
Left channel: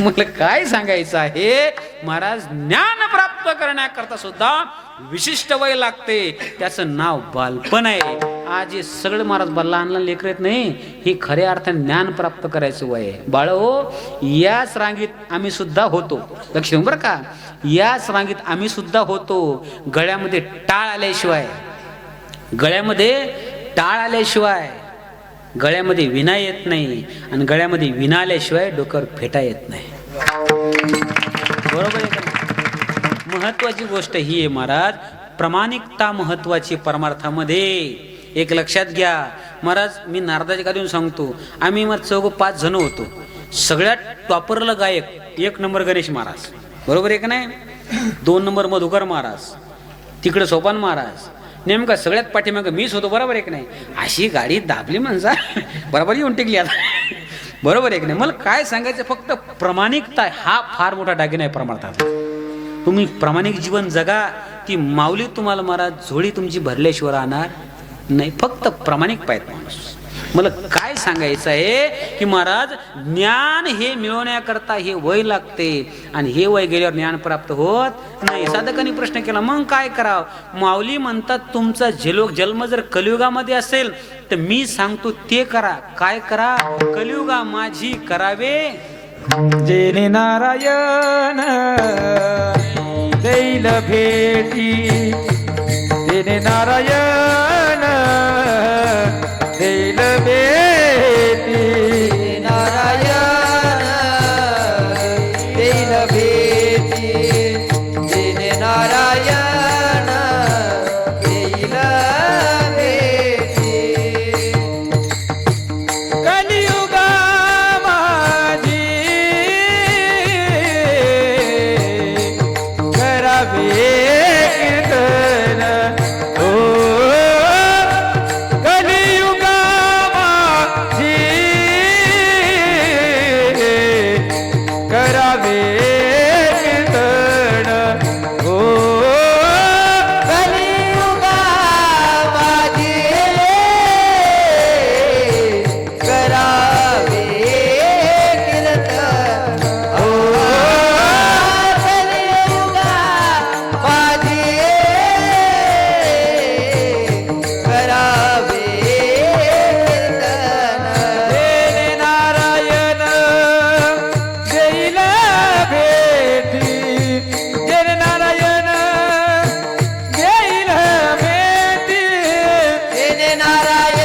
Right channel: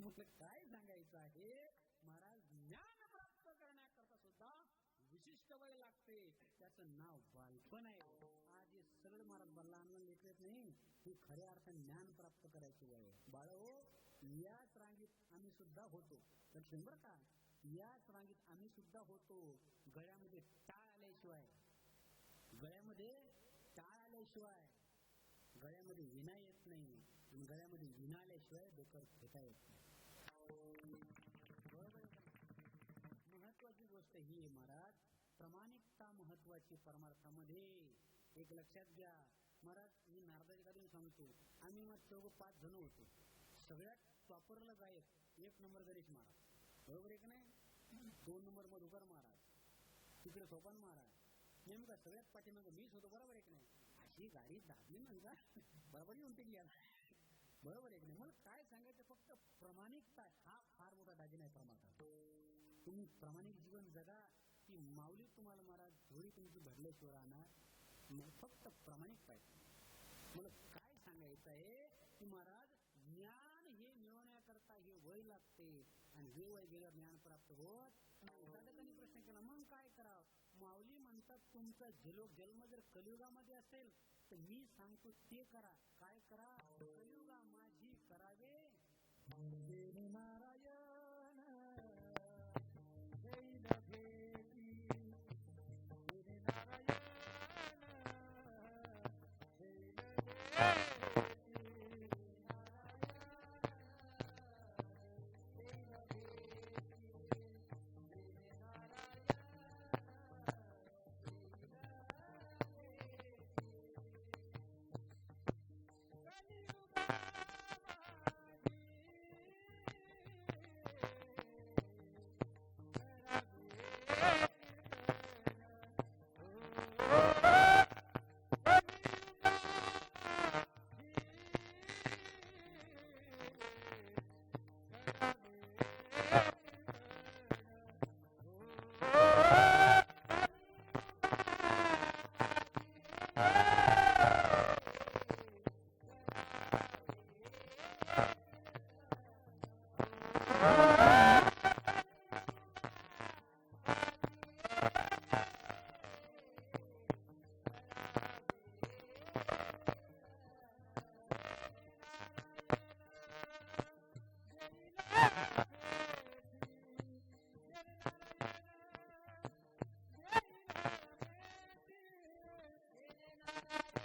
मला काय सांगायचं आहे महाराज, ज्ञान प्राप्त करण्याकरता सुद्धा विशिष्ट वय लागते. त्याचं नाव बालपण आहे. आज हे सगळं महाराज लहान लेकर येत नाही, ही खऱ्या अर्थाने ज्ञान प्राप्त करायचं वय आहे. बाळ हो, याच रांगीत आम्ही सुद्धा होतो. लक्ष देऊ बरं का. याच रांगीत आम्ही सुद्धा होतो. गळ्यामध्ये टाळ आल्याशिवाय, गळ्यामध्ये विना येत नाही, आणि गळ्यामध्ये विना आल्याशिवाय डोक्यावर फेटा येत नाही. बरोबर आहे का? महत्वाची गोष्ट ही आहे महाराज, प्रामाणिकता महत्वाची परमार्थामध्ये. एक लक्षात घ्या महाराज, मी नारदाच्या गादीवरून सांगतो, आम्ही मग 4-5 जण होतो. सगळ्यात टॉपरला गायक 1 नंबर गणेश महाराज. बरोबर आहे का नाही? 2 नंबर मधुकर महाराज, तिकडे सोपान महाराज. नेमका सगळ्यात पाठीमाग मीच होतो. बरोबर आहे की नाही? अशी गाडी दाबली म्हणजे बरोबर येऊन टिकली आता. बरोबर आहे की नाही? मला काय सांगायचं, फक्त प्रामाणिकता हा फार मोठा दागिना आहे परमार्थात. तुम्ही प्रामाणिक जीवन जगा, ती माऊली तुम्हाला महाराज झोळी तुमची भरल्याशिवाय राहणार नाही. फक्त प्रामाणिक पाहिजे माणूस. मला काय सांगायचं आहे की महाराज ज्ञान हे मिळवण्याकरता हे वय लागते आणि हे वय गेल्यावर ज्ञान प्राप्त होत नाही. साधकांनी प्रश्न केला मग काय करावं? माऊली म्हणतात तुमचा जन्म जर कलियुगामध्ये असेल तर मी सांगतो ते करा. काय करा? कलियुगा माझी करावे जेने नारायण देईल भेटी, जेने नारायण देईल भेटी, नारायण देईल भेटी, जेने नारायण देईल भेटी. कलियुगा माझी करावे कीर्तन, ओ कलियुगा माझी करावे कीर्तन, ओ कलियुगा माझी करावे कीर्तन, ओ कलियुगा माझी करावे कीर्तन. जेने नारायण देईल भेटी, जेने नारायण देईल भेटी, जेने नारायण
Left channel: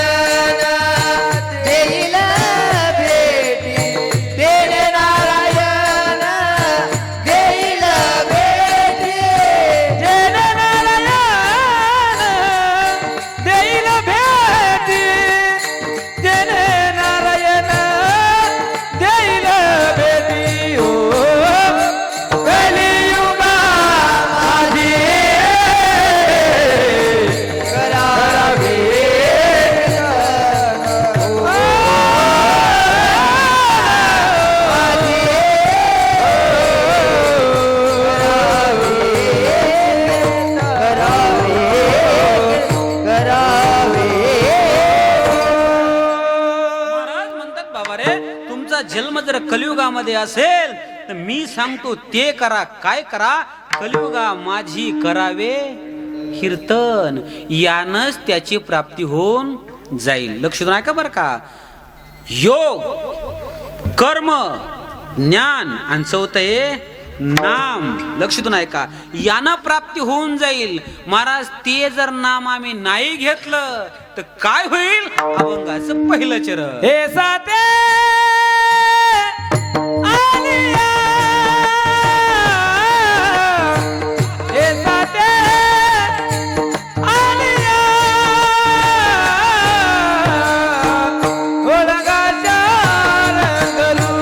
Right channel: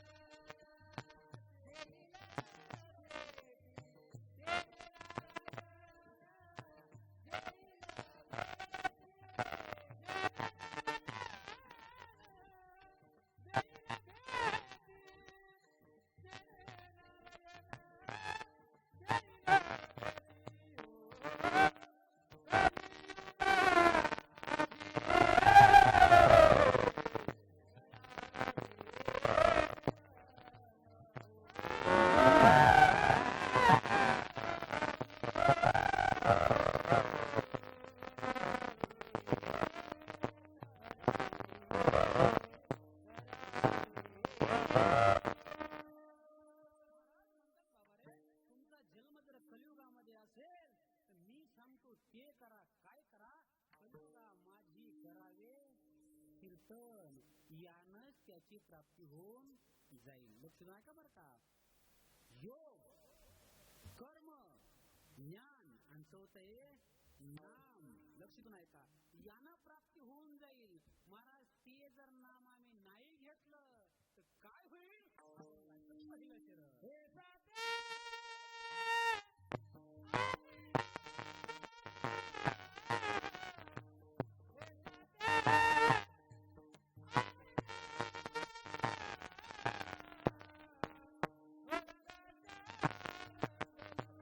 देईल भेटी, जेने नारायण देईल भेटी, जेने नारायण देईल भेटी, जेने नारायण देईल भेटी, ओ कलियुगा माझी करावे महाराज म्हणतात बाबा रे तुमचा जन्म जर कलियुगामध्ये असेल तर मी सांगतो ते करा. काय करा? कलियुगा माझी करावे कीर्तन, यानच त्याची प्राप्ती होऊन जाईल. लक्ष देऊन ऐका बरं का. योग, कर्म, ज्ञान आणि चौथं हे नाम. लक्ष देऊन ऐका. यानं प्राप्ती होऊन जाईल. महाराज ते जर नाम आम्ही नाही घेतलं तर काय होईल? अभंगाचं पहिलं चरण. हे साते आलिया, हे साते आलिया, ओळगाच्या रंगरू,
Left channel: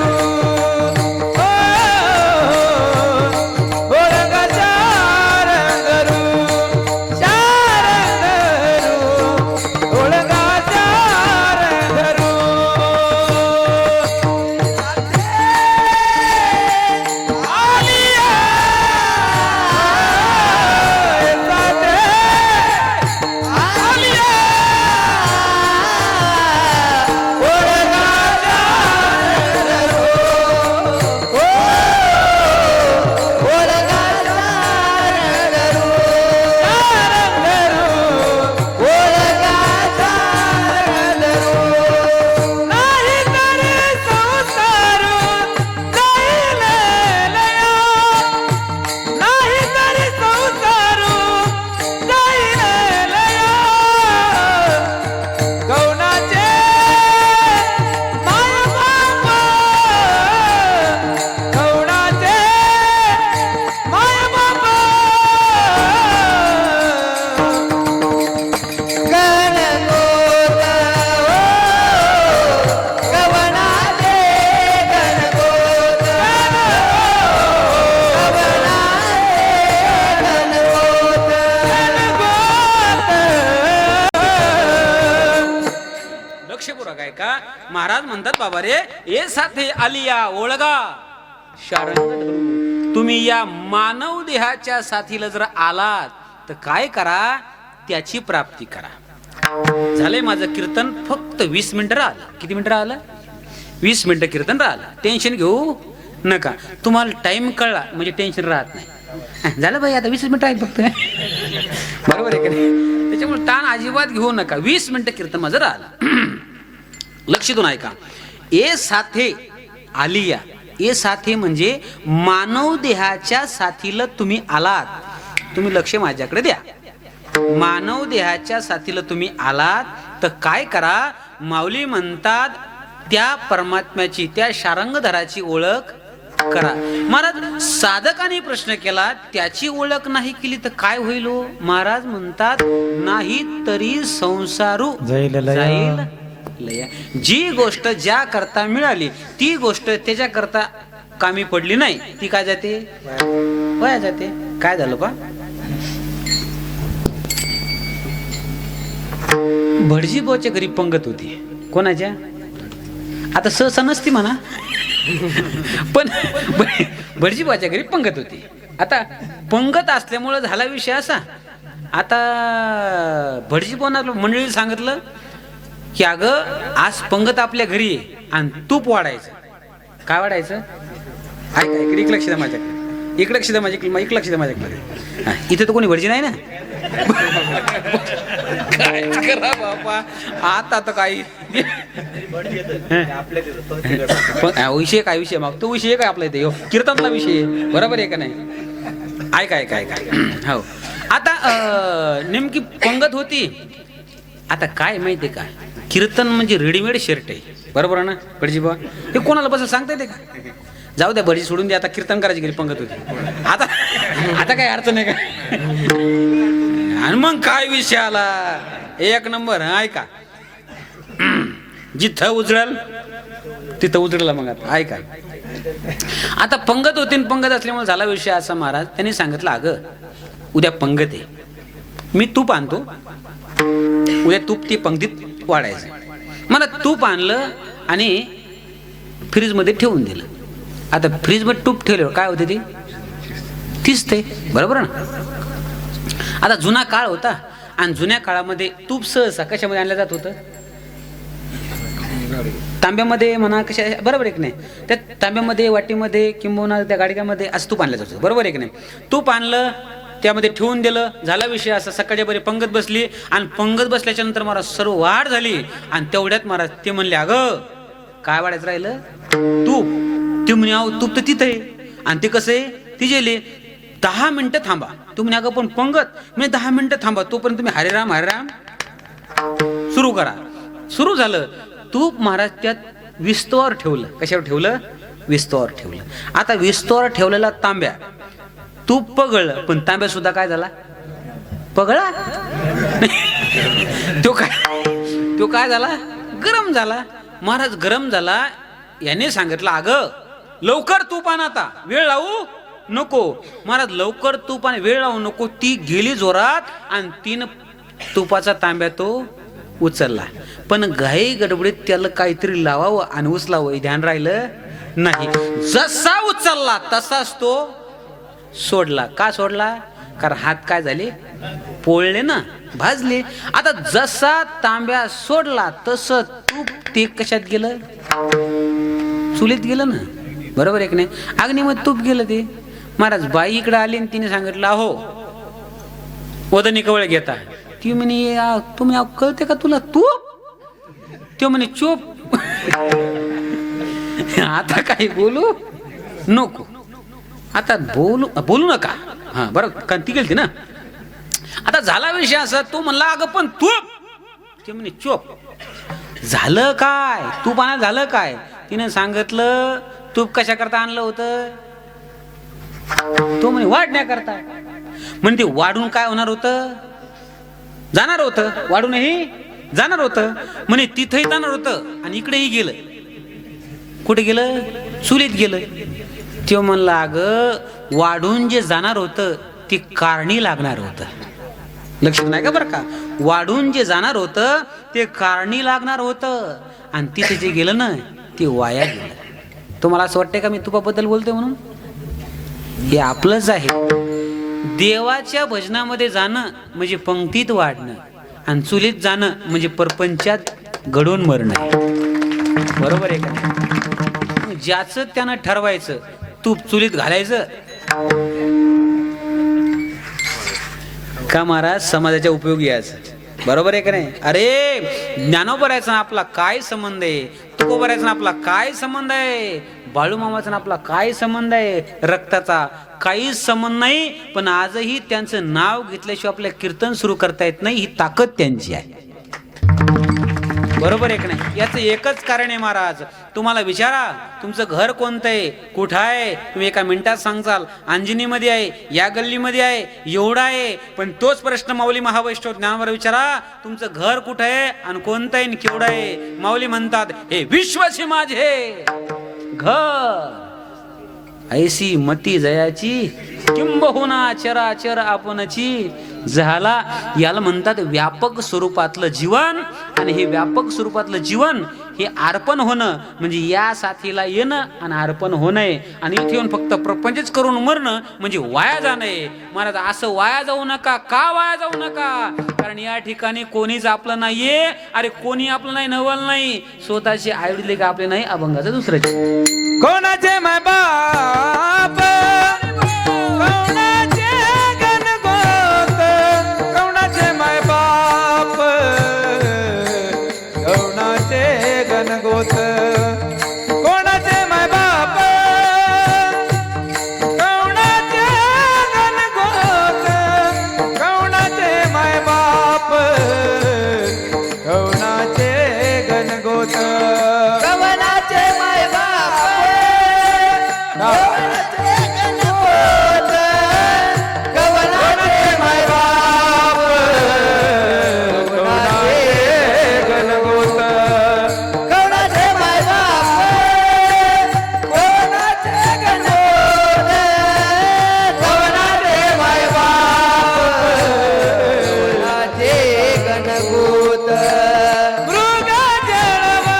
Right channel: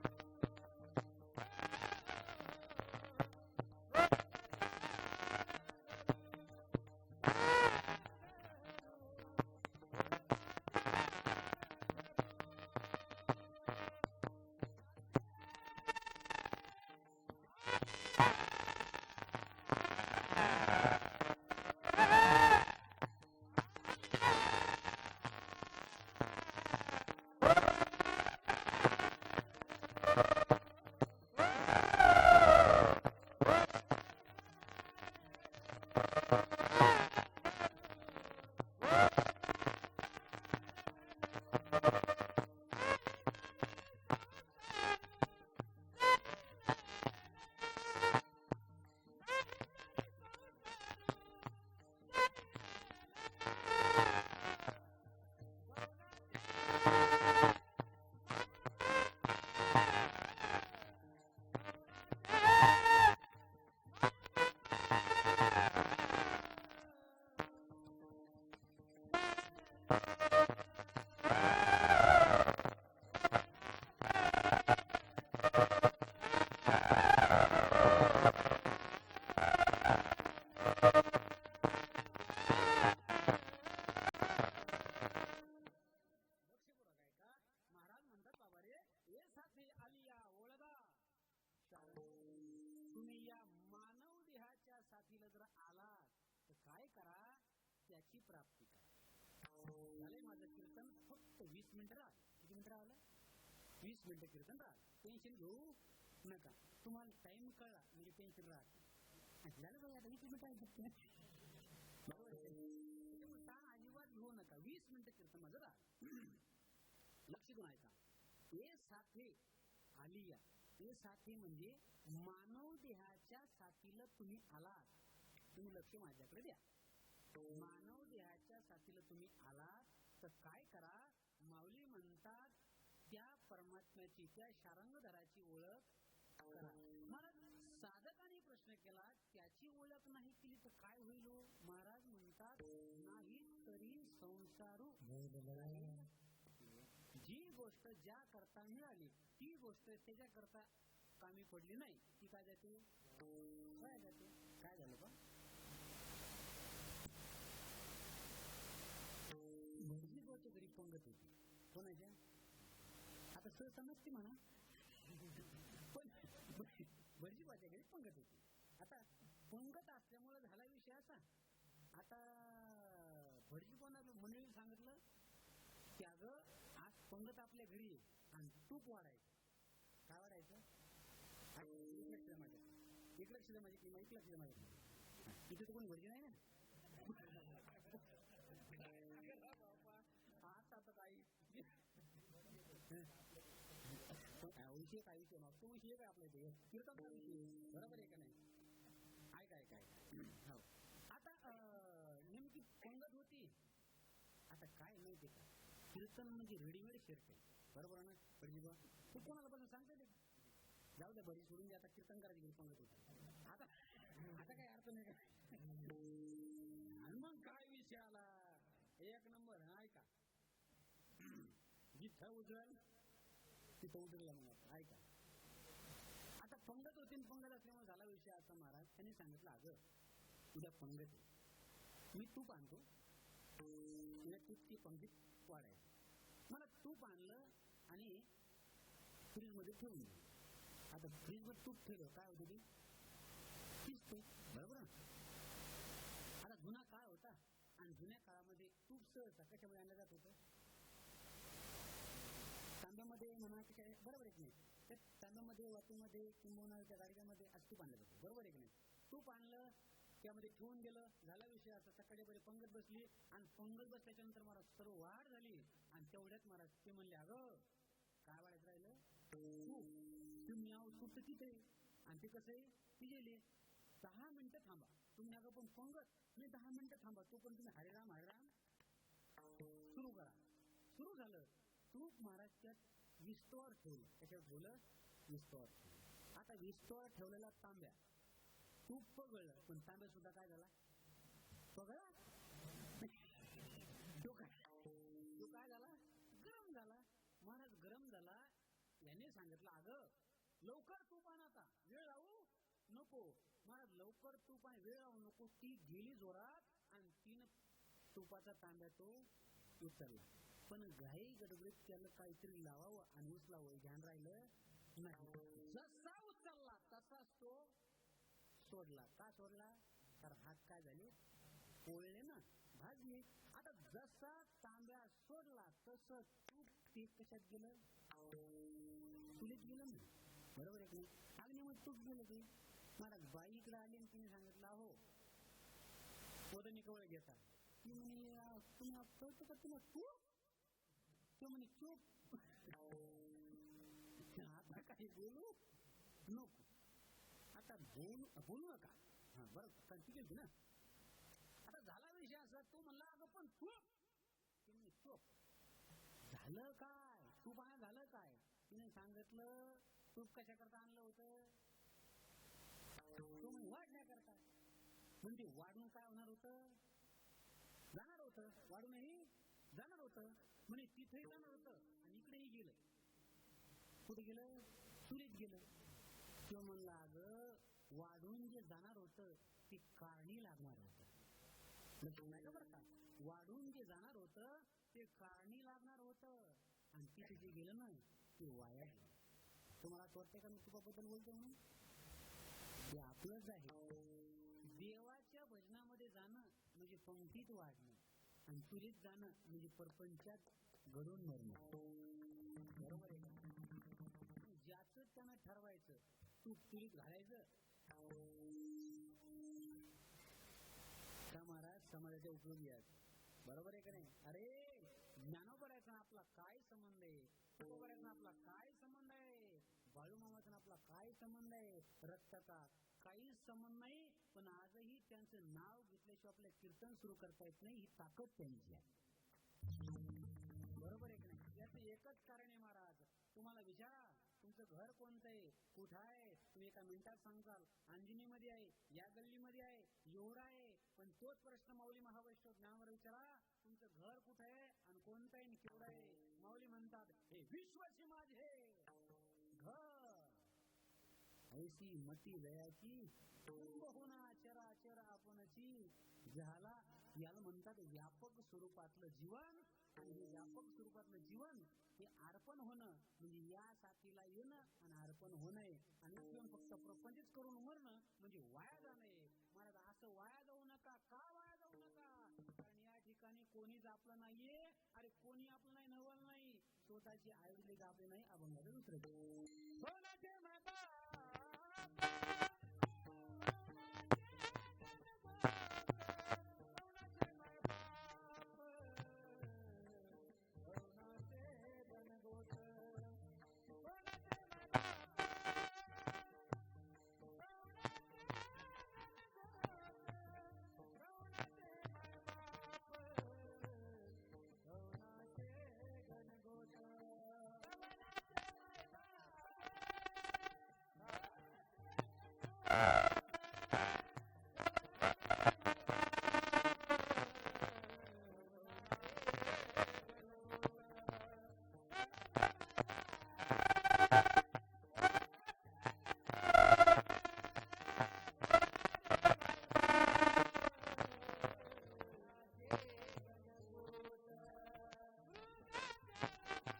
ओ ओळगाच्या रंगरू, शारंगरू, ओळगाच्या रंगरू. महाराज म्हणतात बाबा रे ए साथे आलिया ओळगा शारंग धरू. तुम्ही या मानव देहाच्या साथीला जर आलात तर काय करा, त्याची प्राप्ती करा. झालंय माझं कीर्तन, फक्त 20 मिनिटं राहिलं. किती मिनिटं राहिलं? 20 मिनिटं कीर्तन राहिलं. टेन्शन घेऊ नका. तुम्हाला टाइम कळला म्हणजे टेन्शन राहत नाही. झालं भाई, आता 20 मिनिटं आहेत फक्त. बरोबर आहे का नाही? त्याच्यामुळे ताण अजिबात घेऊ नका. 20 मिनिटं कीर्तन माझं राहिलं. लक्ष देऊन ऐका. ए साथे आलिया, ए साथे म्हणजे मानव देहाच्या साथीला तुम्ही आलात. तुम्ही लक्ष माझ्याकडे द्या. मानव देहाच्या साथीला तुम्ही आलात तर काय करा, माऊली म्हणतात त्या परमात्म्याची, त्या शारंगधराची ओळख करा. महाराज साधकाने प्रश्न केला, त्याची ओळख नाही केली तर काय होईल हो? महाराज म्हणतात नाही तरी संसारू जाईल लया. लया. जी गोष्ट ज्या करता मिळाली ती गोष्ट त्याच्या करता कामी पडली नाही, ती काय जाते? वाया जाते. काय झालं पा? भटजीबाच्या घरी पंगत होती. कोणाच्या? आता सहसा नसती म्हणा, पण भटजीबाच्या घरी पंगत होती. आता पंगत असल्यामुळे झाला विषय असा, आता भटजीबांना मंडळी सांगितलं की अगं आज पंगत आपल्या घरी आहे आणि तूप वाढायचं. काय वाढायचं? ऐका, इकडे लक्ष द्या माझ्याकडे, इकडे लक्ष द्या माझ्याकडे, इकडे लक्ष द्या माझ्याकडे. इथे तर कोणी भटजी नाही ना. काय करा बापा, आता तर काही विषय काय, विषय मग तो विषय काय आपला इथे कीर्तनला विषय, बरोबर आहे का नाही? ऐका ऐका ऐका. हो, आता नेमकी पंगत होती. आता काय माहितीये का, कीर्तन म्हणजे रेडीमेड शर्ट आहे, बरोबर ना भटजीबा? हे कोणाला बस सांगता येते का? जाऊ द्या, भटजी सोडून द्या. आता कीर्तन करायची घरी पंगत होती. आता आता काय अर्थ नाही का? आणि मग काय विषय आला, एक नंबर. ऐका, जिथं उजळल तिथं उजळला. मग आता ऐका, आता पंगत होती. पंगत असल्यामुळे झाला विषय असा, महाराज त्यांनी सांगितलं अगं उद्या पंगत आहे, मी तूप आणतो, उद्या तूप ती पंगतीत वाढायचं. मला तूप आणलं आणि फ्रीजमध्ये ठेवून दिलं. आता फ्रीजमध्ये तूप ठेवल्यावर काय होते? ती तीच ते, बरोबर ना? आता जुना काळ होता आणि जुन्या काळामध्ये तूप सहसा कशामध्ये आणलं जात होतं? तांब्यामध्ये म्हणा, कशा, बरोबर आहे की नाही? त्या तांब्यामध्ये, वाटीमध्ये किंबहुना त्या गाडग्यामध्ये असं तूप आणलं जात होतं, बरोबर आहे की नाही? तूप आणलं, त्यामध्ये ठेवून दिलं, झाला विषय असा. सकाळच्या बरी पंगत बसली आणि पंगत बसल्याच्या नंतर महाराज सर्व वाढ झाली आणि तेवढ्यात महाराज ते म्हणले अगं काय वाढायचं राहिलं? तूप. ते म्हणे अहो तूप तर तिथं आहे. आणि ते कसं आहे? ती गेले 10 मिनिटं थांबा. तू म्हणे अगं पण पंगत, म्हणजे 10 मिनिटं थांबा, तोपर्यंत तुम्ही हरेराम हरेराम सुरू करा. सुरू झालं. तूप महाराज त्यात विस्तवावर ठेवलं. कशावर ठेवलं? विस्तवावर ठेवलं. आता विस्तवावर ठेवलेला तांब्या, तूप पगळलं, पण तांब्या सुद्धा काय झाला? पगळा. तो काय झाला? गरम झाला. महाराज गरम झाला. याने सांगितलं अगं लवकर तूप आण, आता वेळ लावू नको. महाराज लवकर तूप आणि वेळ लावू नको. ती गेली जोरात आणि 3 तुपाचा तांब्या तो उचलला. पण घाई गडबडीत त्याला काहीतरी लावावं आणि उचलावं हे ध्यान राहिलं नाही. जसा उचलला तसाच तो सोडला. का सोडला? कारण हात काय झाले? पोळले ना, भाजले. आता जसा तांब्या सोडला तसं तूप ते कशात गेलं? चुलीत गेलं ना, बरोबर आहे की नाही? अग्नीमध्ये तूप गेलं ते. महाराज बाई इकडे आली आणि तिने सांगितलं अहो वदनी कवळ घेता. ती म्हणे तुम्ही कळते का तुला तूप? तो म्हणे चूप. आता काही बोलू नको, आता बोलू नका. हा बरोबर, कारण ती गेलती ना. आता झाला विषय असा, तो म्हणला अगं पण तूप. ते म्हणे चूप. झालं काय? तूप आणा झालं काय? तिने सांगितलं तूप कशा करता आणलं होतं? तो म्हणे वाढण्याकरता. म्हणजे ते वाढून काय होणार होतं? जाणार होतं. वाढूनही जाणार होतं. म्हणे तिथंही जाणार होतं आणि इकडेही गेलं. कुठे गेलं? चुलीत गेलं. तो म्हणला अगं वाढून जे जाणार होतं ते कारणी लागणार होतं. लक्षात नाही का बरं का? वाढून जे जाणार होतं ते कारणी लागणार होतं आणि तिथे जे गेलं ना ते वाया गेलं. तुम्हाला असं वाटतंय का मी तुपाबद्दल बोलतोय म्हणून? हे आपलंच आहे. देवाच्या भजनामध्ये जाणं म्हणजे पंक्तीत वाढणं आणि चुलीत जाणं म्हणजे परपंचात घडून मरणं. बरोबर आहे का? ज्याचं त्यानं ठरवायचं, तूप चुलीत घालायचं का महाराज समाजाच्या उपयोगी यायचं. बरोबर आहे का नाही? अरे ज्ञानोबरायचा आपला काय संबंध आहे, तुकोबरायचा आपला काय संबंध आहे, बाळूमामाचा आपला काय संबंध आहे, रक्ताचा काहीच संबंध नाही. पण आजही त्यांचं नाव घेतल्याशिवाय आपल्या कीर्तन सुरू करता येत नाही. ही ताकद त्यांची आहे. बरोबर आहे का नाही? याचं एकच कारण आहे महाराज. तुम्हाला विचारा तुमचं घर कोणतं आहे, कुठं आहे, तुम्ही एका मिनिटात सांगचाल. अंजनीमध्ये आहे, या गल्लीमध्ये आहे, एवढा आहे. पण तोच प्रश्न माऊली महावैष्णव ज्ञानोबा विचारा, तुमचं घर कुठं आहे आणि कोणतं आहे आणि केवढं आहे. माऊली म्हणतात हे विश्वचे माझे घर, ऐसी मती जयाची किंबहुना चराचर आपणची झाला. याला म्हणतात व्यापक स्वरूपातलं जीवन. आणि हे व्यापक स्वरूपातलं जीवन हे अर्पण होणं म्हणजे या साथीला येणं आणि अर्पण होणं. आणि इथे येऊन फक्त प्रपंचच करून मरणं म्हणजे वाया जाणं. महाराज असं वाया जाऊ नका. का वाया जाऊ नका? कारण या ठिकाणी कोणीच आपलं नाहीये. अरे कोणी आपलं नाही, नवल नाही. स्वतःचे आईवडील का आपले नाही, अभंगाचं दुसऱ्याचे. कोणाचे माय बाप, कोणाचे गणगोत, कोणाचे माय बाप, कोणाचे गणगोत, कोणाचे माय बाप, कोणाचे गणगोत, कोणाचे माय बाप, कोणाचे गणगोत. कवनाचे माय बाप, कवनाचे गणगोत, कवनाचे माय बाप, कवनाचे गणगोत. कवनाचे माय बाप, कवनाचे गणगोत, कवनाचे माय बाप, कवनाचे गणगोत. मृग जळवत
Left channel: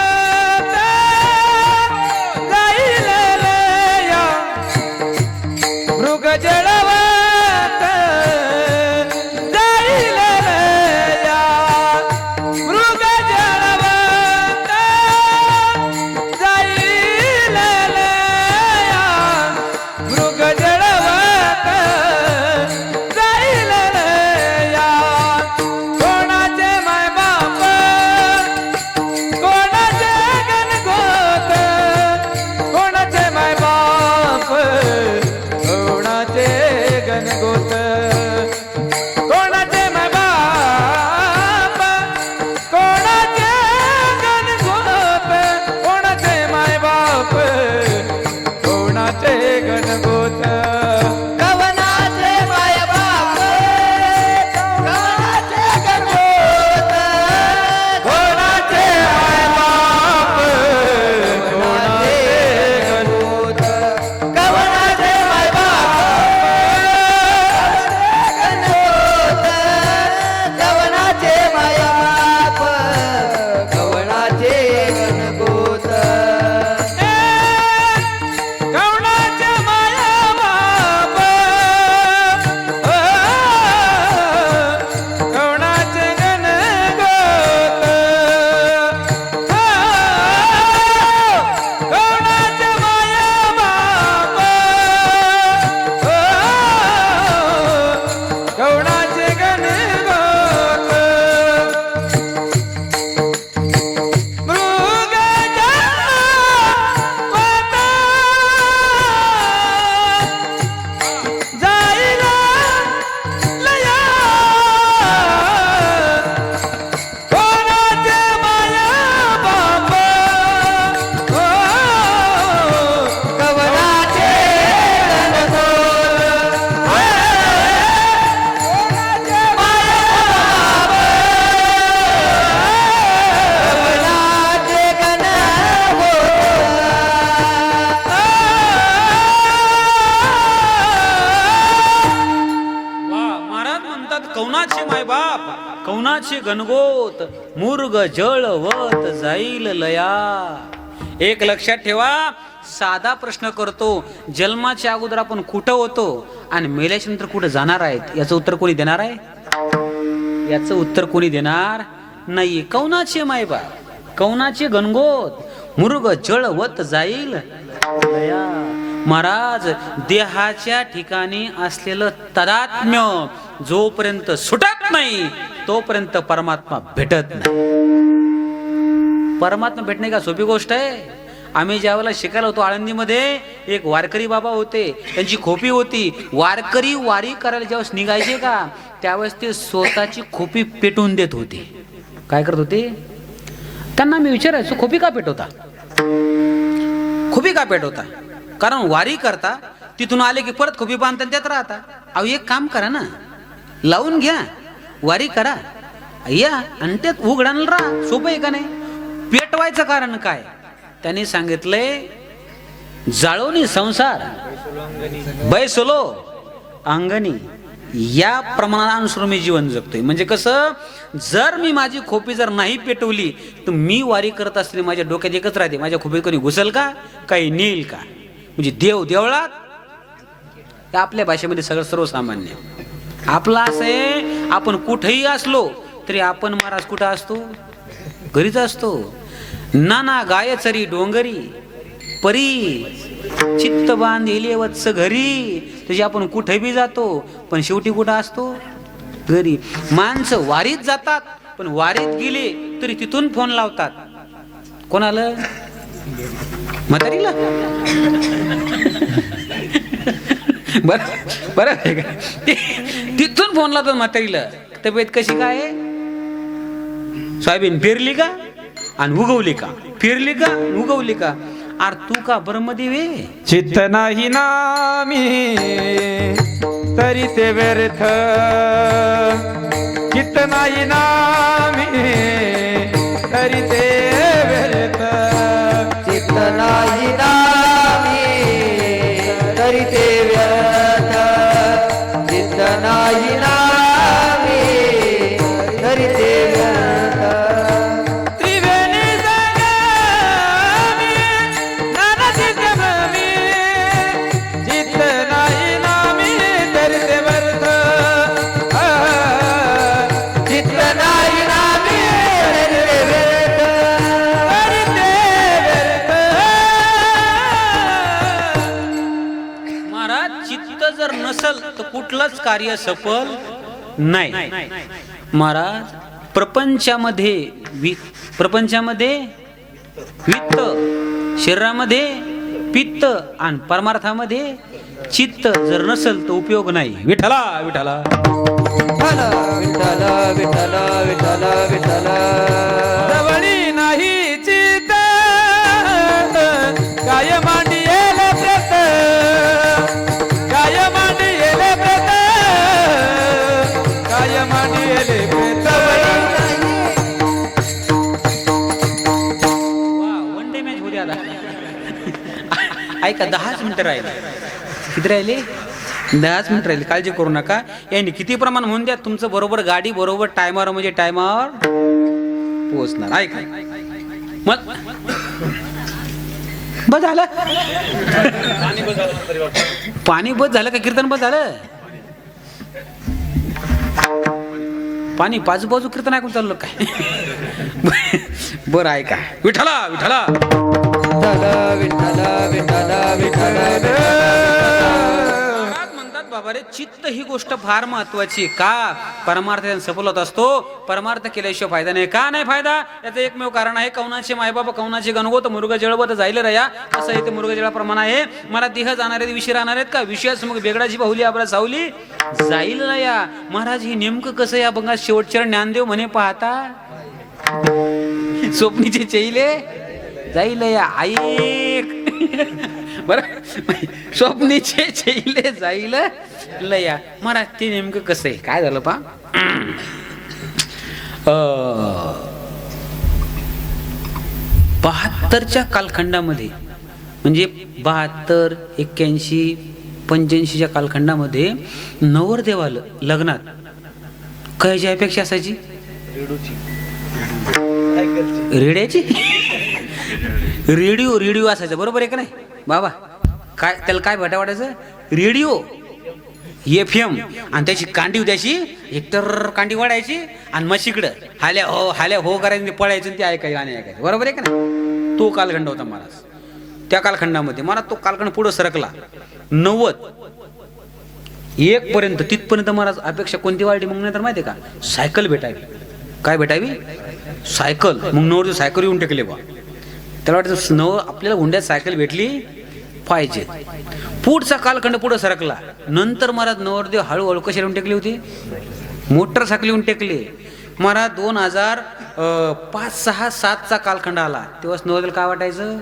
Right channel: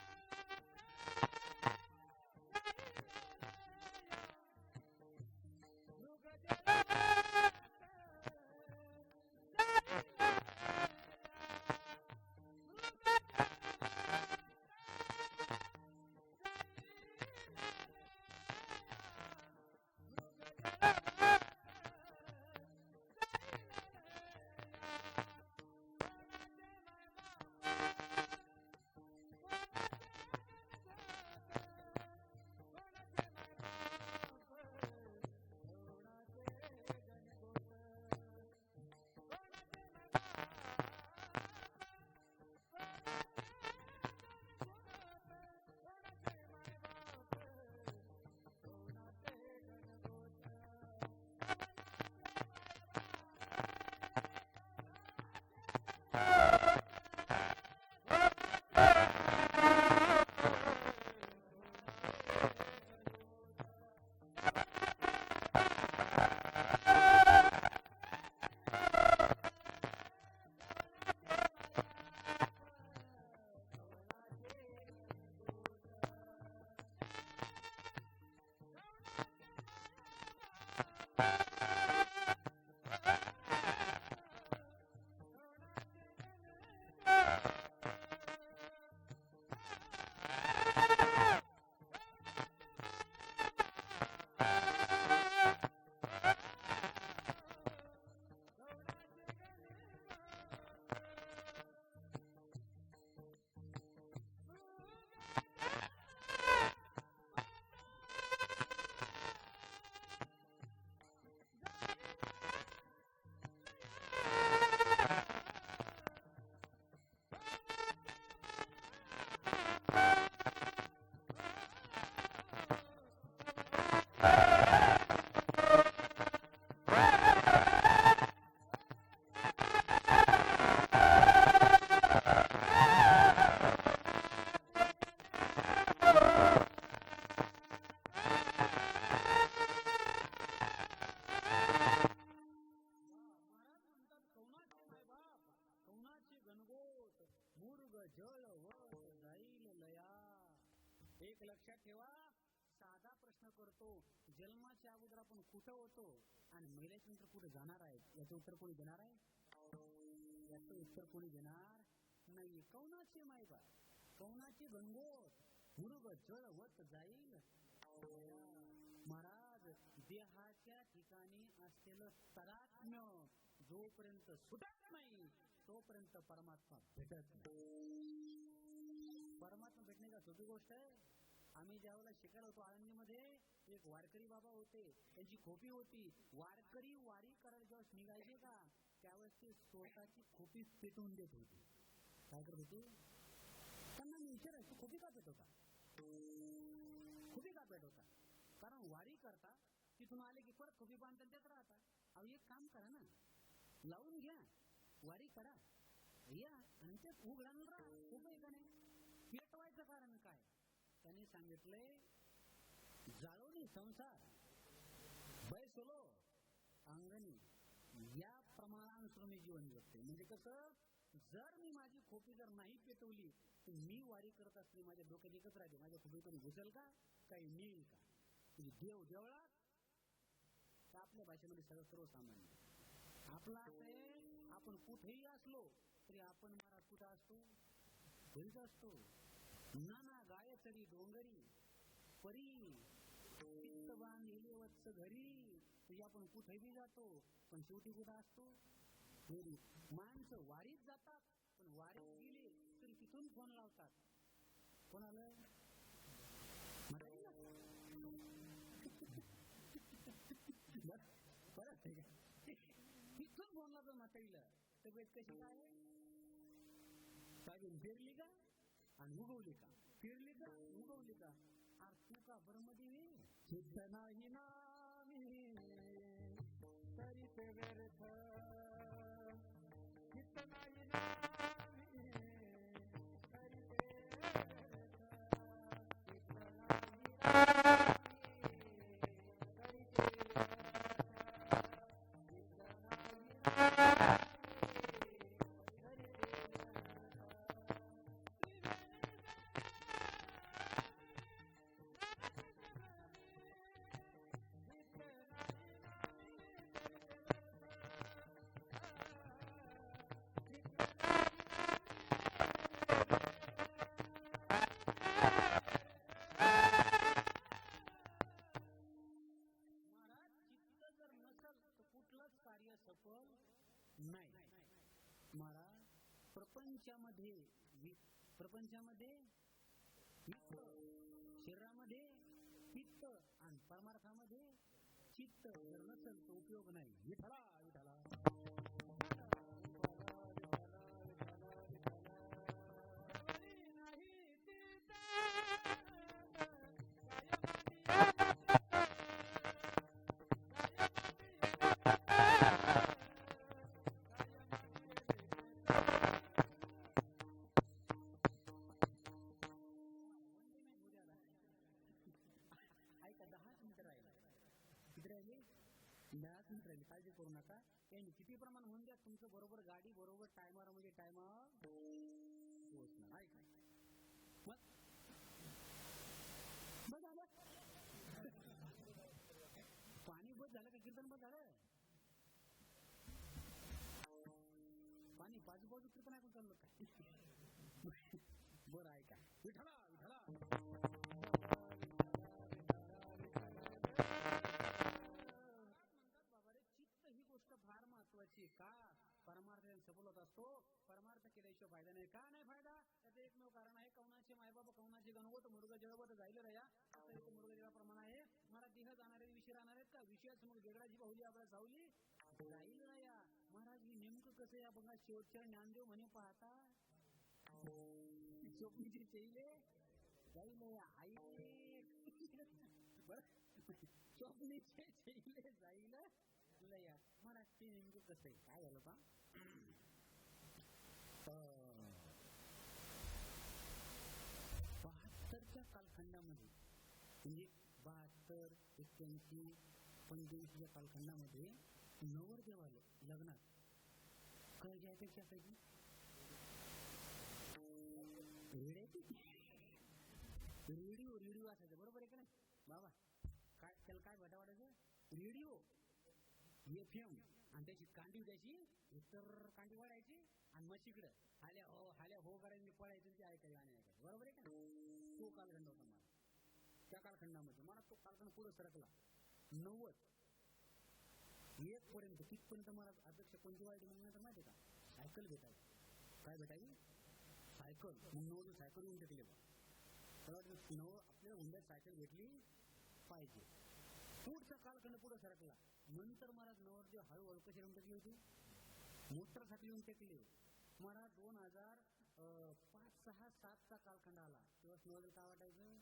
जाईल लया, मृग जळवत जाईल लया, मृग जळवत जाईल लया, मृग जळवत जाईल लया. कोणाचे माय बाप, कोणाचे गणगोत, कोणाचे माय बाप, कोणाचे गणगोत, कोणाचे माय बाप, कोणाचे गणगोत, कोणाचे माय बाप, कोणाचे गणगोत. कवनाचे माय बाप, कवनाचे गणगोत, कोणाचे माय बाप, कोणाचे गणगोत, कवनाचे माय बाप, गणगोत, कवनाचे माय बाप, कवनाचे गणगोत. कवनाचे माया बाप, कवनाचे गणगोत, कवनाचे माया बाप, कवनाचे गणगोत. मृग जळवत जाईल लया, कोणाचे माया बाप, कवनाचे गणगोत, कोणाचे माय बाप, कवनाचे गणगोत. वा महाराज म्हणतात कौनाचे मायबाप, कौनाचे गणगोत, मुर्ग जळवत जाईल लया. एक लक्षात ठेवा, साधा प्रश्न करतो, जन्माच्या अगोदर आपण कुठं होतो आणि मेल्याच्या नंतर कुठं जाणार आहेत, याचं उत्तर कोणी देणार आहे? याचं उत्तर कोणी देणार नाही. कौनाचे मायबा, कौनाचे गणगोत, मुर्ग जळवत जाईल दया. महाराज, देहाच्या ठिकाणी असलेलं तादात्म्य जोपर्यंत सुटत नाही तोपर्यंत परमात्मा भेटत नाही. परमात्मा भेटणे का सोपी गोष्ट आहे? आम्ही ज्यावेळेला शिकायला होतो आळंदीमध्ये, एक वारकरी बाबा होते, त्यांची खोपी होती. वारकरी वारी करायला ज्यावेळेस निघायचे का त्यावेळेस ते स्वतःची खोपी पेटवून देत होते. काय करत होते? त्यांना मी विचारायचो, खोपी का पेटवता? खोपी का पेटवता? कारण वारी करता, तिथून आले की परत खोपी बांधता त्यात राहता. अहो एक काम करा ना, लावून घ्या, वारी करा, या आणि त्यात उघडायला राहा. सोपं आहे का नाही? पेटवायचं कारण काय? त्यांनी सांगितलंय, जाळोनी संसार बैसलो अंगणी, या प्रमाणानुसार मी जीवन जगतोय. म्हणजे कसं, जर मी माझी खोपी जर नाही पेटवली तर मी वारी करत असताना माझ्या डोक्यात एकच राहते, माझ्या खोपीत कोणी घुसल का, काही नेईल का. म्हणजे देव देवळात, आपल्या भाषेमध्ये सगळं सर्वसामान्य. आपलं असं आहे, आपण कुठेही असलो तरी आपण महाराज कुठं असतो? घरीच असतो. नाना गायचरी डोंगरी परी चित्त बांधिले वत्स घरी. तुझी आपण कुठे बी जातो पण शेवटी कुठं असतो? घरी. माणसं वारीत जातात पण वारीत गेले तरी तिथून फोन लावतात. कोणाला? म्हातारीला. बर बरं आहे का? तिथून फोन लावतात म्हातारीला. तब्येत कशी काय? सोयाबीन पेरली का आणि उगवली का? पेरली का उगवली का? अरे तू का ब्रह्मदेव आहे? चित्त नाही नामी तरी ते व्यर्थ, चित्त नाही नामी तरी ते व्यर्थ, चित्त नाही नामी तरी ते व्यर्थ, चित्त नाही नामी तरी ते व्यर्थ. त्रिवेणी संगमी नाना चित्त भ्रमी, चित्त नाही नामी तरी ते व्यर्थ, चित्त नाही नामी तरी ते व्यर्थ, तरी ते व्यर्थ. महाराज, चित्त जर नसल तर कुठलंच कार्य सफल नाही. महाराज, प्रपंचामध्ये वित्त, शरीरामध्ये पित्त आणि परमार्थामध्ये चित्त जर नसल तर उपयोग नाही. विठ्ठला विठ्ठला. विठ्ठल विठ्ठल विठ्ठल विठ्ठल. जवळी नाही चित्त काय मांडी येले प्रत, काय मांडी येले प्रत, काय मांडी येले प्रत. वन डे मॅच होती आता. ऐका, 10च मिनिटं राहिले. किती राहिले? 10च मिनिटं राहिले. काळजी करू नका. यांनी किती प्रमाण म्हणून द्या, तुमचं बरोबर गाडी बरोबर टायमावर म्हणजे टायमावर पोहोचणार. ऐका मग बस झालं. पाणी बस झालं का? कीर्तन बस झालं? पाणी बाजूबाजू कीर्तन ऐकून चाललं काय? बरं ऐका. विठ्ठला विठ्ठला. विठ्ठल विठ्ठल विठ्ठल विठ्ठल. महाराज म्हणतात, बाबा रे, चित्त ही गोष्ट फार महत्वाची आहे. का? परमार्थ सफल होत असतो. परमार्थ केल्याशिवाय फायदा नाही. का नाही फायदा? याचं एकमेव कारण आहे, कौनाचे मायबाबा कौनाचे गणगोत, मुर्ग जळवत जाईल रया. असं इथे मुर्ग जळाप्रमाणे आहे. मला देह जाणार आहेत, विषय राहणार आहेत का? विषयास मग बेगडाची बाहुली आपला सावली जाईल रया. महाराज, हे नेमकं कसं? या बघा, शेवटच्या ज्ञानदेव म्हणे, पाहता स्वप्नीचे चैले जाईल या. ऐक बर, स्वप्नीचे चैले जाईल लया. महाराज, ते नेमकं कसं आहे? काय झालं पा? 72च्या कालखंडामध्ये, म्हणजे 72, 81, 85च्या कालखंडामध्ये नवरदेवाला लग्नात कायची अपेक्षा असायची? रेड्याची. रेडिओ रेडिओ असायचं, बरोबर आहे का नाही बाबा? काय त्याला काय भेटा वाटायचं? रेडिओ FM, आणि त्याची कांडी त्याची एकतर कांडी वाढायची आणि म्हशीकडं हाल्या हो करायचं, पळायचं आणि ते ऐकायचं गाणे ऐकायचं, बरोबर आहे का नाही? तो कालखंड होता महाराज. त्या कालखंडामध्ये महाराज तो कालखंड पुढे सरकला 90 1 पर्यंत. तिथपर्यंत महाराज अपेक्षा कोणती वाढली मग नंतर माहिती आहे का? सायकल भेटावी. काय भेटावी? सायकल. मग नवरदेव सायकल येऊन टेकले बा. त्याला वाटतं आपल्याला हुंड्यात सायकल भेटली पाहिजे. पुढचा कालखंड पुढे सरकला. नंतर महाराज नवरदेव हळूहळू कशी येऊन टेकली होती? मोटरसायकल येऊन टेकले महाराज. 2005, 6, 7चा कालखंड आला. तेव्हाच नवरदेव काय वाटायचं?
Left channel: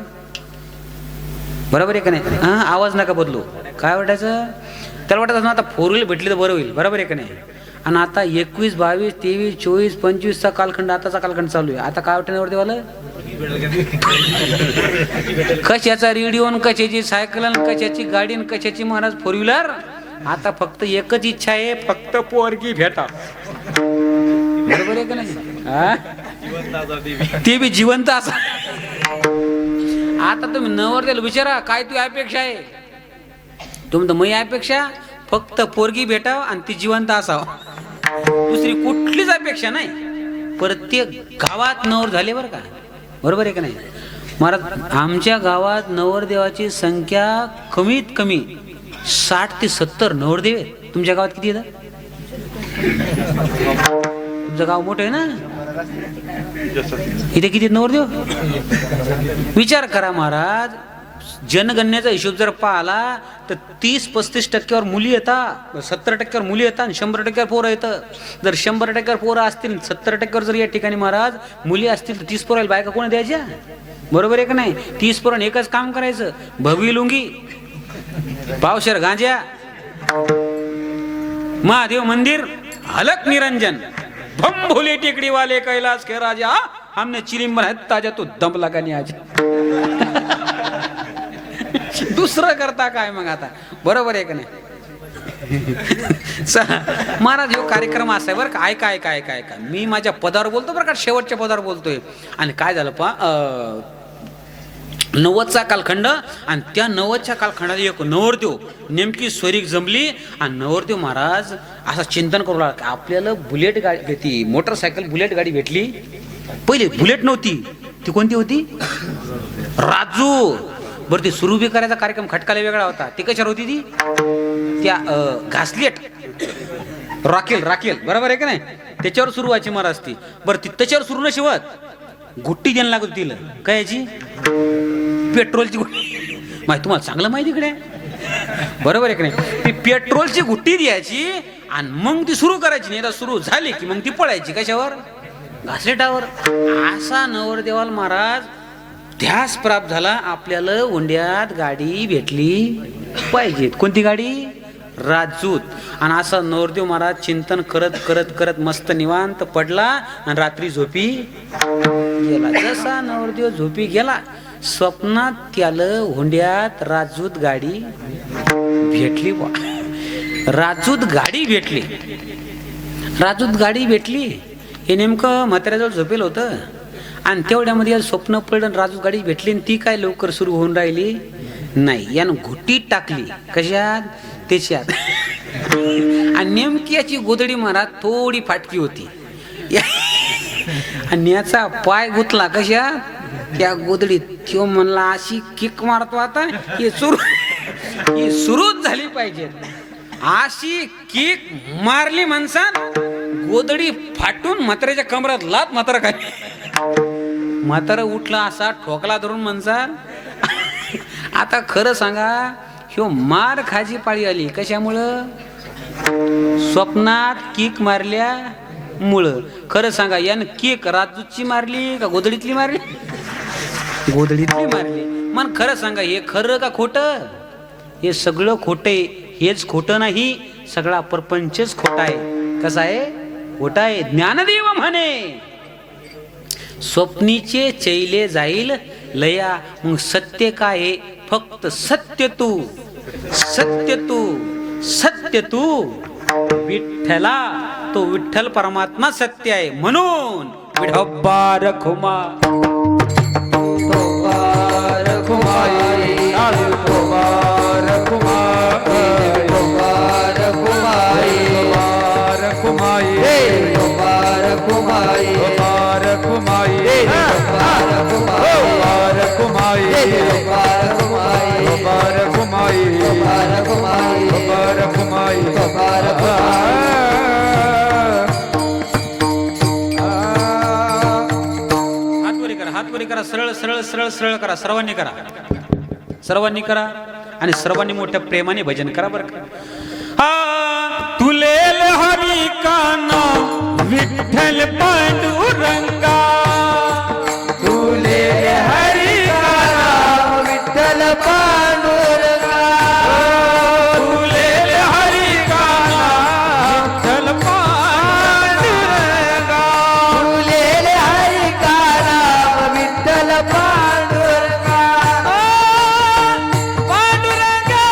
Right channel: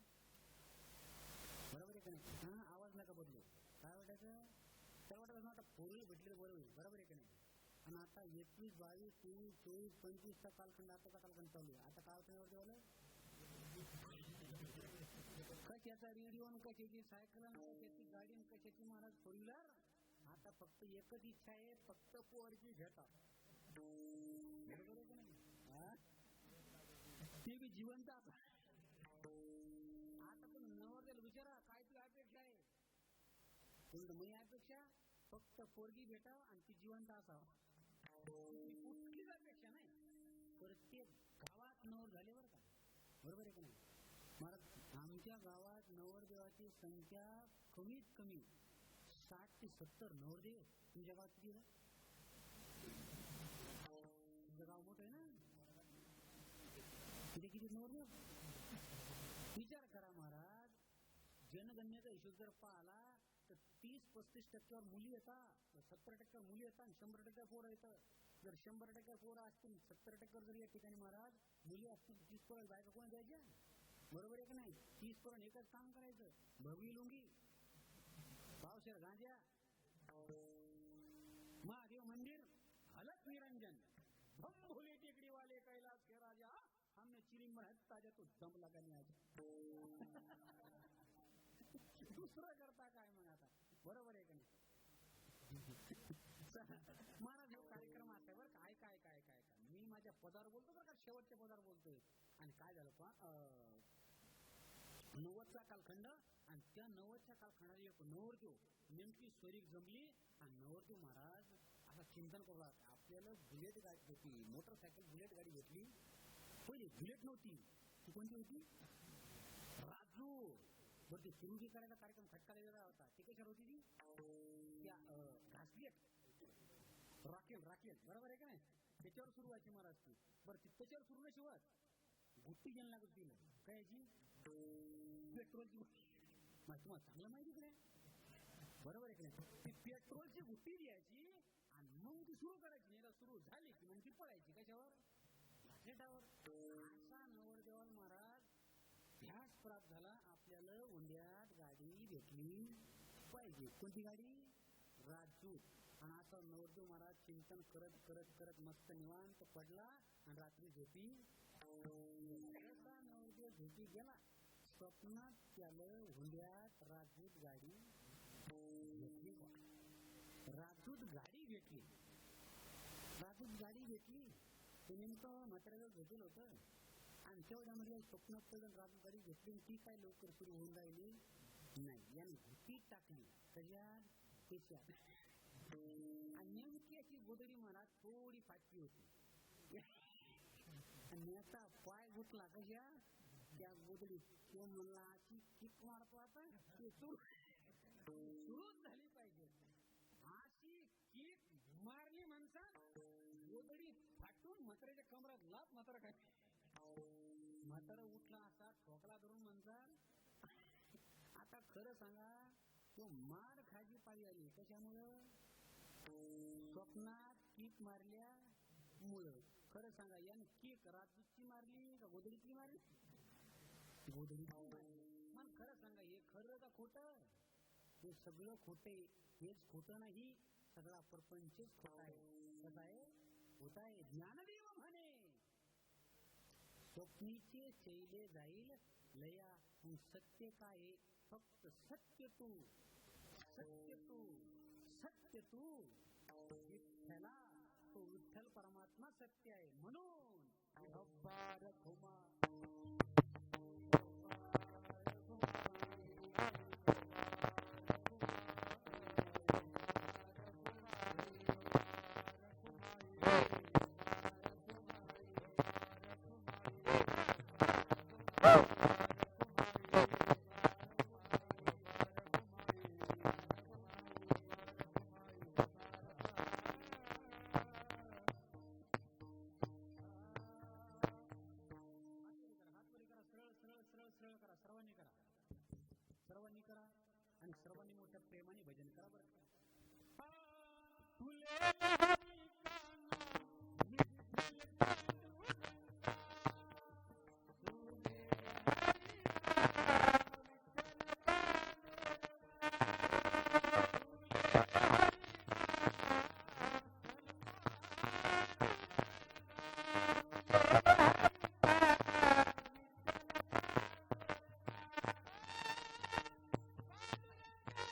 बरोबर आहे का नाही? हा, आवाज नका बदलू. काय वाटायचं? त्याला वाटायचं आता 4 व्हीलर भेटली तर बरं होईल, बरोबर आहे का नाही? आणि आता 21, 22, 23, 24, 25चा कालखंड, आताचा कालखंड चालू आहे. आता काय वाटतं नवरदेवाला? कशाचा रेडिओ, कशाची सायकल, कशाची गाडी, कशाची महाराज 4 व्हीलर. आता फक्त एकच इच्छा आहे, फक्त पोरगी भेटा, बरोबर आहे का नाही? ते बी जिवंत असा. आता तुम्ही नवरदेवाला विचारा काय तू अपेक्षा आहे? तुम्ही तर मी अपेक्षा फक्त पोरगी भेटाव आणि ती जिवंत असावं, दुसरी कुठलीच अपेक्षा नाही. प्रत्येक गावात नवर झाले बरं का, बरोबर आहे का नाही महाराज? आमच्या गावात नवरदेवाची संख्या कमीत कमी 60 ते 70 नवरदेव आहेत. तुमच्या गावात किती आहेत? तुमचं गाव मोठं आहे ना, इथे किती नवरदेव? विचार करा महाराज. जनगणनेचा हिशोब जर पाहिला तर 30-35% मुली येतात, 70% मुली येतात आणि 100% पोरं येतं. जर 100% पोरं असतील, 70% जर या ठिकाणी महाराज मुली असतील तर 30 पोराला बायका कोण द्यायच्या? बरोबर आहे का नाही? 30 पोरांनी एकच काम करायचं, भगवी लुंगी, पावशेर गांजा, महादेव मंदिर, हलक निरंजन, भम भोले टेकड़ी वाले कैलाश के राजा, हमने चिलिम बनाया ताजा तो दम लगा नहीं आज. दुसरं करता काय मग आता? बरोबर आहे का नाही? महाराज ह्यो कार्यक्रम असा आहे बरं का. ऐका मी माझ्या पदावर बोलतो बरं का, शेवटच्या पदावर बोलतोय. आणि काय झालं पा 90चा कालखंड, आणि त्या 90च्या कालखंडात एक नवरदेव नेमकी स्वरीक जमली. आणि नवरदेव महाराज असं चिंतन करू लागला, आपल्याला बुलेट गाडी, ती मोटरसायकल बुलेट गाडी भेटली. पहिले बुलेट नव्हती, ती कोणती होती? राजू. बरं, ती सुरू बी करायचा कार्यक्रम खटकाला वेगळा होता. ती कशावर होती? ती त्या घासलेट राखेल, बरोबर आहे का नाही? त्याच्यावर सुरू व्हायची महाराज ती. बरं, ती त्याच्यावर सुरू न शिवत गुट्टी द्यायला लागत तिला. काय याची? पेट्रोलची गुट्टी. माहिती तुम्हाला चांगलं माहिती इकडे, बरोबर आहे का नाही? ती पेट्रोलची गुट्टी द्यायची आणि मग ती सुरू करायची. नाही तर सुरू झाली की मग ती पळायची. कशावर? घासलेटावर. असा नवरदेवाला महाराज ध्यास प्राप्त झाला, आपल्याला हुंड्यात गाडी भेटली पाहिजे. कोणती गाडी? राजूत. आणि असा नवरदेव महाराज चिंतन करत मस्त निवांत पडला आणि रात्री झोपी गेला. जसा नवरदेव झोपी गेला, स्वप्नात त्याला हुंड्यात राजूत गाडी भेटली. राजूत गाडी भेटली. हे नेमकं म्हाताऱ्याजवळ झोपेल होतं आणि तेवढ्यामध्ये स्वप्न पडलं, राजूत गाडी भेटली. आणि ती काय लवकर सुरू होऊन राहिली नाही. यानं घुटीत टाकली. कशात? त्याच्यात. आणि नेमकी याची गोदडी महाराज थोडी फाटकी होती आणि याचा पाय गुतला कशात? त्या गोदडीत. तो म्हणला अशी किक मारतो आता, ही सुरूच झाली पाहिजे. अशी किक मारली माणसान, गोदडी फाटून म्हाताऱ्याच्या कमरात लात. म्हातारा काय? म्हातारा उठला, असा ठोकला धरून माणसान. आता खरं सांगा, ह्यो मार खाजी पाळी आली. कशामुळं? स्वप्नात किक मारल्यामुळं. खरं सांगा, यानं किक राजूची मारली का गोदडीतली मारली? गोदडीतली मारली. मन खरं सांगा, हे खरं का खोटं? हे सगळं खोटं आहे. हेच खोटं नाही, सगळा प्रपंचच खोटा आहे. कसा आहे? खोटा आहे. ज्ञानदेव म्हणे, स्वप्नीचे चैले जाईल लया. मग सत्य काय आहे? फक्त सत्य तू विठ्ठला. तो विठ्ठल परमात्मा सत्य आहे. म्हणून विठोबा रखुमा करा, सरळ सरळ सरळ सरळ करा, सर्वांनी करा, सर्वांनी करा आणि सर्वांनी मोठ्या प्रेमाने भजन करा बरं का. हा तुलेल हरी काना विठ्ठल पांडुरंगा, तुले हरी काना विठ्ठल पांडुरंगा, तुलेल हरी काना विठ्ठल पांडुरंगा, तुले हरी काना विठ्ठल पांडुरंगा, पांडुरंगा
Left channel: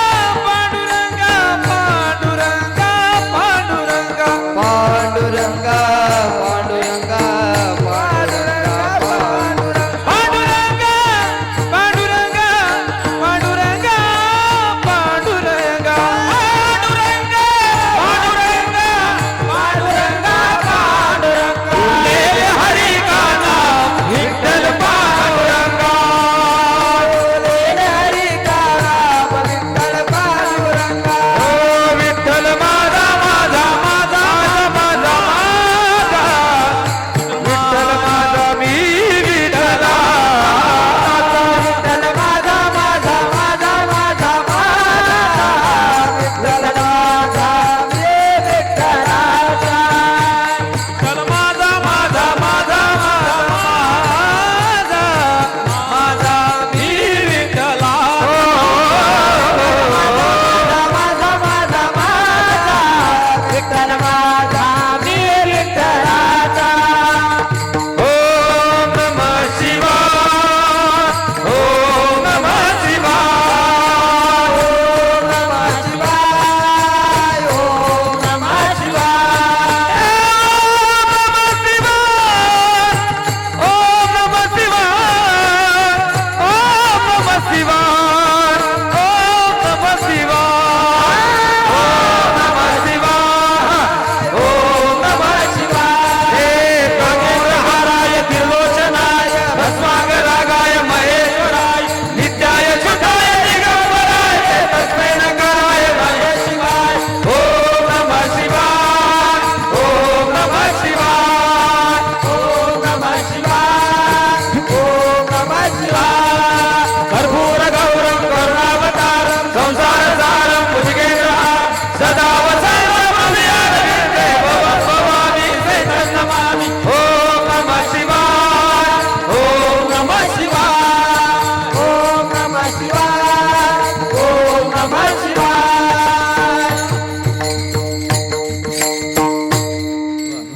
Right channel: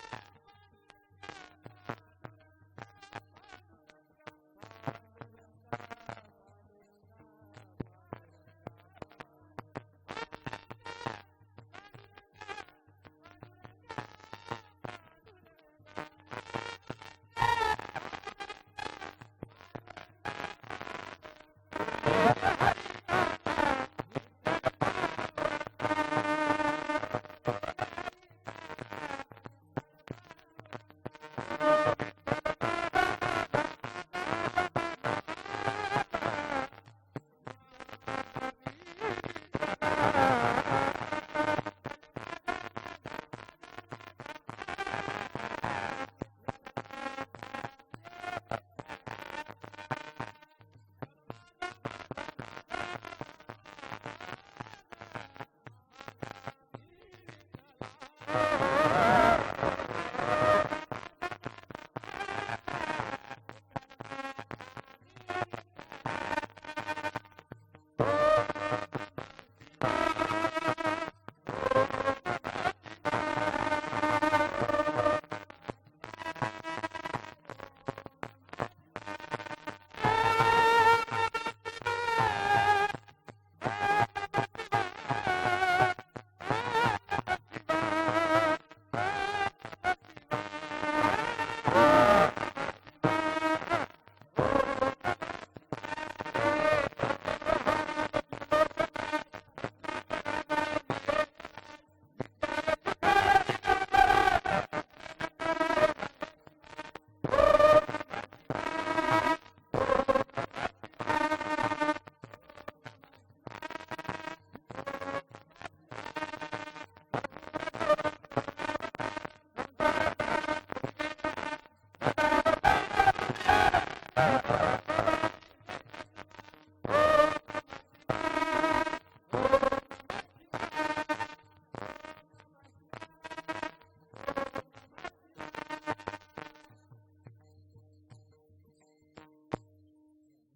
पांडुरंगा पांडुरंगा पांडुरंगा पांडुरंगा पांडुरंगा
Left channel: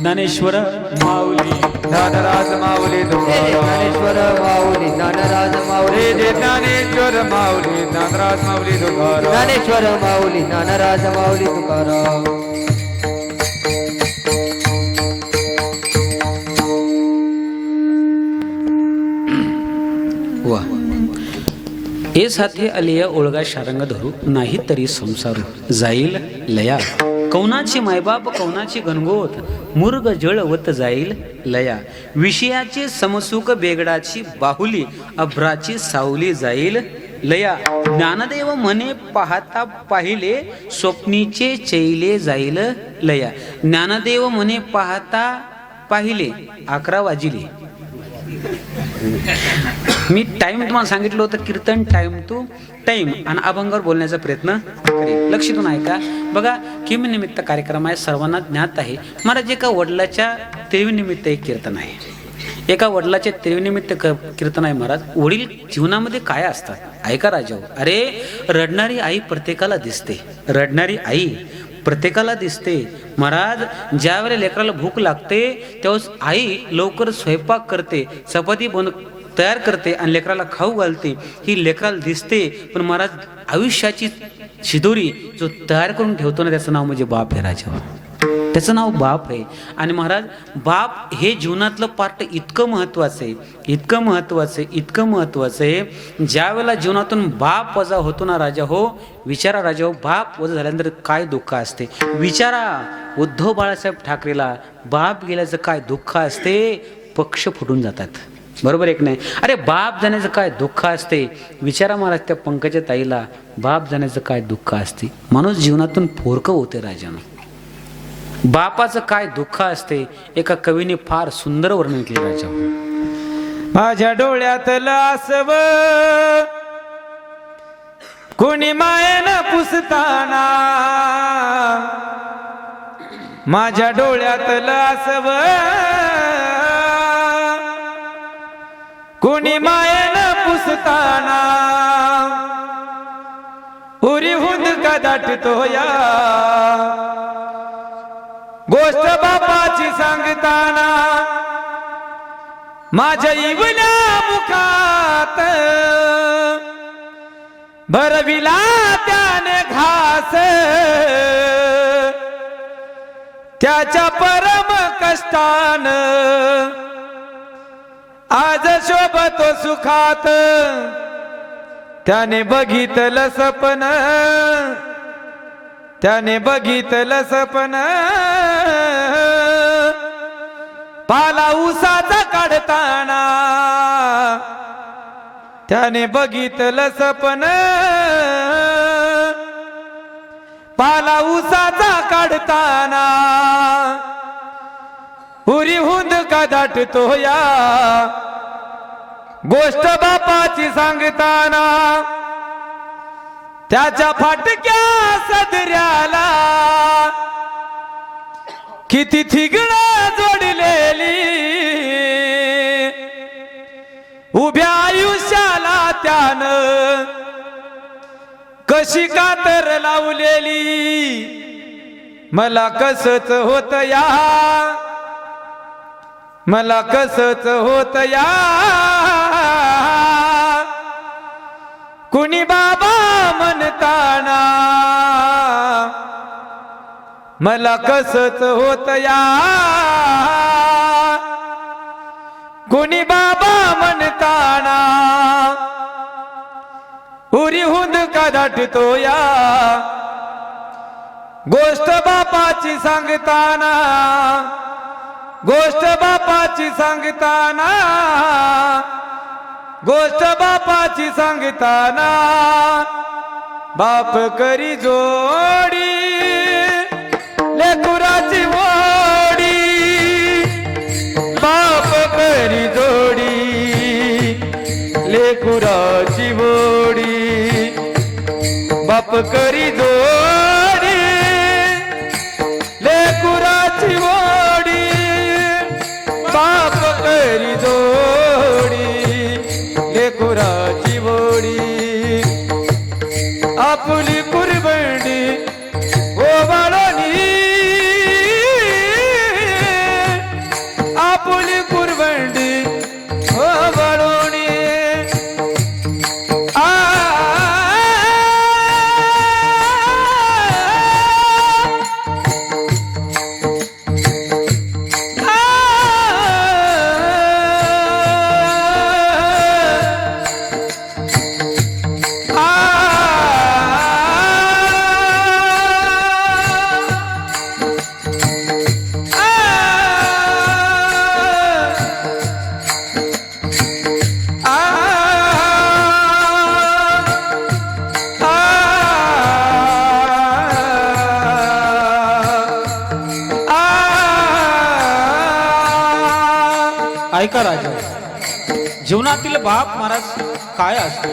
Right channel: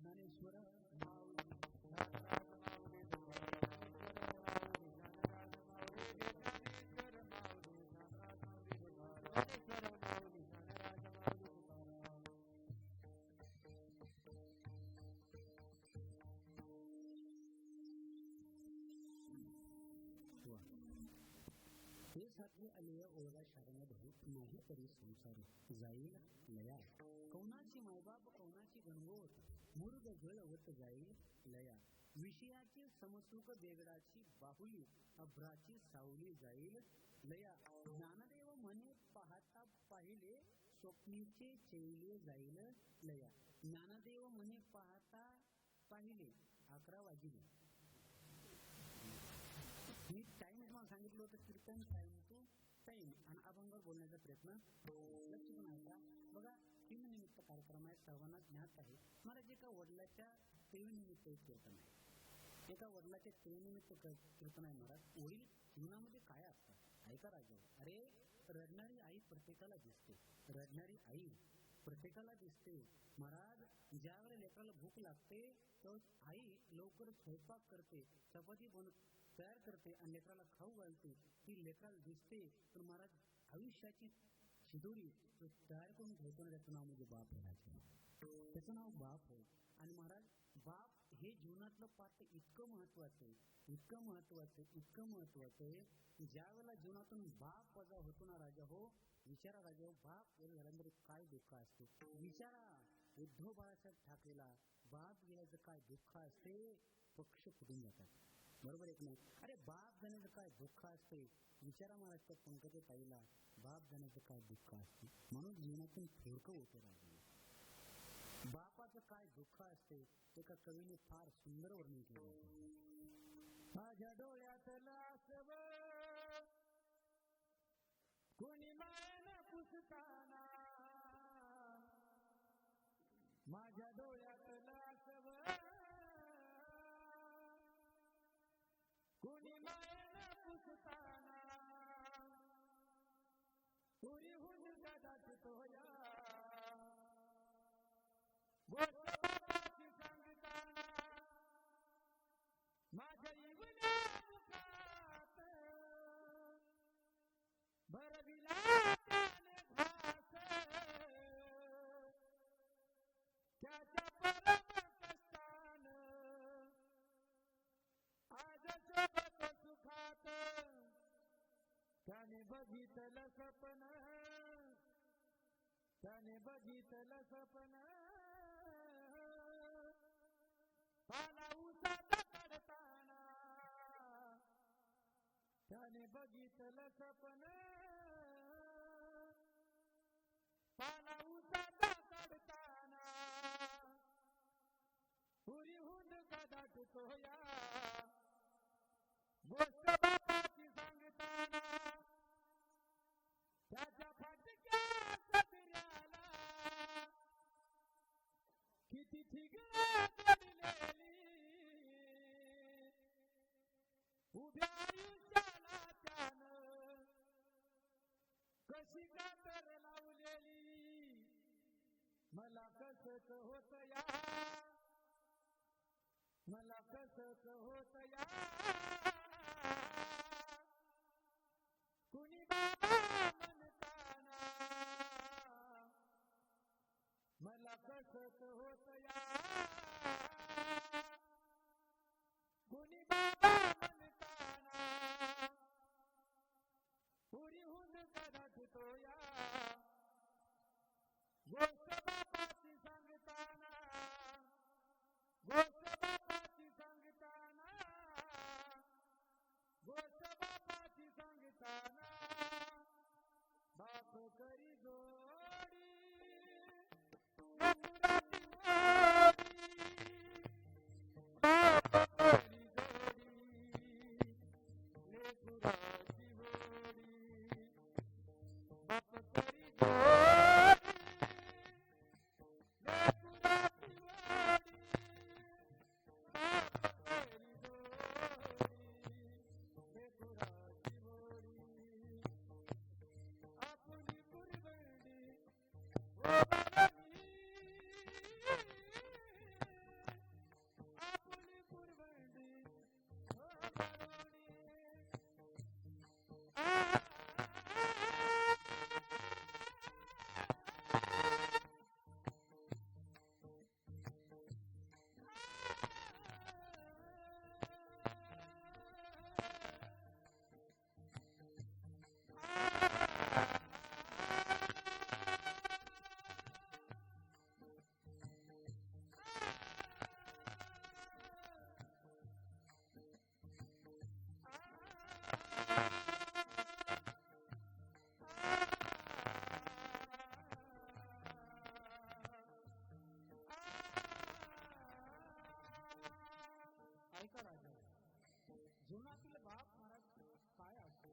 ज्ञानेश्वर माऊली ज्ञानराज माऊली तुकाराम, ज्ञानेश्वर माऊली ज्ञानराज माऊली हे ज्ञानेश्वर माऊली ज्ञानराज माऊली तुकाराम, ज्ञानेश्वर माऊली ज्ञानराज माऊली तुकाराम. वा ए साथे आलिया ओळगा शारंग धरू नाही तरी संसार जाईल लया, कौनाची मायबाप कौनाची गणगोत मुर्ग जळवत जाईल लया, विषयाची समसुख बेगडाची बाहुली अभ्राची सावली जाईल लया, ज्ञानदेव म्हणे पाहता पाहिले स्वप्नीचे चैले जाईल लया, ज्ञानदेव म्हणे पाहता पाहिले 11 वाजिले. मी टाइम तुम्हाला सांगितलं होतं, कीर्तन टाइम टू टाइम आणि अभंगावर बोलण्याचा प्रयत्न करेल. लक्षातून ऐका बघा. किमनिमित्त कार्यक्रम आहे, सर्वांना ज्ञात आहे. महाराज एका वडिलाच्या तिळीनिमित्त एक कीर्तन आहे, एका वडिलाच्या तिळीनिमित्त कीर्तन आहे. महाराज वडील जीवनामध्ये काय असतात ऐका राजाओ. अरे रडणारी आई प्रत्येकाला दिसते, रडणारी आई प्रत्येकाला दिसते. महाराज ज्या वेळेला लेकराला भूक लागते तेव्हाच आई लवकर स्वयंपाक करते, चपाती तयार करते आणि लेकराला खाऊ घालते, ही लेकराला दिसते. पण महाराज आयुष्याची शिदोरी जो तयार करून ठेवतो ना त्याचं नाव म्हणजे बाप आहे राजा, त्याचं नाव बाप आहे. आणि महाराज बाप हे जीवनातलं पार्ट इतकं महत्वाचं आहे, इतकं महत्वाचं आहे, इतकं महत्वाचं आहे. ज्या वेळेला जीवनातून बाप वजा होतो ना राजा हो, विचारा राजा हो, बाप वजा झाल्यानंतर काय दुःख असते. विचारा उद्धव बाळासाहेब ठाकरेला बाप गेल्याचं काय दुःख असते, पक्ष फुटून जातात. बरोबर एक नाही. अरे बाप जाण्याचं काय दुःख असते. विचारा महाराज त्या पंकजा ताईला बाप जाण्याचं काय दुःख असते. माणूस जीवनातून पोरकं होते राजानं. बापाचं काय दुःख असते एका कवीने फार सुंदर वर्णन केले राजा. माझ्या डोळ्यातलं आसव कोणी मायेनं पुसताना, माझ्या डोळ्यातलं आसव कोणी मायेनं पुसताना, उरी हुंद का दाटतो या गोष्ट बापाची सांगताना, माझ्या इवल्या मुखात भरविला त्याने घास, त्याच्या परम कष्टान आज शोभतो सुखात, त्याने बघितलं सपन, त्याने बघितलं सपन, पाला उसाचा काढताना, त्याने बघितलं सपन, पाला उसाचा काढताना, उरी हुंद का दाटतो या गोष्ट बापाची सांगताना, त्याच्या फाटक्या सदऱ्याला किती थिगणं जोडलेली, उभ्या आयुष्याला त्यानं कशी कातर लावलेली, मला कसच होत या, मला कसच होत या, कुणी बाबा म्हणताना, मला कसच होत या, कुणी बाबा म्हणताना, उरी हुंद का दाटतो या गोष्ट बापाची सांगताना, गोष्ट बापाची सांगताना, गोष्ट बापाची सांगताना, बाप करी जोडी लेकराची वोडी, बाप करी जोडी लेकराची वोडी, बाप करी जोडी लेकराची वोडी, बाप करी जोडी लेकराची वोडी, आपुली कुरबडी ओवाळणी, आपुली कुरबडी ओवाळणी, ऐका राजा, जीवनातील बाप महाराज काय असतो,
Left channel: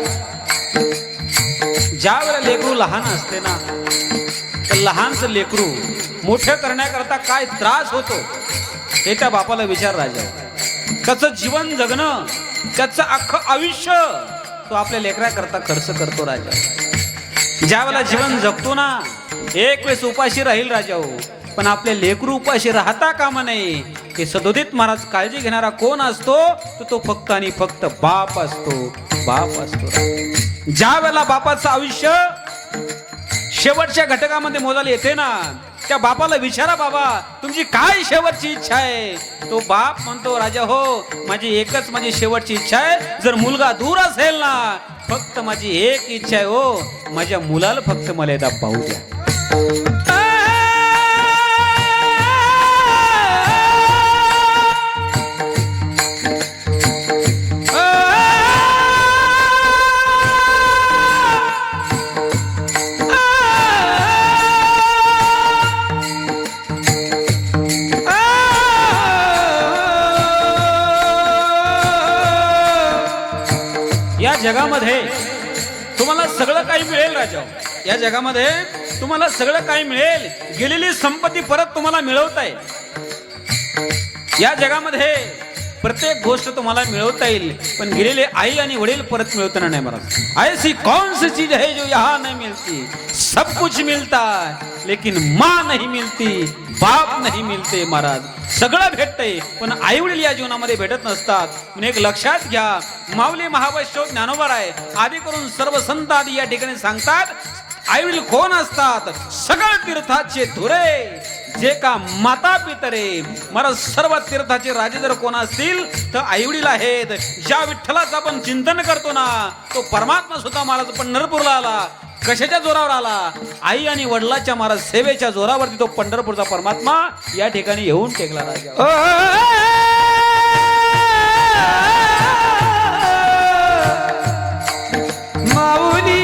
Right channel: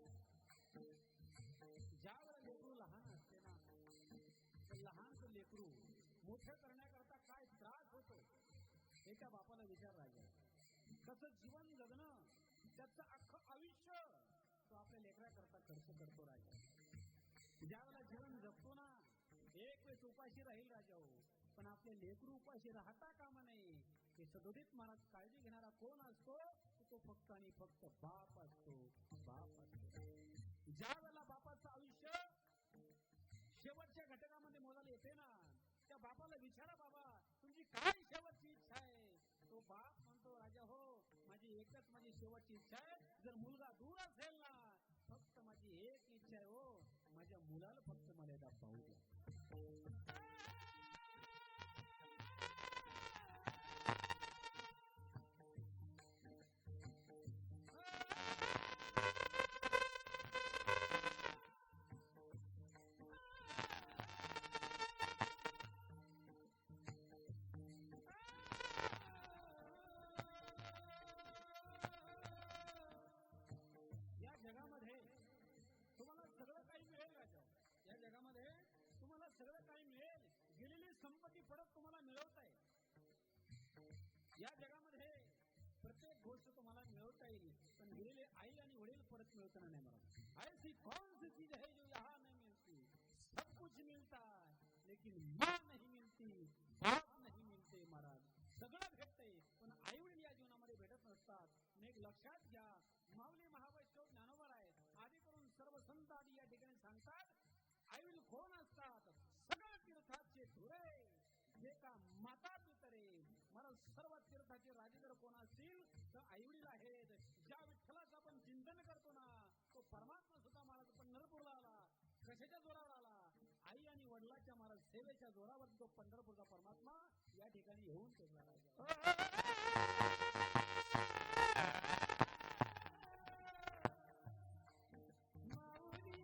ज्या वेळेला लेकरू लहान असते ना, तर लहानच लेकरू मोठे करण्याकरता काय त्रास होतो हे त्या बापाला विचार राजा. त्याचं जीवन जगणं, त्याचं अख्खं आयुष्य तो आपल्या लेकराकरता खर्च करतो राजा. ज्या वेळेला जीवन जगतो ना, एक वेळेस उपाशी राहील राजा हो, पण आपले लेकरू उपाशी राहता कामा नये. हे सदोदित महाराज काळजी घेणारा कोण असतो, तर तो फक्त आणि फक्त बाप असतो, बाप असतो. ज्या वेळेला बापाचं आयुष्य शेवटच्या घटकामध्ये मोजायला येते ना, त्या बापाला विचारा, बाबा तुमची काय शेवटची इच्छा आहे. तो बाप म्हणतो, राजा हो माझी एकच माझी शेवटची इच्छा आहे, जर मुलगा दूर असेल ना, फक्त माझी एक इच्छा आहे हो, माझ्या मुलाला फक्त मला एकदा पाहू द्या. या जगामध्ये तुम्हाला सगळं काही मिळेल राजा. या जगामध्ये तुम्हाला सगळं काही मिळेल. गेलेली संपत्ती परत तुम्हाला मिळवता येईल. या जगामध्ये प्रत्येक गोष्ट तुम्हाला मिळवता येईल, पण गेलेले आई आणि वडील परत मिळवताना नाही महाराज. ऐसी कौन सी चीज है जो यहाँ नहीं मिलती. सब कुछ मिलता है लेकिन माँ नहीं मिलती, बाप नहीं मिलते महाराज. सगळं भेटतंय पण आई वडील या जीवनामध्ये भेटत नसतात. म्हणून एक लक्षात घ्या, माऊली महावैष्णव ज्ञानोबा आहे आदी करून सर्व संत आदी या ठिकाणी सांगतात, आई वडील कोण असतात. सगळं तीर्थाचे धुरे जे का माता पितरे. महाराज सर्व तीर्थाचे राजे जर कोण असतील तर आई वडील आहेत. ज्या विठ्ठलाचं आपण चिंतन करतो ना तो परमात्मा सुद्धा महाराज पंढरपूरला आला. कशाच्या जोरावर आला. आई आणि वडिलाच्या महाराज सेवेच्या जोरावरती तो पंढरपूरचा परमात्मा या ठिकाणी येऊन टेकला राजा. माऊली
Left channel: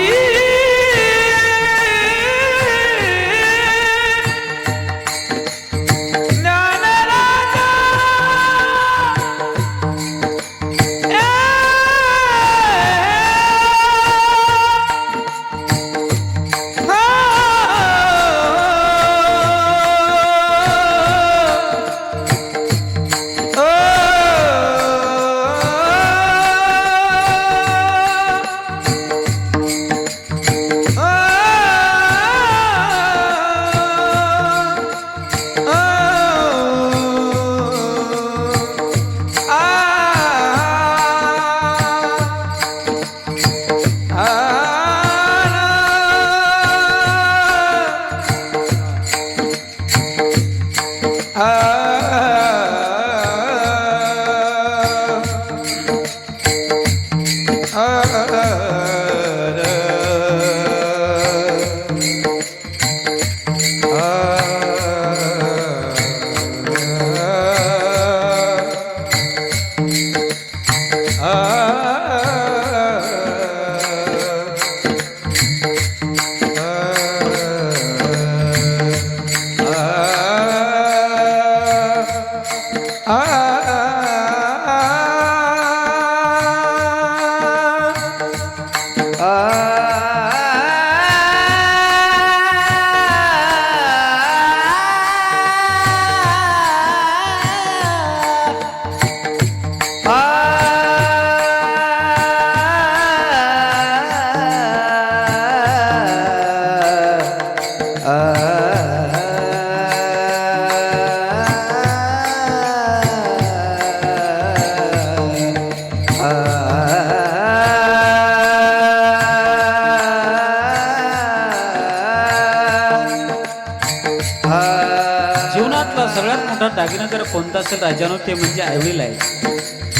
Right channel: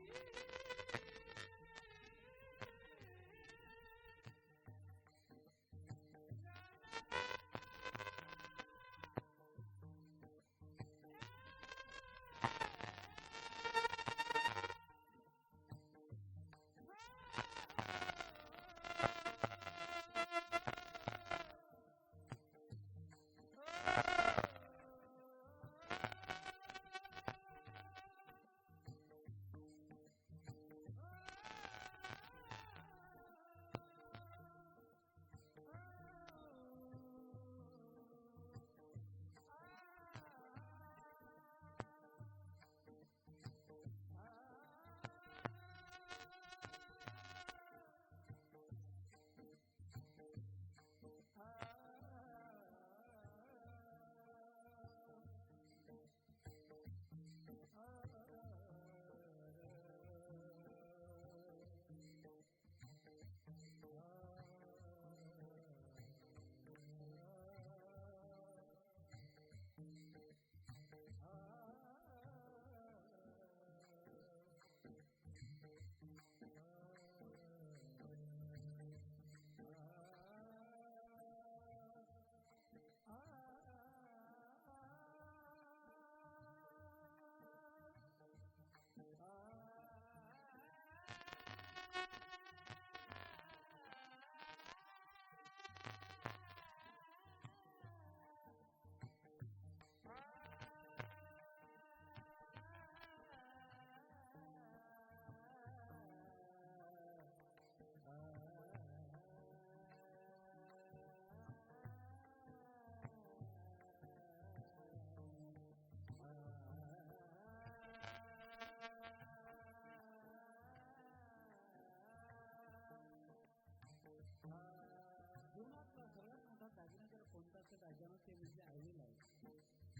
जीवनातला सगळ्यात मोठा दागिना जर कोणता असेल राजानो ते म्हणजे आईवडील आहे.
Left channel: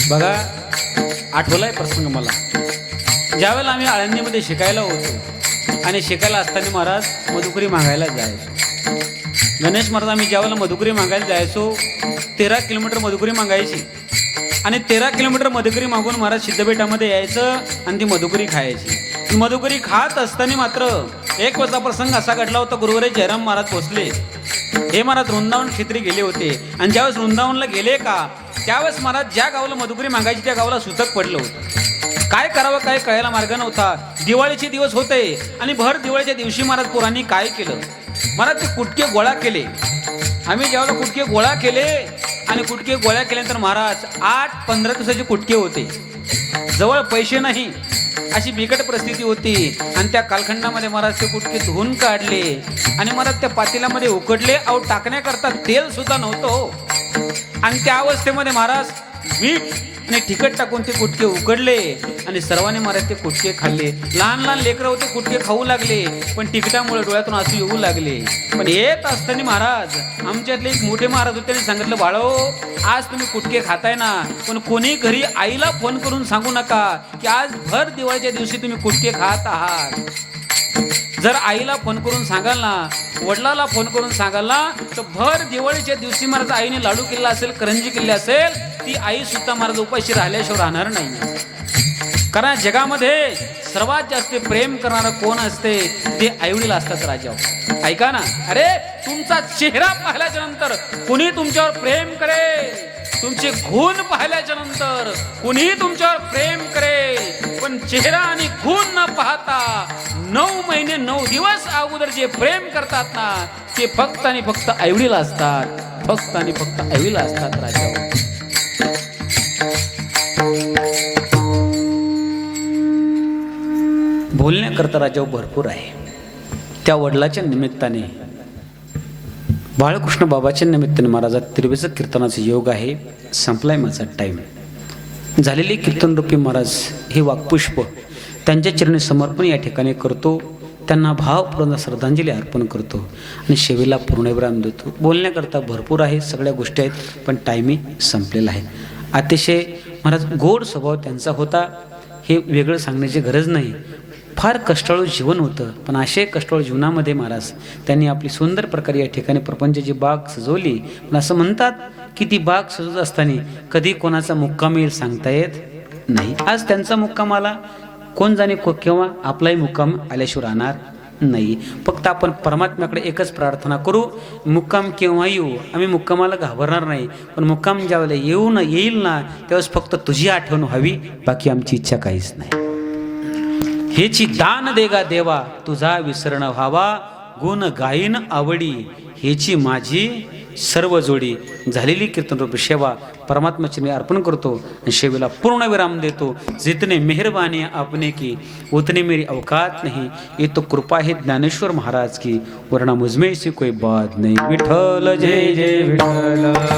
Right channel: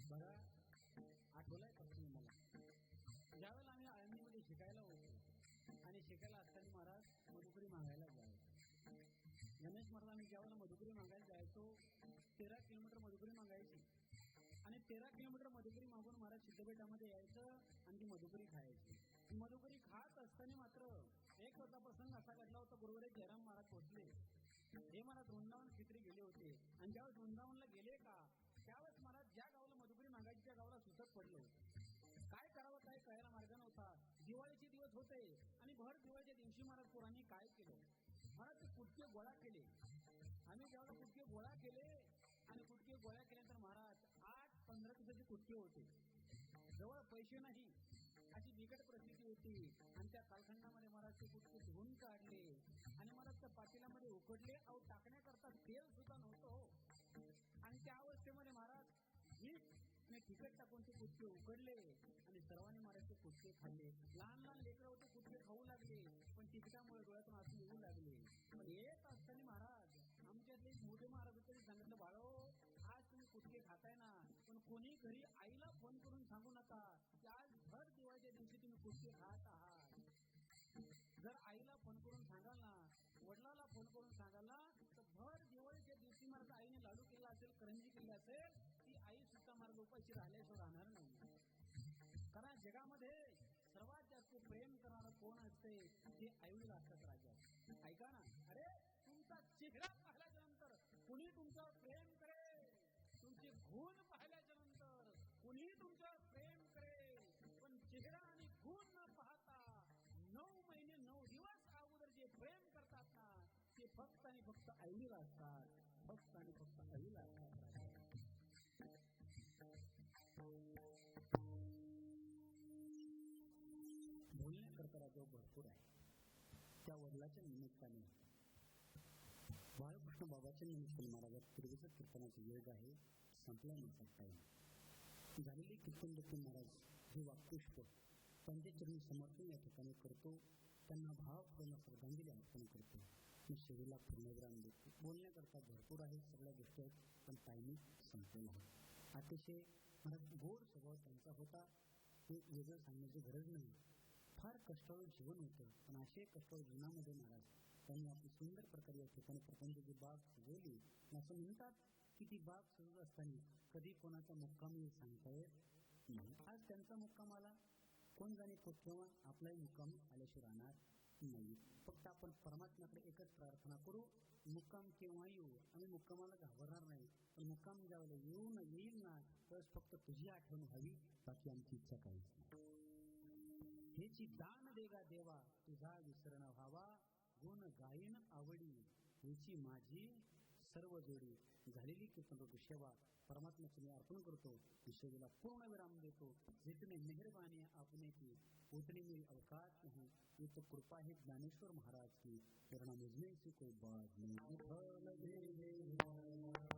बघा आठवलाय प्रसंग मला. ज्यावेळेला आम्ही आळंदीमध्ये शिकायला होतो आणि शिकायला असताना महाराज मधुकरी मागायला जायचो. गणेश महाराज आम्ही ज्यावेळेला मधुकरी मागायला जायचो 13 किलोमीटर मधुकरी मागायची आणि 13 किलोमीटर मधुकरी मागून महाराज सिद्धपेठामध्ये यायचं आणि ती मधुकरी खायची. मधुकरी खात असताना मात्र एक वेळचा प्रसंग असा घडला होता. गुरुवारी जयराम महाराज पोचले. हे महाराज वृंदावन क्षेत्री गेले होते आणि ज्यावेळेस वृंदावनला गेले का त्यावेळेस महाराज ज्या गावाला मधुकरी मागायची त्या गावाला सुतक पडलं होतं. काय करावं काय कळायला मार्ग नव्हता. दिवाळीचे दिवस होते आणि भर दिवाळीच्या दिवशी महाराज पोरांनी काय केलं, महाराज ते कुटके गोळा केले. आम्ही ज्यावेळेला कुटके गोळा केले आणि कुटके गोळा केल्यानंतर महाराज 8-15 दिवसाचे कुटके होते. जवळ पैसे नाही अशी बिकट परिस्थिती होती आणि त्या कालखंडामध्ये महाराज ते कुटके धुवून काढले आणि महाराज त्या पातेल्यामध्ये उकडले. अहो टाकण्याकरता तेल सुद्धा नव्हतं आणि त्या अवस्थेमध्ये महाराज मीठ आणि तिखट टाकून ते कुटके उकडले आणि सर्वांनी महाराज ते कुटके खाल्ले. लहान लहान लेकरं होते कुटके खाऊ लागले पण तिखटामुळे डोळ्यातून आसू येऊ लागले. पण येत असताना महाराज आमच्यातले एक मोठे महाराज होते त्यांनी सांगितलं, बाळो आज तुम्ही कुटके खाताय ना पण कोणी घरी आईला फोन करून सांगू नका की आज भर दिवाळीच्या दिवशी तुम्ही कुटके खात आहात. जर आईला फोन करून सांगाल ना, वडिलाला फोन करून सांगाल ना तर भर दिवाळीच्या दिवशी महाराज आईने लाडू केला असेल, करंजी केली असेल, ती आई सुद्धा महाराज उपाशी राहिल्याशिवाय राहणार नाही. कारण जगामध्ये सर्वात जास्त प्रेम करणारं कोण असते ते आईवडील असतात राजा. ऐका ना, अरे तुमचा चेहरा पाहिल्याच्या नंतर कुणी तुमच्यावर प्रेम करेल, तुमचे गुण पाहिल्याच्या नंतर कुणी तुमच्यावर प्रेम करेल, पण चेहरा आणि गुण न पाहता 9 महिने 9 दिवस अगोदर जे प्रेम करतात ना ते फक्त आणि फक्त आईवडील असतात, फक्त आणि फक्त आईवडील असतात राजा. बोलण्याकरता राजा भरपूर आहे. त्या वडिलाच्या निमित्ताने बाळकृष्ण बाबाच्या निमित्ताने महाराजात तिरवेचं कीर्तनाचा योग आहे. संपलाय माझा टाईम. झालेले कीर्तनरूपी महाराज हे वाक्पुष्प त्यांच्या चरणी समर्पण या ठिकाणी करतो. त्यांना भावपूर्ण श्रद्धांजली अर्पण करतो आणि शेवेला पूर्णविराम देतो. बोलण्याकरता भरपूर आहे, सगळ्या गोष्टी आहेत, पण टायमी संपलेला आहे. अतिशय महाराज गोड स्वभाव त्यांचा होता, हे वेगळं सांगण्याची गरज नाही. फार कष्टाळू जीवन होतं, पण असे कष्टाळू जीवनामध्ये महाराज त्यांनी आपली सुंदर प्रकारे या ठिकाणी प्रपंचाची बाग सजवली. पण असं म्हणतात की ती बाग सजवत असताना कधी कोणाचा मुक्काम येईल सांगता येत नाही. आज त्यांचा मुक्काम आला, कोण जाणे केव्हा आपलाही मुक्काम आल्याशिवाय राहणार नाही. फक्त आपण परमात्म्याकडे एकच प्रार्थना करू, मुक्काम केव्हा येऊ, आम्ही मुक्कामाला घाबरणार नाही, पण मुक्काम ज्यावेळेला येईल ना त्यावेळेस फक्त तुझी आठवण व्हावी, बाकी आमची इच्छा काहीच नाही. हेची दान देगा देवा तुझा विसरण व्हावा, गुण गायीन आवडी हेची माझी सर्व जोडी. झालेली कीर्तनरूपी सेवा परमात्म्याची मी अर्पण करतो आणि सेवेला पूर्ण विराम देतो. जितने मेहरबानी आपने की उतने मेरी औकात नहीं, ये तो कृपा है ज्ञानेश्वर महाराज की, वरना मुझमें से कोई बात नहीं. विठ्ठल जय जय विठ्ठल.